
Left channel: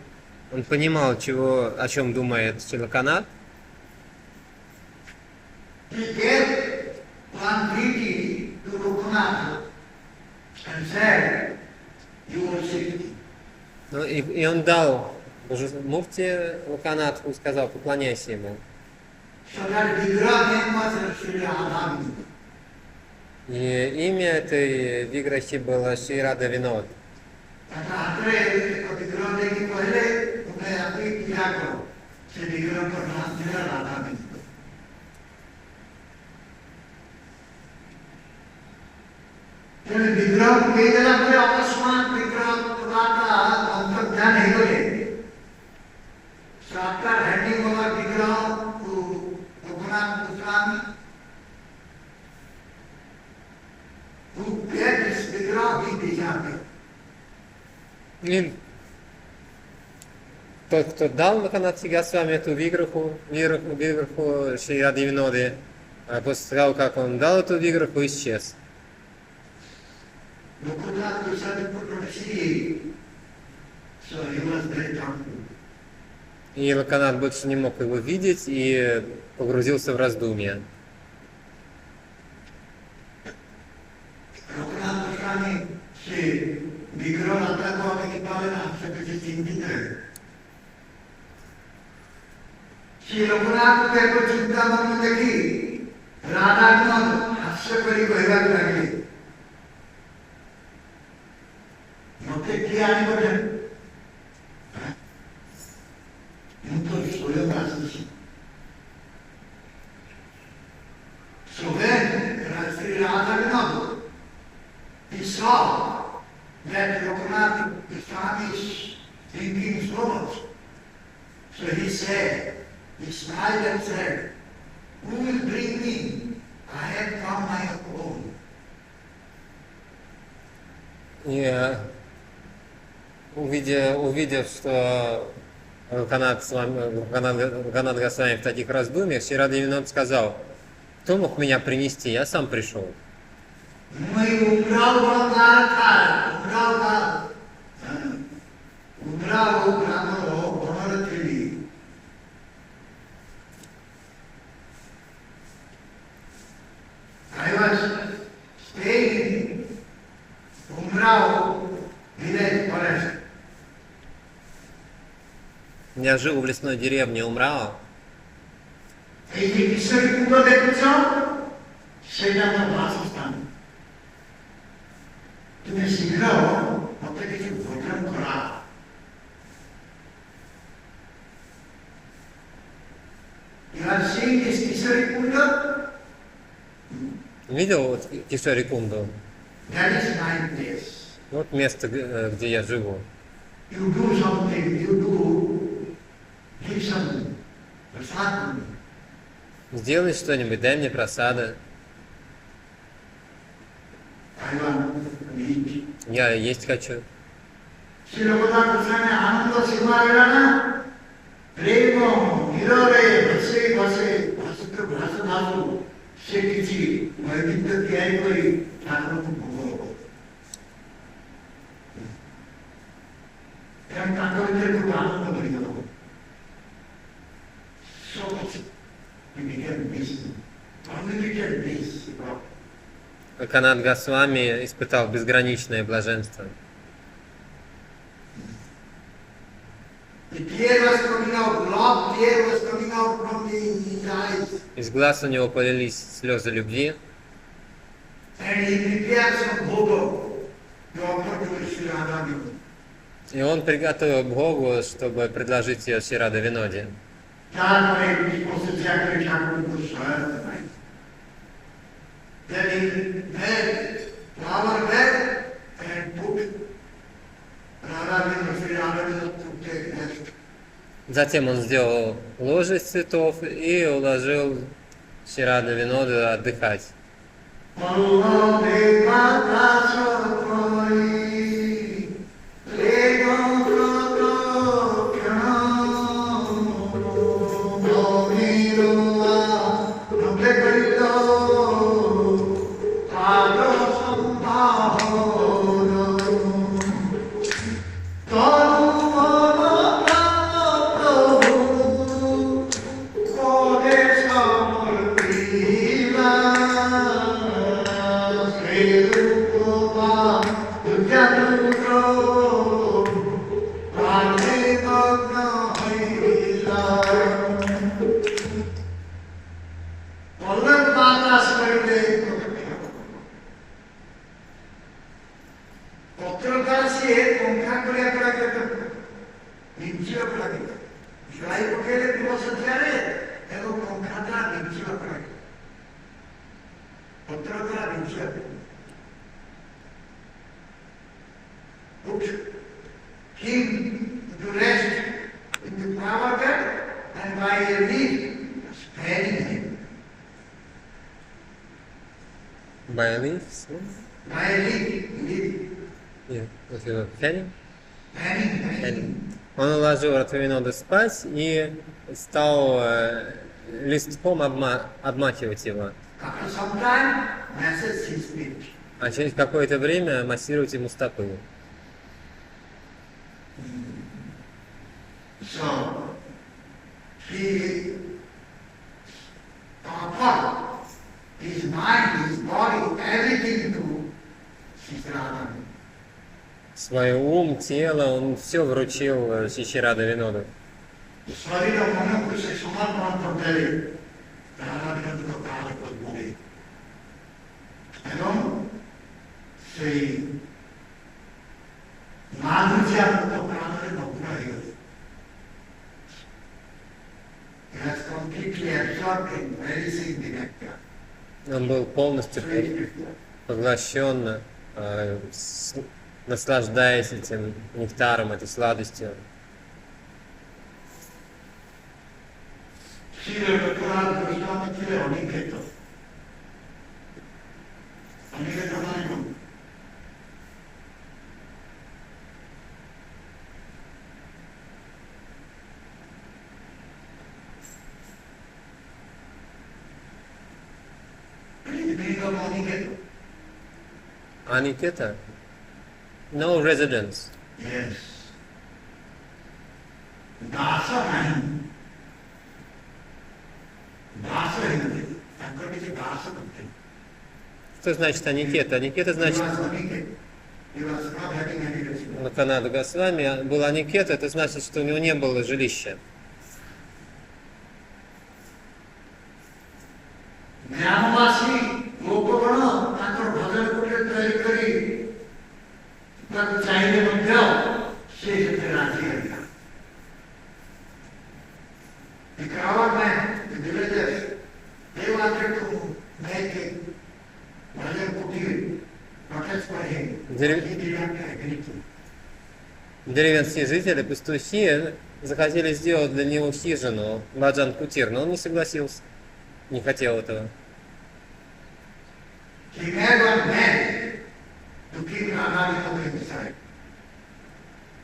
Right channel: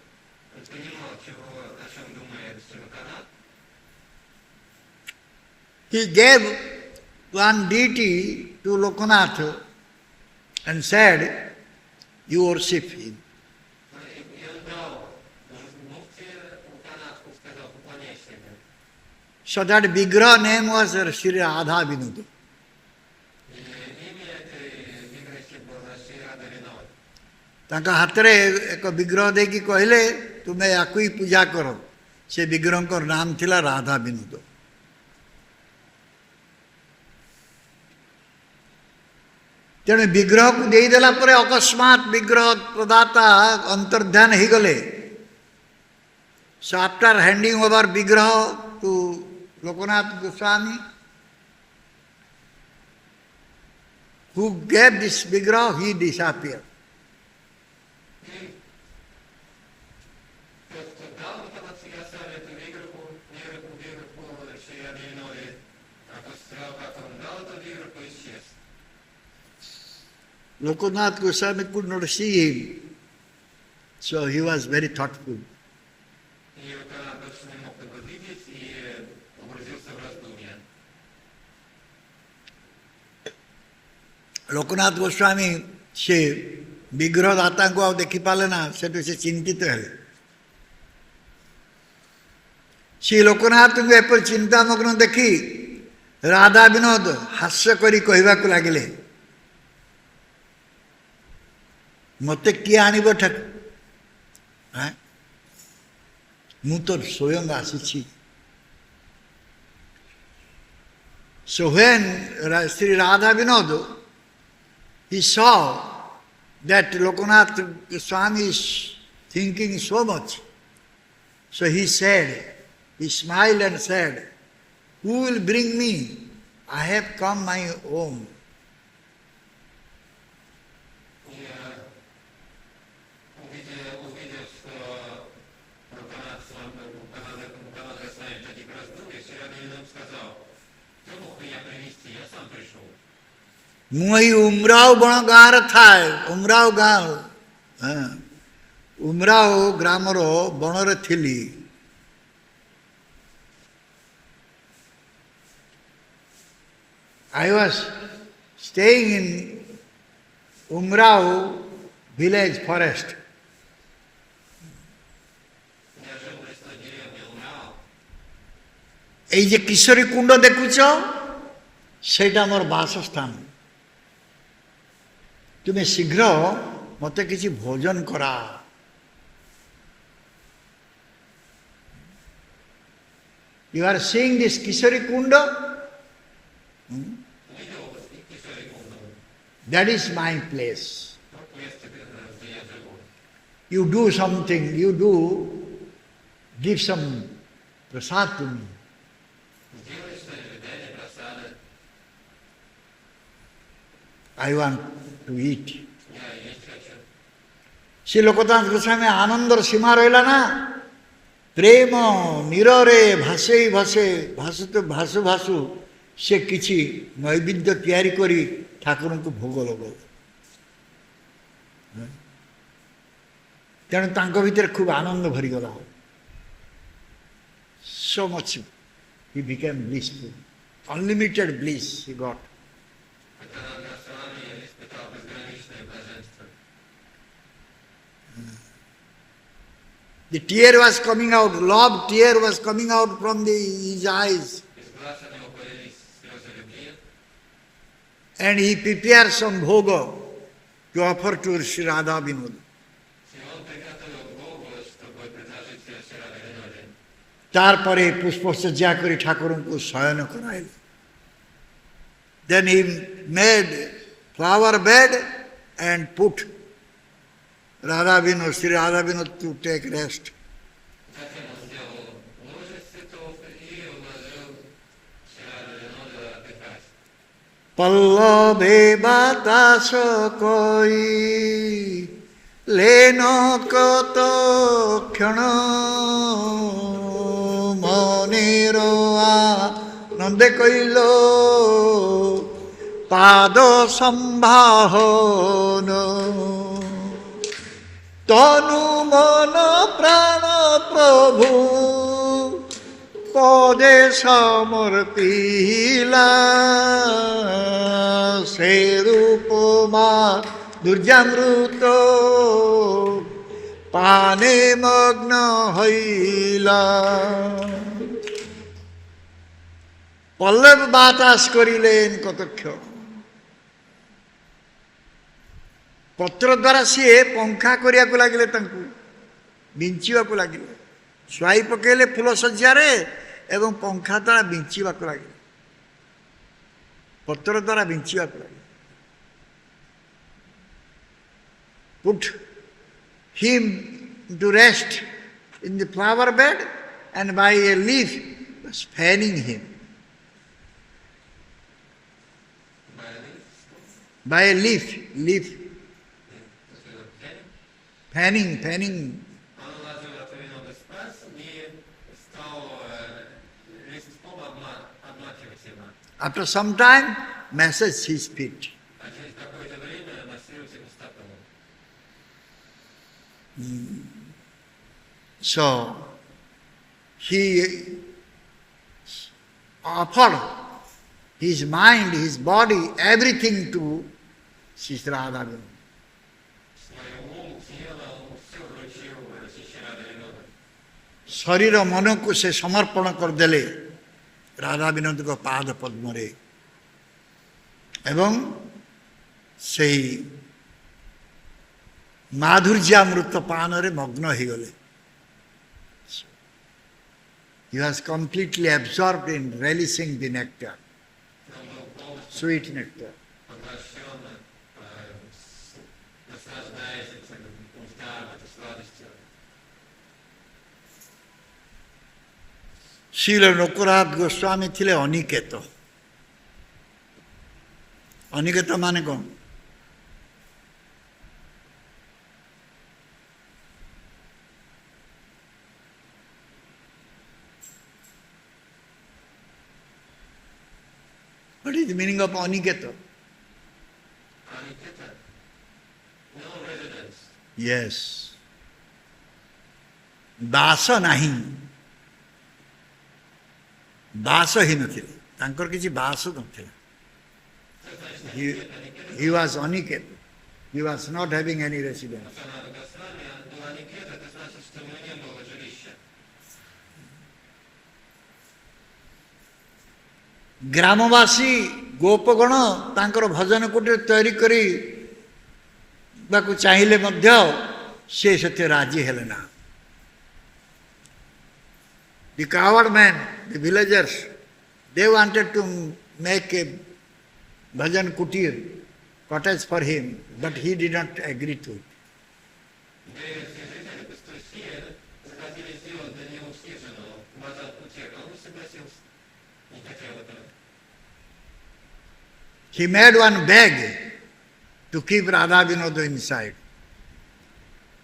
он понимал, о чем думает Шилаканат. He gave one deity to Lokanath and said, "You worship him." И он дал муфти Локанатху и сказал, поклоняйся ему. So that Vigraha name was Sri Radha Vinoda. И имя этой Виграхи было Шри Рада Винод. ताका हाथरे एक विग्रह देखी कहले तुम्हें याकु ही पूजा करो. से विग्रह को नाम थिला राधा बिंदु. तेणु विग्रह को दे देला परे अकस्मात विग्रह प्रदाता अंतर्ध्यान ही गले. So after handing over Vigraha to Lokanath Goswami, who gave this Vigraha, he disappeared. И тот, кто дал Локанатхи Госвами эту виграху Шри Рады Виноды, после того, как он дал эту виграху, исчез. Lokanath Goswami could not see him, so he was very thoughtful. И Локанат больше не мог его видеть и погрузился в раздумья. Lokanath Goswami से विग्रह दाता को आप देखी पाले ना से चिंतित है. श्री लोकनाथ को एपर चिंता मग्न देखी राधा विनोद हास्य करी कहवा को लगिले मते किए आनिब ठाक मु तो स्वयं आसी. So when Sri Radha Vinod, he saw that Lokanath Goswami is thinking so much. So he said, he smiled and said, "Who will bring me? I have come my own." И увидев, что Локанат Госвами в таких раздумьях, Шри Рада Винод сказал, кто мог меня принести, я сам пришел. मुई उमराव बण गार थाए उमराव गाँव उमराव ग्रामर बणरे थिली. I was staying in Umrao village forest. Я жил в лесной деревне Умрао. এই যে কিশোরী কুণ্ড দেখুছ সেটা আমার বাসস্থান. তুমি শীঘ্র মতে কিছু ভোজন করা. You are seeing this Kishori Kunda? Видел Кишори Кунду? That is my place. Вот место, где я живу. You do something, give some prasad to me. Сделай что-нибудь, дай мне просады. I want to eat. Я есть хочу. সে লোকনাথ গোস্বামী আনন্দর সীমা রইল না. প্রেম নীরে ভাসে ভাসে ভাসুতে ভাসু ভাসু সে কিছু নৈবেদ্য তৈরি করে ঠাকুরଙ୍କୁ ভোଗ লগাইল. ତେଣୁ ତାଙ୍କ ଭିତରେ ଖୁବ ଆନନ୍ଦ ଭରିଗଲା. So much he became blissful, unlimited bliss he got. Канат Госвами испытал безграничное блаженство. The tear was coming out, love tear was coming out from his eyes. Из глаз у него полились слезы любви, And he prepared some bhoga to offer to Sri Radha Vinod. и он приготовил Богу, чтобы предложить ее Шри Рада Виноде. তারপরে পুষ্পসজ্জা করে ঠাকুরকে শয়ন Korail. Then he made flower bed and put Radha Vinod, Sri Radha Vinod to take rest. Затем он сделал ложе из цветов и уложил Шри Рада Виноду отдыхать. পল্লবে বাতাস কই lane কত ক্ষণ মনের আনন্দে কইল পাদ সম্ভাহন তনু মন প্রাণ প্রভু পদে সমর্পিলা সেই রূপমা দুর্যাবৃত পানে মগ্ন হইলা পল্লব বাতাস করিলেন কতক্ষণ ପତ୍ର ଦ୍ୱାରା ସିଏ ପଙ୍ଖା କରିବାକୁ ଲାଗିଲେ ତାଙ୍କୁ ବିଞ୍ଚିବାକୁ ଲାଗିଲେ ଶୁଆଇ ପକେଇଲେ ଫୁଲ ସଜ୍ଜାରେ ଏବଂ ପଙ୍ଖା ଦ୍ୱାରା ବିଞ୍ଚିବାକୁ ଲାଗିଲେ ପତ୍ର ଦ୍ୱାରା ବିଞ୍ଚିବାକୁ put him to rest in the flower bed and by a leaf was fanning him By a leaf? by a leaf fanning Он уложил Радхавиноду спать и стал листком обмахивать его. after some time massage his feet. А через какое-то время массировать ему стопы. So he offered his mind, his body, everything to Sri Radha. Свой ум, тело, он все вручил Шри Рада Виноду. ଶରୀର ମନକୁ ସେ ସମର୍ପଣ କରିଦେଲେ ରାଧା ବିନୋଦଙ୍କ ପାଦ ପଦ୍ମରେ ଏବଂ ସେହି ମାଧୁର୍ଯ୍ୟାମୃତ ପାନରେ ମଗ୍ନ ହେଇଗଲେ He was completely absorbed in relishing the nectar, Он был полностью sweet nectar. поглощен, наслаждаясь этим нектаром, этой сладостью. Srila Loknath Goswami ଥିଲେ ଅନିକେତ ଅନିକେତ ମାନେ କ'ଣ What is the meaning of Aniket? Aniketa? No residence. Yes. ବାସ ନାହିଁ ବାସ ହେଇନଥିଲେ ତାଙ୍କର କିଛି ବାସ ନଥିଲା Что значит Аникета? Аникета He значит... was Aniket. He was not having any residence. На Канаду Госвами был Аникета, это значит, что у него не было жилища. ଗ୍ରାମବାସୀ ଗୋପଗଣ ତାଙ୍କର ଭଜନ କୁଟୀର ତିଆରି କରିବାକୁ ଚାହିଁଲେ ମଧ୍ୟ ସେ ସେଥିରେ ରାଜି ହେଲେ ନା The coward men, the villagers, they wanted to make a bhajan kutir, cottage for him, but he did not agree to. Деревенские жители, пастухи, захотели сделать для него хижину, Баджан Кутир, но он не согласился, не хотел этого. He made one bag to keep Radha Vinoda inside.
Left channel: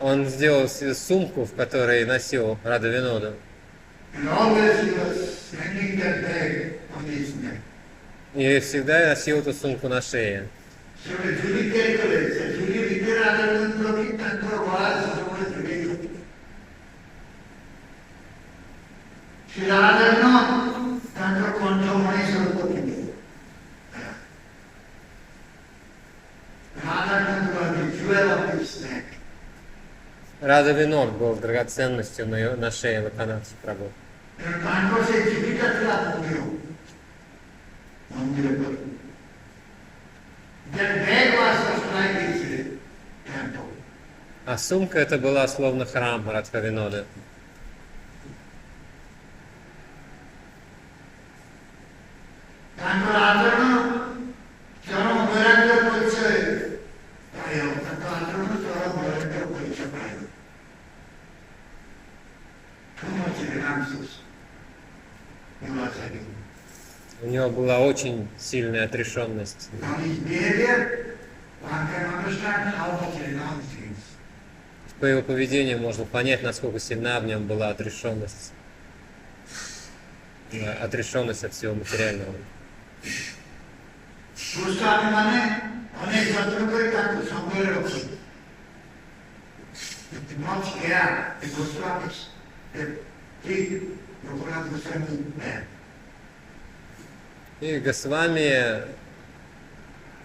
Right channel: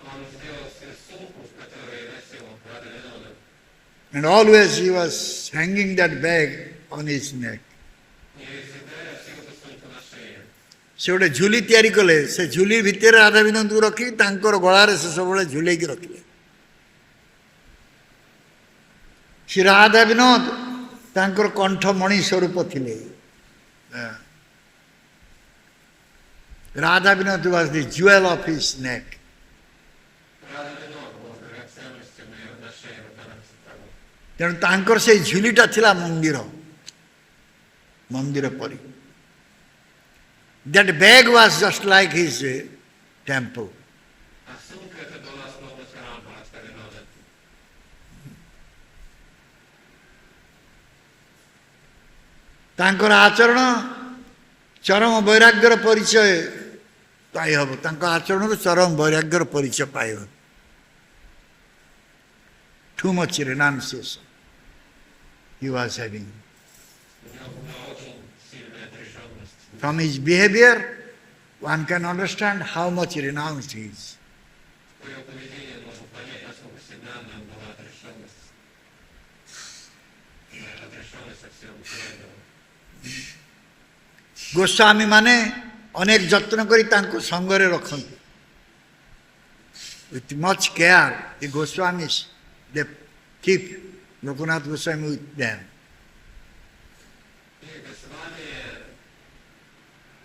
Он сделал себе сумку, в которой носил Рада Виноду. And always he was hanging that bag on his neck. И всегда носил эту сумку на шее. ସେ ଗୋଟେ ଝୁଲି ତିଆରି କଲେ ସେ ଝୁଲି ଭିତରେ ରାଧା ବିନୋଦକୁ ରଖି ତାଙ୍କର ଗଳାରେ ସେ ସବୁବେଳେ ଝୁଲେଇକି ରଖିଲେ ଶ୍ରୀ ରାଧା ବିନୋଦ ତାଙ୍କର କଣ୍ଠମଣି ସ୍ୱରୂପ ଥିଲେ Radha Vinod was the jewel of his neck. Рада Винод был драгоценностью на шее Локанатха Прабху. ତେଣୁ ତାଙ୍କର ସେଇ ଝୁଲିଟା ଥିଲା ମନ୍ଦିର ପରି. That bag was just like his temple. А сумка это была словно храм Радха Винода. ତାଙ୍କର ଆଚରଣ ଚରମ ବୈରାଗ୍ୟର ପରିଚୟ ପାଇ ହେବ. ତାଙ୍କ ଆଚରଣରୁ ଚରମ ବୈରାଗ୍ୟର ପରିଚୟ ପାଇ ହେବ. Too much renunciation he was having. У него была очень сильная отрешенность. From his behavior, one can understand how much renounced he is. По его поведению можно понять, насколько сильна в нем была отрешенность. Отрешенность от всего материального. Goswami ମାନେ ଅନେକ ଯତ୍ନ କରି ତାଙ୍କୁ ସଙ୍ଗରେ ରଖନ୍ତି. With much care, the Goswamis they keep Lokanath Goswami with them. И Госвами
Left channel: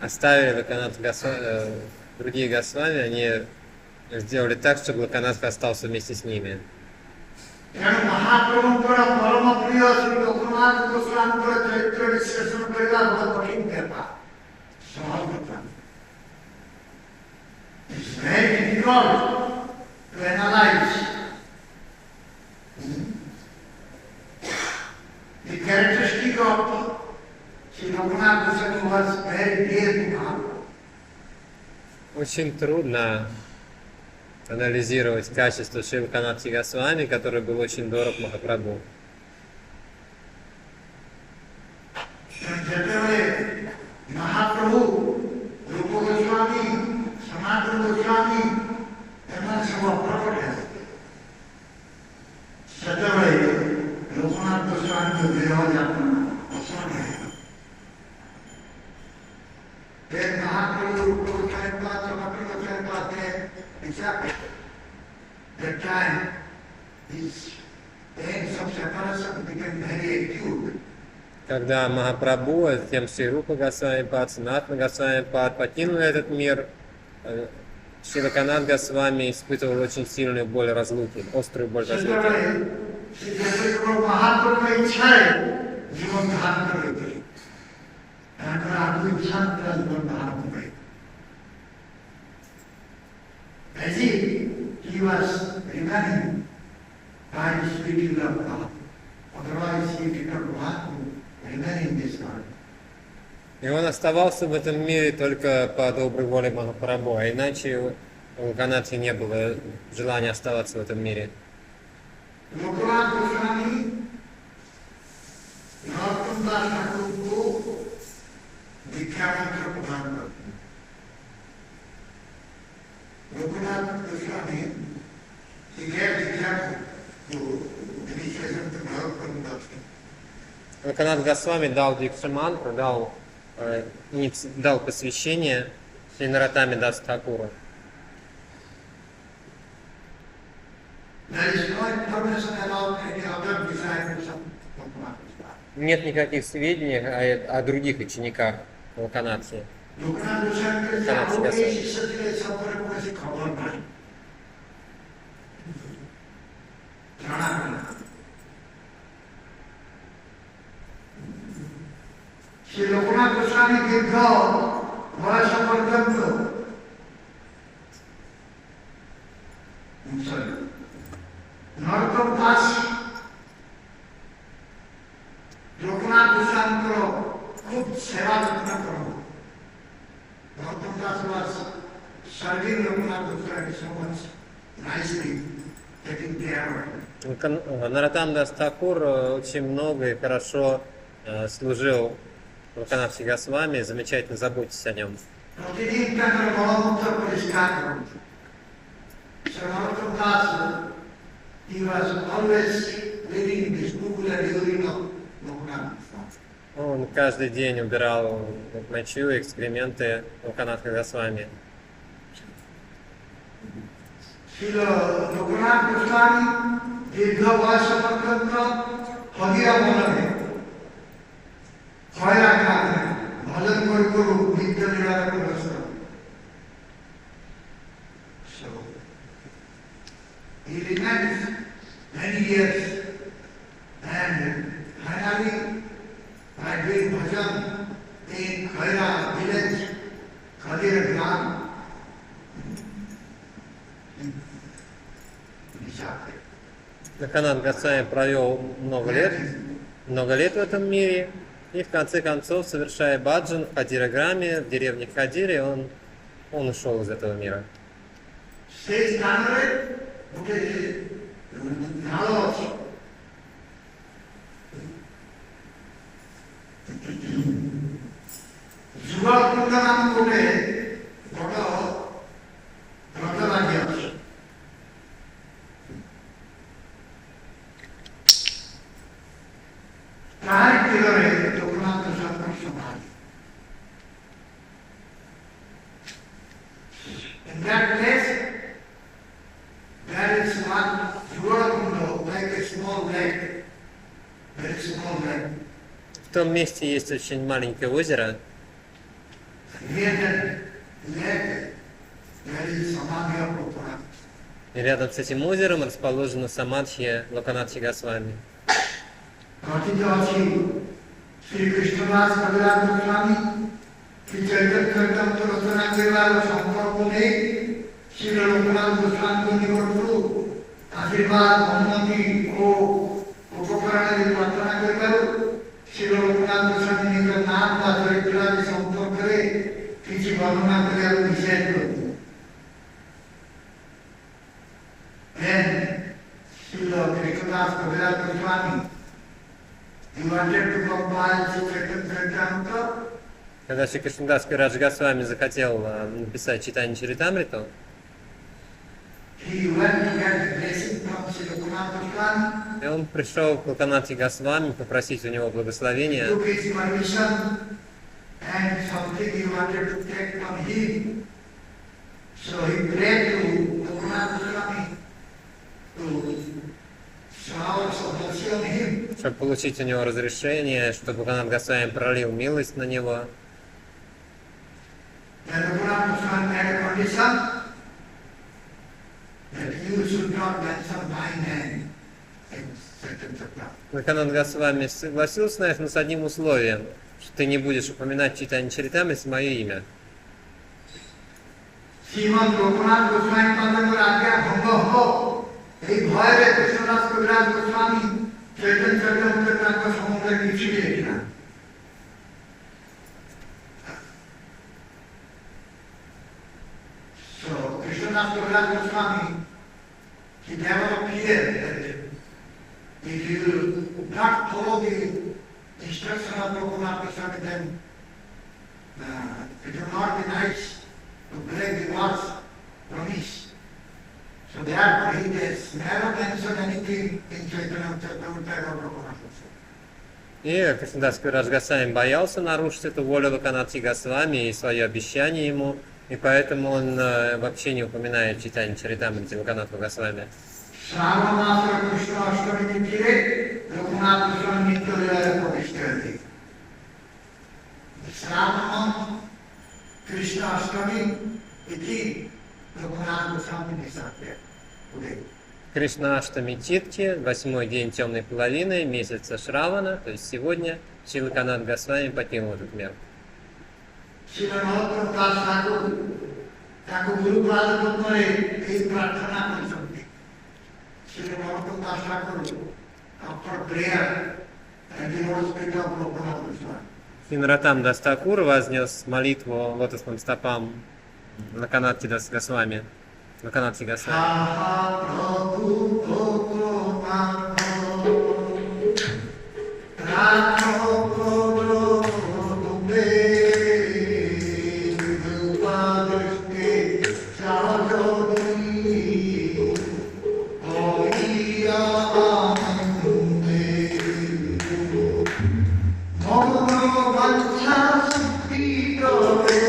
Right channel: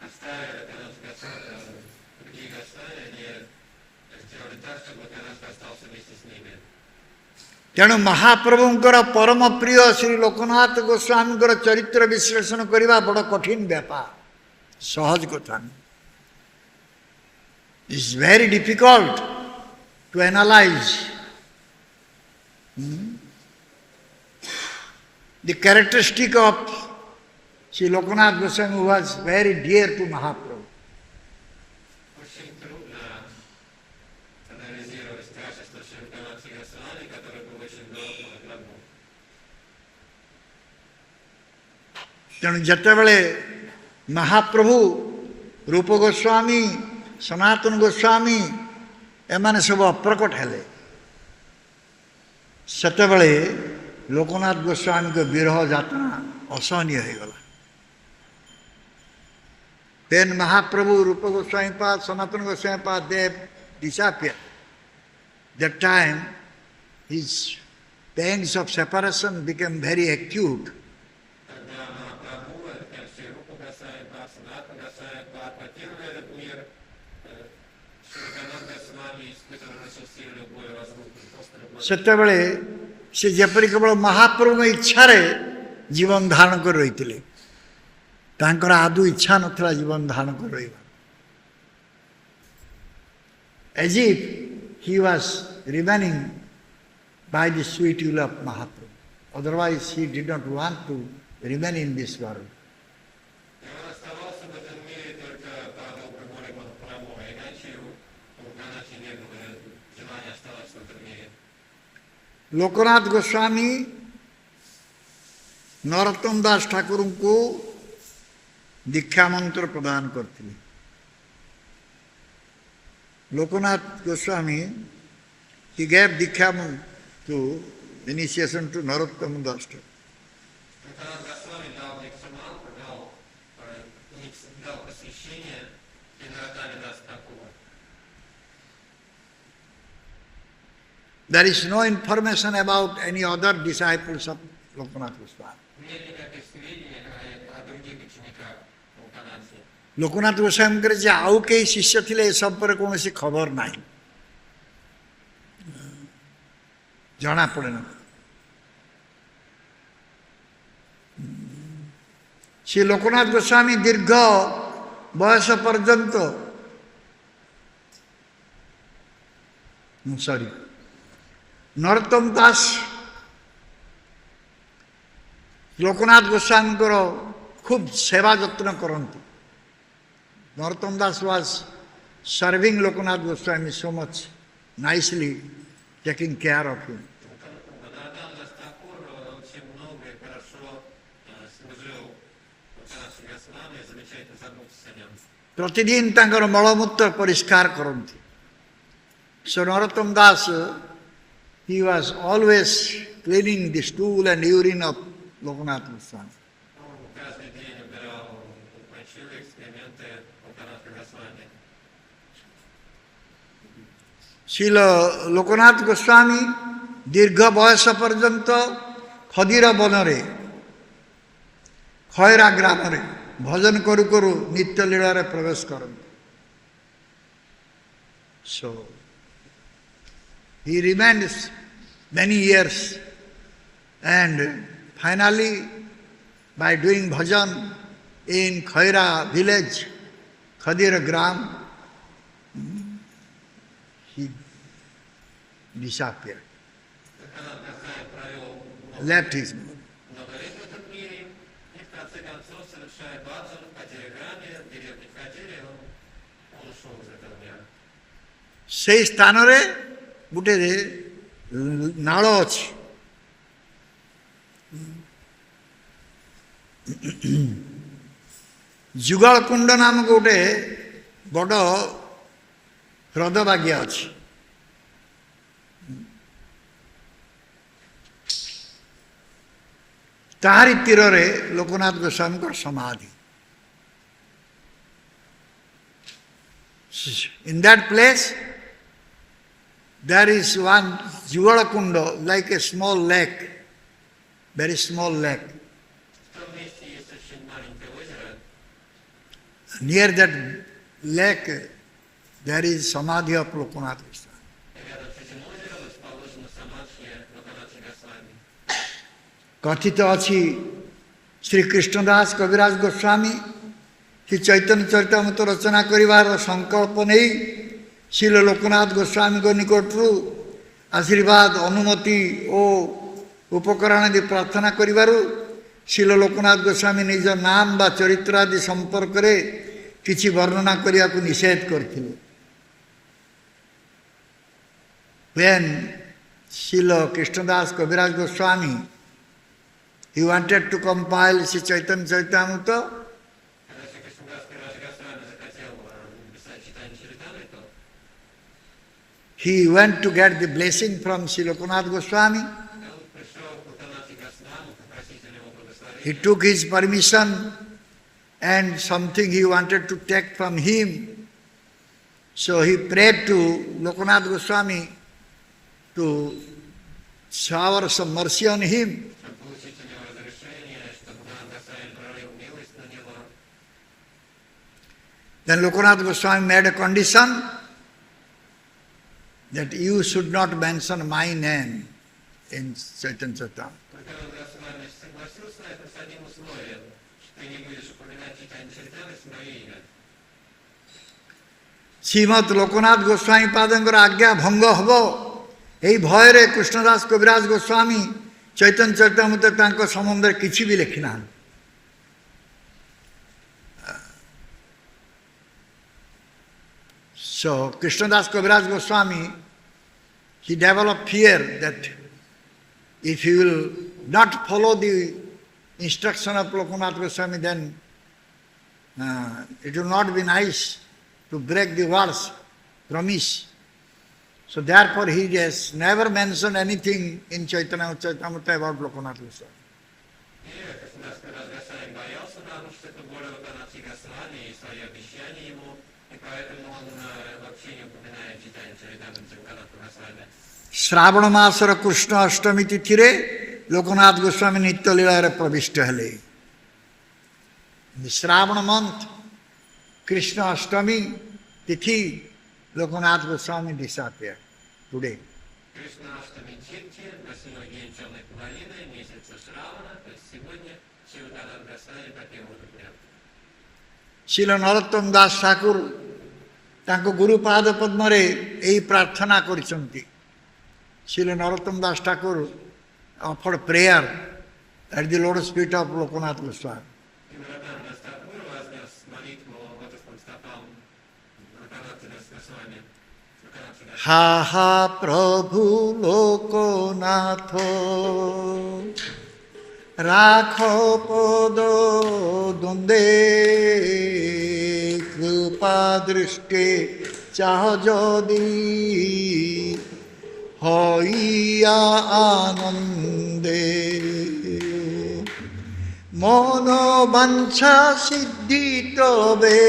оставили Локанатха Госвами, другие Госвами, они сделали так, чтобы Локанатха остался вместе с ними. ତେଣୁ ମହାପ୍ରଭୁଙ୍କର ପରମ ପ୍ରିୟ ଶ୍ରୀ ଲୋକନାଥ ଗୋସ୍ୱାମୀଙ୍କର ଚରିତ୍ର ବିଶ୍ଳେଷଣ କରିବା ବଡ଼ କଠିନ ବ୍ୟାପାର, ସହଜ କଥା ନୁହେଁ. It's very difficult to analyze the characteristic of Sri Lokanath Goswami who was very dear to Mahaprabhu. Очень трудно анализировать качество Шри Локанатха Госвами, который был очень дорог Махапрабху. ତେଣୁ ଯେତେବେଳେ ମହାପ୍ରଭୁ ରୂପ ଗୋସ୍ୱାମୀ ସନାତନ ଗୋସ୍ୱାମୀ ଏମାନେ ସବୁ ଅପ୍ରକଟ ହେଲେ, ସେତେବେଳେ ଲୋକନାଥ ଗୋସ୍ୱାମୀଙ୍କ ବିରହ ଯାତ୍ରା ଅସହନୀୟ ହେଇଗଲା. Then Mahaprabhu, Rupa Goswami Pad, Sanatana Goswami Pad, they disappeared. That time his pains of separation became very acute. Когда Махапрабху, а затем Шри Рупа Госвами Пад, Санатана Госвами Пад покинули этот мир, Шри Локанатха Госвами испытывал очень сильную боль разлуки, острую боль разлуки. ସେତେବେଳେ ସେ ଯେପରି କେବଳ ମହାପ୍ରଭୁଙ୍କ ଇଚ୍ଛାରେ ଜୀବନ ଧାରଣ କରି ରହିଥିଲେ, ତାଙ୍କର ଆଦୌ ଇଚ୍ଛା ନଥିଲା ଜୀବନ ଧାରଣ କରି ରହିବା. As if he was remaining by the sweet will of Mahaprabhu. Otherwise he did not want to remain in this world. И он оставался в этом мире только по доброй воле Махапрабху, а иначе у Локанатхи не было желания оставаться в этом мире. Lokanath Goswami Narottam Das Thakur को दीक्षा मंत्र प्रदान करती है. Lokanath Goswami, he gave Dikha to initiation to Narottam Das. Локанатх Госвами дал Дикшамантру, дал посвящение Шри Нароттаме Дас Тхакуру. There is no information about any other disciples of Lokanath Goswami. Нет никаких сведений о других учениках Локанатхи. Lokanath Goswami करे जे आउ के शिष्य थिले सब पर कोनोसी खबर नाही, जाना पड़ेना. श्री लोकनाथ गोस्वामी दीर्घ बयस पर्यंत नरोत्तम दास लोकनाथ गोस्वामी खूब सेवा जत्न करते. Narottam Das was serving Lokanath Goswami so much nicely, taking care of him. Нароттам Дас Тхакур очень много и хорошо служил Локанатхе Госвами, замечательно заботился о нем. प्रतिदिन तांकर मलमूत्र परिष्कार करते. So Narottam Das, he was always cleaning the stool and urine of Lokanath Goswami. Он каждый день убирал мочу и экскременты Локанатха Госвами. Srila Loknath Goswami दीर्घ बयस पर्यंत हदीर बनरे खैरा ग्रामरे भजन करू करू नित्य लीला प्रवेश कर. So he remained many years, and finally, by doing bhajan in Khaira village, Khadir Gram, he disappeared. Лаканат Госвами провел Left his много лет в этом мире, и в конце концов, совершая баджан в Хадираграме, в деревне Хадире, он ушел из этого мира. সেই স্থাନରେ ଗୋଟେ ନାଳ ଅଛି। ଯୁଗଳକୁଣ୍ଡ ନାମକ ଗୋଟେ ବଡ଼ ହ୍ରଦ ବାଗିଆ ଅଛି। ତାହାରି ତୀରରେ ଲୋକନାଥ ଗୋସ୍ୱାମୀଙ୍କର ସମାଧି। In that place, there is one Jugalakundo, like a small lake, very small lake. В том месте есть очень маленькое озеро. Near that lake, there is Samadhi of Lokanath. И рядом с этим озером расположена самадхи Локанатхи Госвами. कथित अछि श्री कृष्णदास कविराज गोस्वामी कि चैतन्य चरितामृत रचना करिवार संकल्प नहीं श्रील लोकनाथ गोस्वामी को निकटरू आशीर्वाद अनुमति और उपकरण आदि प्रार्थना करिवारु श्रील लोकनाथ गोस्वामी निज नाम बा चरित्र आदि संपर्क रे किछि वर्णना करिया को निषेध करथि। When Srila Krishnadas Kaviraj Goswami he wanted to compile Sri Chaitanya Charitamrita. Когда Шри Кришнадас Кавирадж Госвами захотел написать Чайтанья Чаритамриту, he went to get the blessing from Sri Lokanath Goswami. и он пришел к Локанатхи Госвами попросить у него He благословения. took his permission and something he wanted to take from him. So he prayed to Lokanath Goswami to shower some mercy on him. Чтобы получить у него разрешение, чтобы Локанат Госвами пролил милость на него. Then Lokanath Goswami made a condition that you should not mention my name in Chaitanya Charitamrita. Локанат Госвами согласился на это, но с одним условием, что ты не будешь упоминать Чайтанья Чаритамрите мое имя. Srimat Loknath Goswami পাদঙ্গর আজ্ঞা ভঙ্গ হব এই ভୟରେ কৃষ্ণদাস কবিরাজ গোস্বামী চৈতন্য চরিতামৃত তাଙ୍କ সম্বন্ধে କିଛି ବି ଲେଖିନା। So Krishnadas Kaviraj Goswami, he developed fear that if he will not follow the instruction of Lokanath Goswami, then it will not be nice to break the words promise. So therefore he has never mentioned anything in Chaitanya Charitamrita about Lokanath Goswami. И Кришнадас Кавирадж Госвами боялся нарушить эту волю Локанатхи Госвами и свое обещание ему, и поэтому он вообще не упоминает Чайтанья Чаритамрите Локанатха Госвами. ଶ୍ରାବଣ ମାସର କୃଷ୍ଣ ଅଷ୍ଟମୀ ତିଥିରେ ଲୋକନାଥ ଗୋସ୍ୱାମୀ ନିତ୍ୟ ଲୀଳାରେ ପ୍ରବିଷ୍ଟ ହେଲେ। ଶ୍ରାବଣ month, Krishna Ashtami Tithi, Lokanath Goswami disappeared today. Кришна Аштами Титхи, 8-й день темной половины месяца Шравана, то есть сегодня, Шри Локанат Госвами покинул этот мир. ଶିଳ ନରୋତ୍ତମ ଦାସ ଠାକୁର ତାଙ୍କ ଗୁରୁପାଦ ପଦ୍ମରେ ଏହି ପ୍ରାର୍ଥନା କରିଛନ୍ତି। ଶିଳ ନରୋତ୍ତମ ଦାସ ଠାକୁର offered prayer at the lotus feet of Lokanath Goswami. И Нароттам Дас Такур вознес молитву лотосным стопам Локанатхи Дас Госвами. Локанатхи Госвами. Ha ha Prabhu Lokanath Rakho Podo Dunde Padrishke Chahajodi Hoya Anande Mono Vancha Siddhi Tobe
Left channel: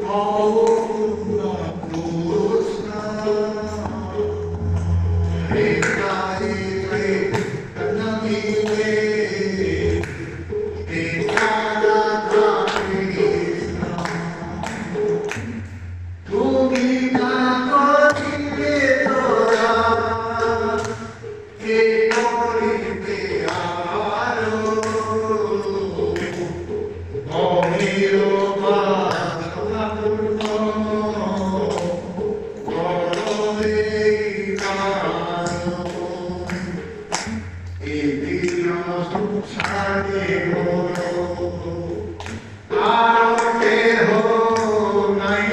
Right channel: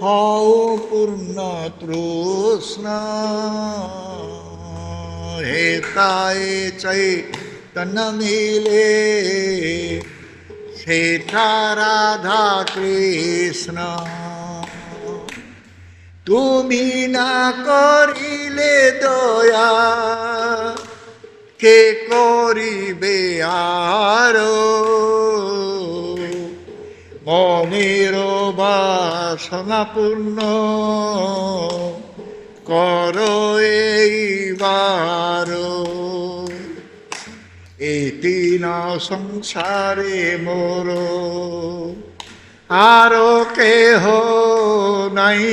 Hau Purna Trusna Hetaye Chaitanya Mile Heta Radha Krishna Tumi কে করিবে আরো অমের বাসনা পূর্ণ কর এইবার এই দিন সংসারে মোর আরো কেহ নাই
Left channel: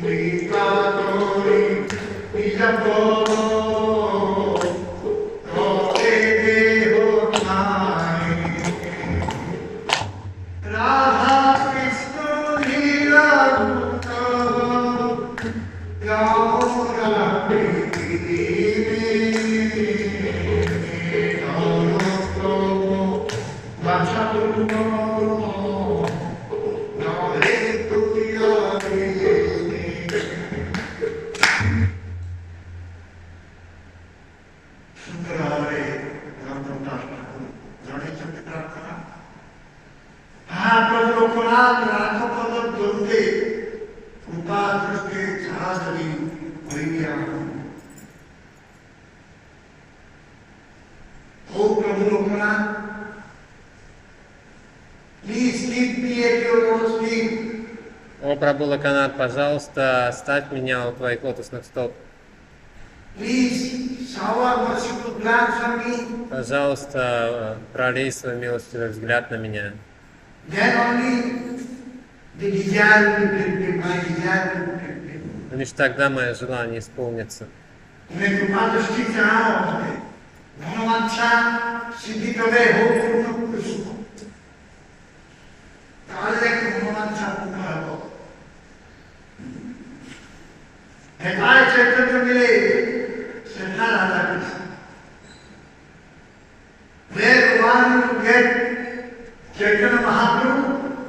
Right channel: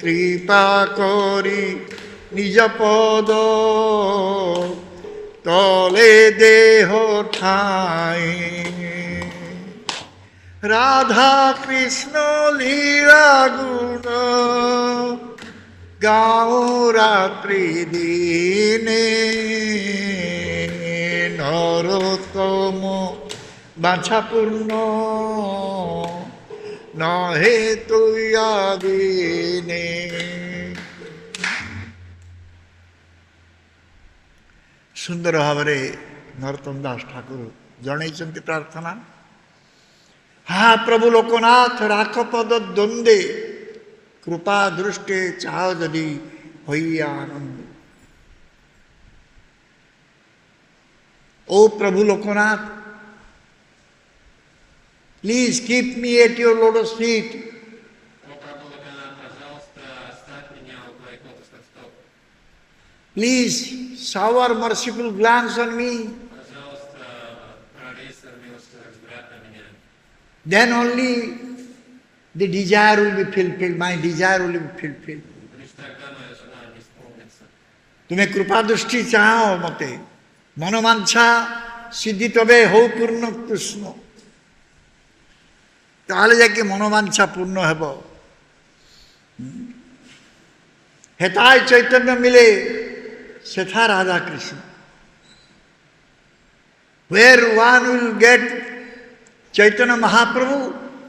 কৃপা করি নিজ পদ তলে দেহ ঠাই রাধা কৃষ্ণ লীলা গুণ গাও রাত্রি দিনে নরোত্তম বাছা পূর্ণ নহে তুই দিনে। ସୁନ୍ଦର ଭାବରେ ନରୋତ୍ତମ ଦାସ ଠାକୁର ଜଣେଇଛନ୍ତି ପ୍ରାର୍ଥନା। हा प्रभु लोकनाथ राख पद द्वंदे कृपा दृष्टि चाह यदि भैयान। ओ प्रभु Loknath, please keep me at your lotus feet. О, Прабху Локанат, пожалуйста, оставь меня у твоих лотосных стоп. Please shower merciful glance on me. Пожалуйста, пролей свой милостивый взгляд на меня. Then only the desire will be fulfilled, my desire will be fulfilled. Лишь тогда мое желание исполнится. तुम्हें कृपा दृष्टि चाहो मते मनोवांछा सिद्धि तबे हो पूर्ण कृष्ण ताले जाके मनोवांछा पूर्ण हेब। हेताय चैतन्य मिले सेथा Radha Krishna. Where one will get Chaitanya Mahaprabhu,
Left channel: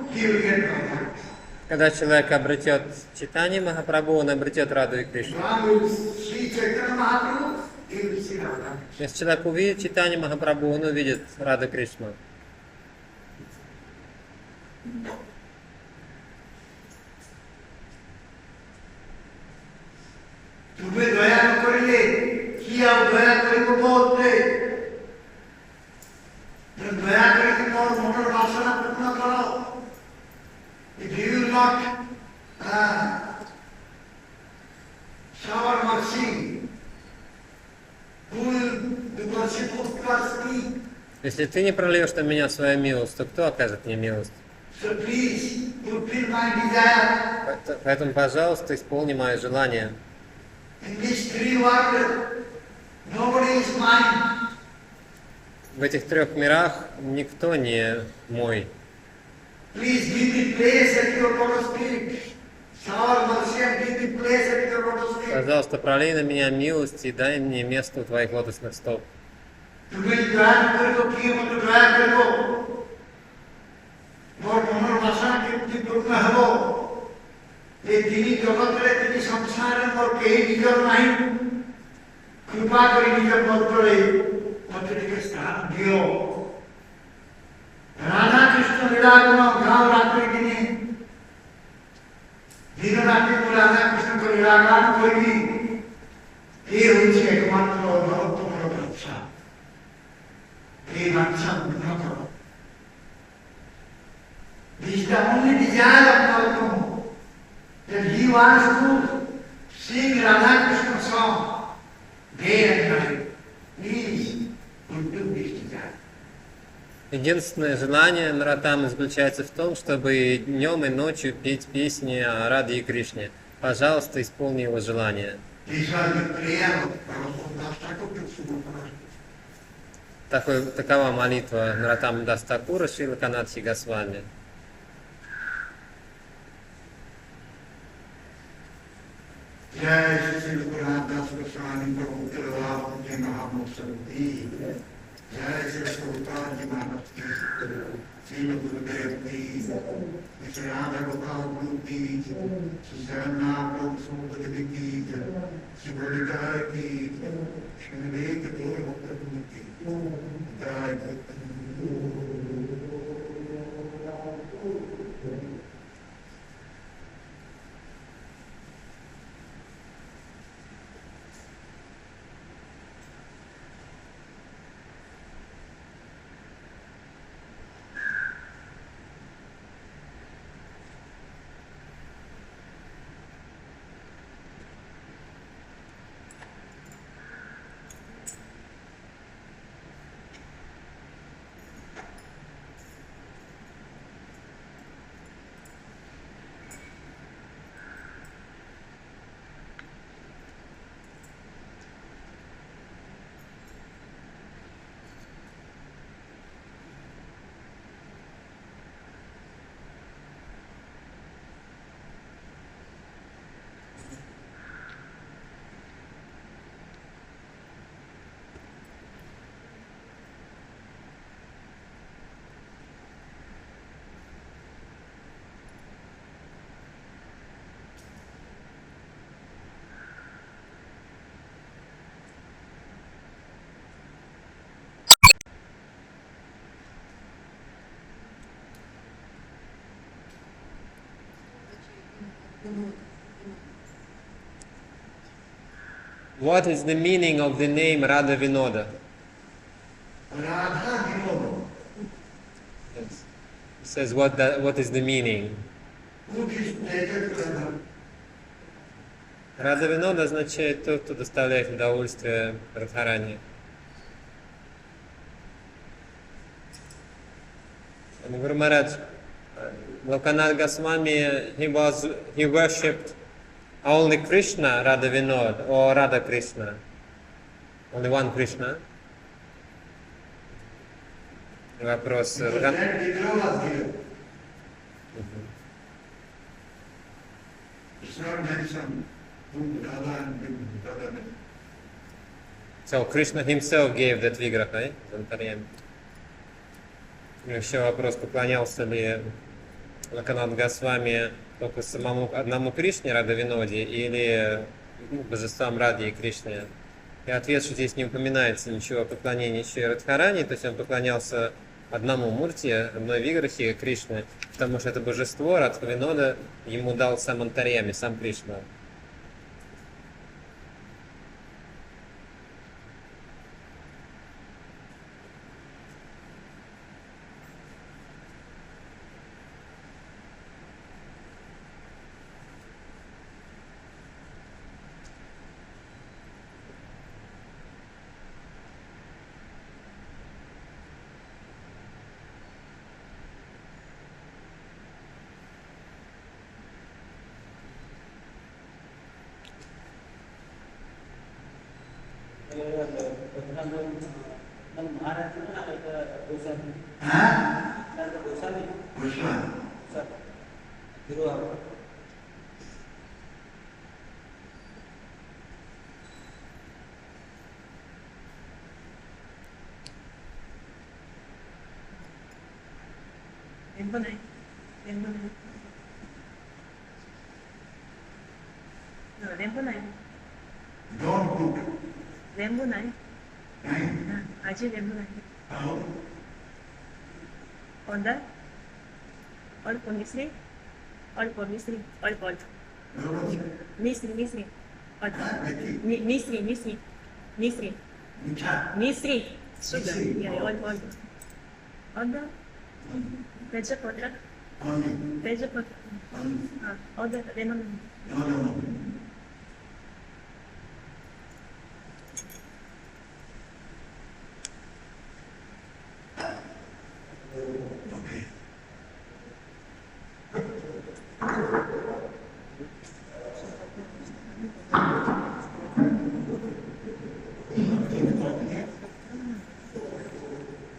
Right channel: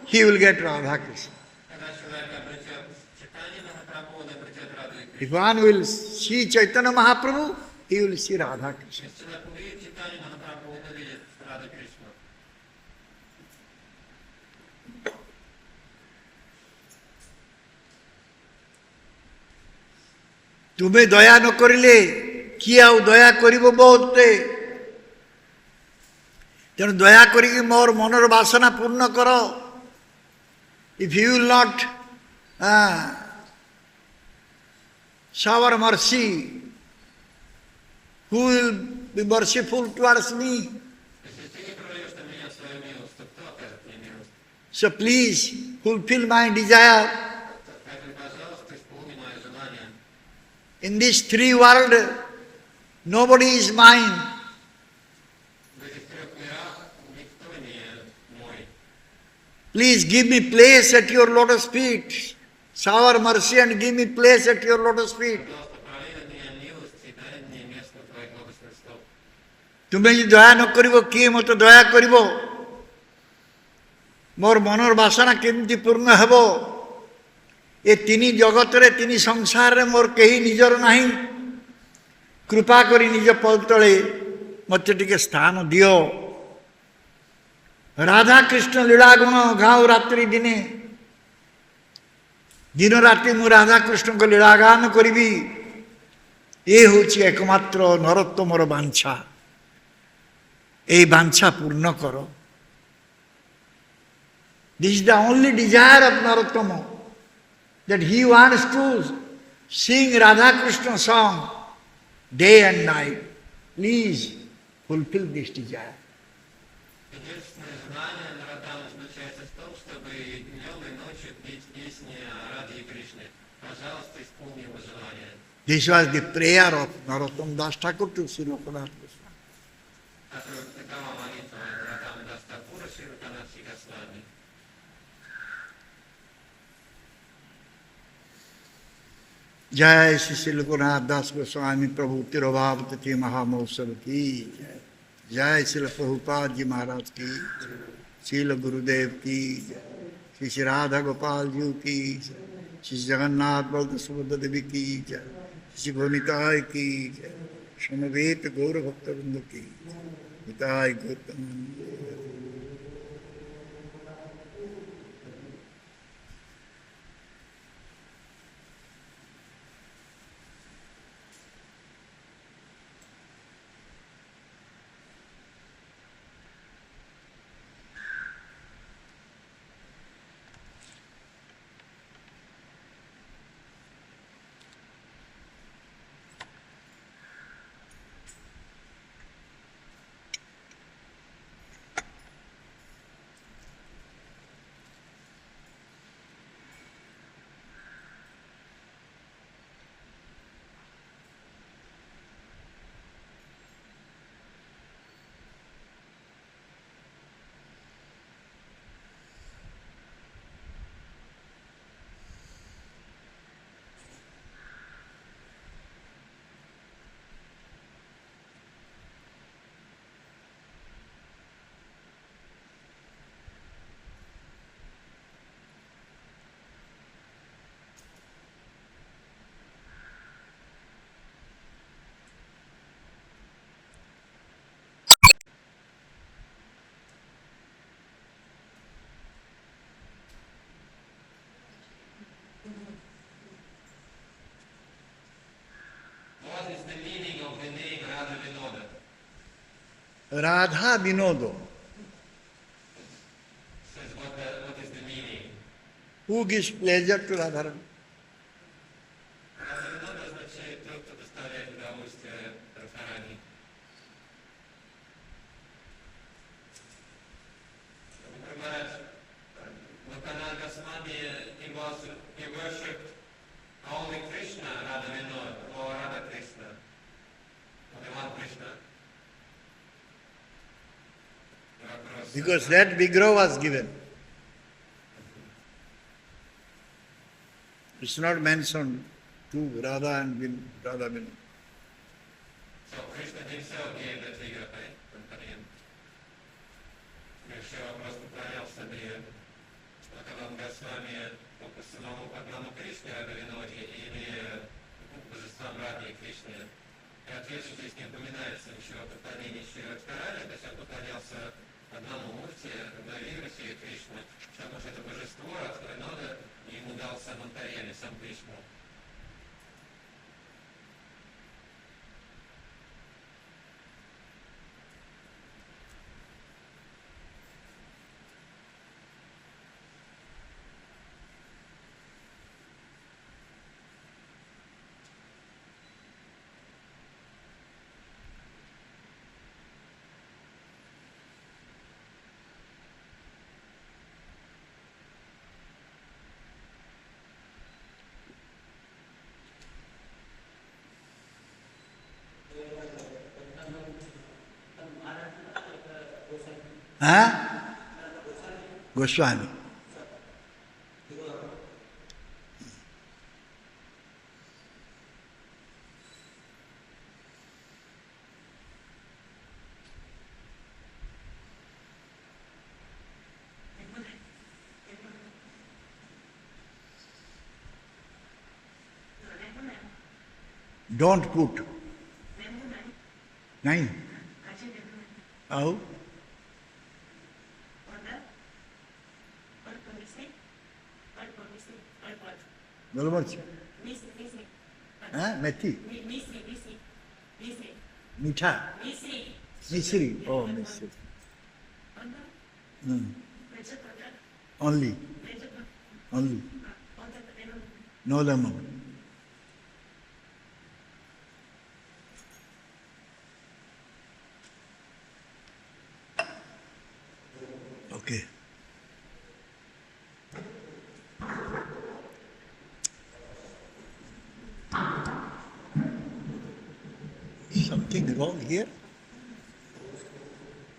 he will get Radha Krishna. Когда человек обретет читание Махапрабху, он обретет Раду и If Кришну. one will see Chaitanya Mahaprabhu, he will see Radha Krishna. Если человек увидит читание Махапрабху, он увидит Раду Кришну. तुम्हें दया न करिले किए आउ दया करिबो बहुते तेणु दया करिके मोर मनर वासना पूर्ण कर। If you will not shower mercy, who will be merciful towards me? Если ты не прольешь на меня свою милость, то кто окажет мне милость? So please fulfill my desire. Поэтому, пожалуйста, исполни мое желание. In this three world, nobody is mine. В этих трех мирах никто не мой. Please give me place at your lotus feet. Shower mercy and give me place at your lotus feet. Пожалуйста, пролей на меня милость и дай мне место у твоих лотосных стоп. तुम्हें जी दया न करिबो किए मत दया करिबो मोर मनर वासना केमती पूर्ण हेबो। ए तिनी जगत रे तिनी संसार रे मोर केही निजर नाही। कृपा करी निज पद तळे मते टिके स्थान दियो। राधा कृष्ण लीला गुण गाओ रात्रि दिने दिन राति मु राधा कृष्ण को लीला गान करिबी। ये होछि एकमात्र नरोत्तमर बांछा। ए बांछा पूर्ण करो। This is the only desire of Narottama, that he wants to sing Radha Krishna song day and night. Please fulfill this desire. Единственное желание Нароттамы заключается в том, чтобы днем и ночью петь песни о Раде и Кришне. Пожалуйста, исполни его желание. This was the prayer of Narottama Das Thakur to Sri Lokanath. Такова молитва Нароттамы Дас Такура Шри Локанатхи Госвами. जय श्री श्री लोकनाथ दास गोस्वामी प्रभु तिरुभाव कथि महामहोत्सव की जय श्री प्रभुपाद जी महाराज की श्रील गुरुदेव की श्री राधा गोपाल जी की श्री जगन्नाथ प्रभु सुभद्र की श्री गोविताय की समवेत गौर भक्त की हिताय Gautam. What is the meaning of the name Radha Vinoda? Radha Vinodo. Yes. It says what is the meaning? Who gives pleasure to Radha? Радha Винода означает тот, кто доставляет удовольствие Радхарани. Guru Maharaj, Lokanath Goswami, he worshipped only Krishna, Radha Vinod, or Radha Krishna? Only one Krishna? Вопрос. Because that Vigraha was given. It's not mentioned to Radha and Radha Vinod. So Krishna himself gave that Vigraha, right? Еще вопрос, поклонялся ли Локанат Госвами только самому одному Кришне, Радha Виноде, или божествам Ради и Кришне? И ответ, что здесь не упоминается ничего о поклонении еще и Радхарани, то есть он поклонялся одному Мурти, одной Виграхе Кришны, потому что это божество, Радха Винода, ему дал сам Антарьями, сам Кришна. Huh? Goswami. Don't put. Nine. Oh. Onda? Or Misri? Or Misri? Or Pol? Misri. Huh? Methi. Misri. Mitha. Misri. Misri. Yeah, Oh. all. Onda? Veja Potra? Only. Veja Potra. Only. Onda, Venom. No.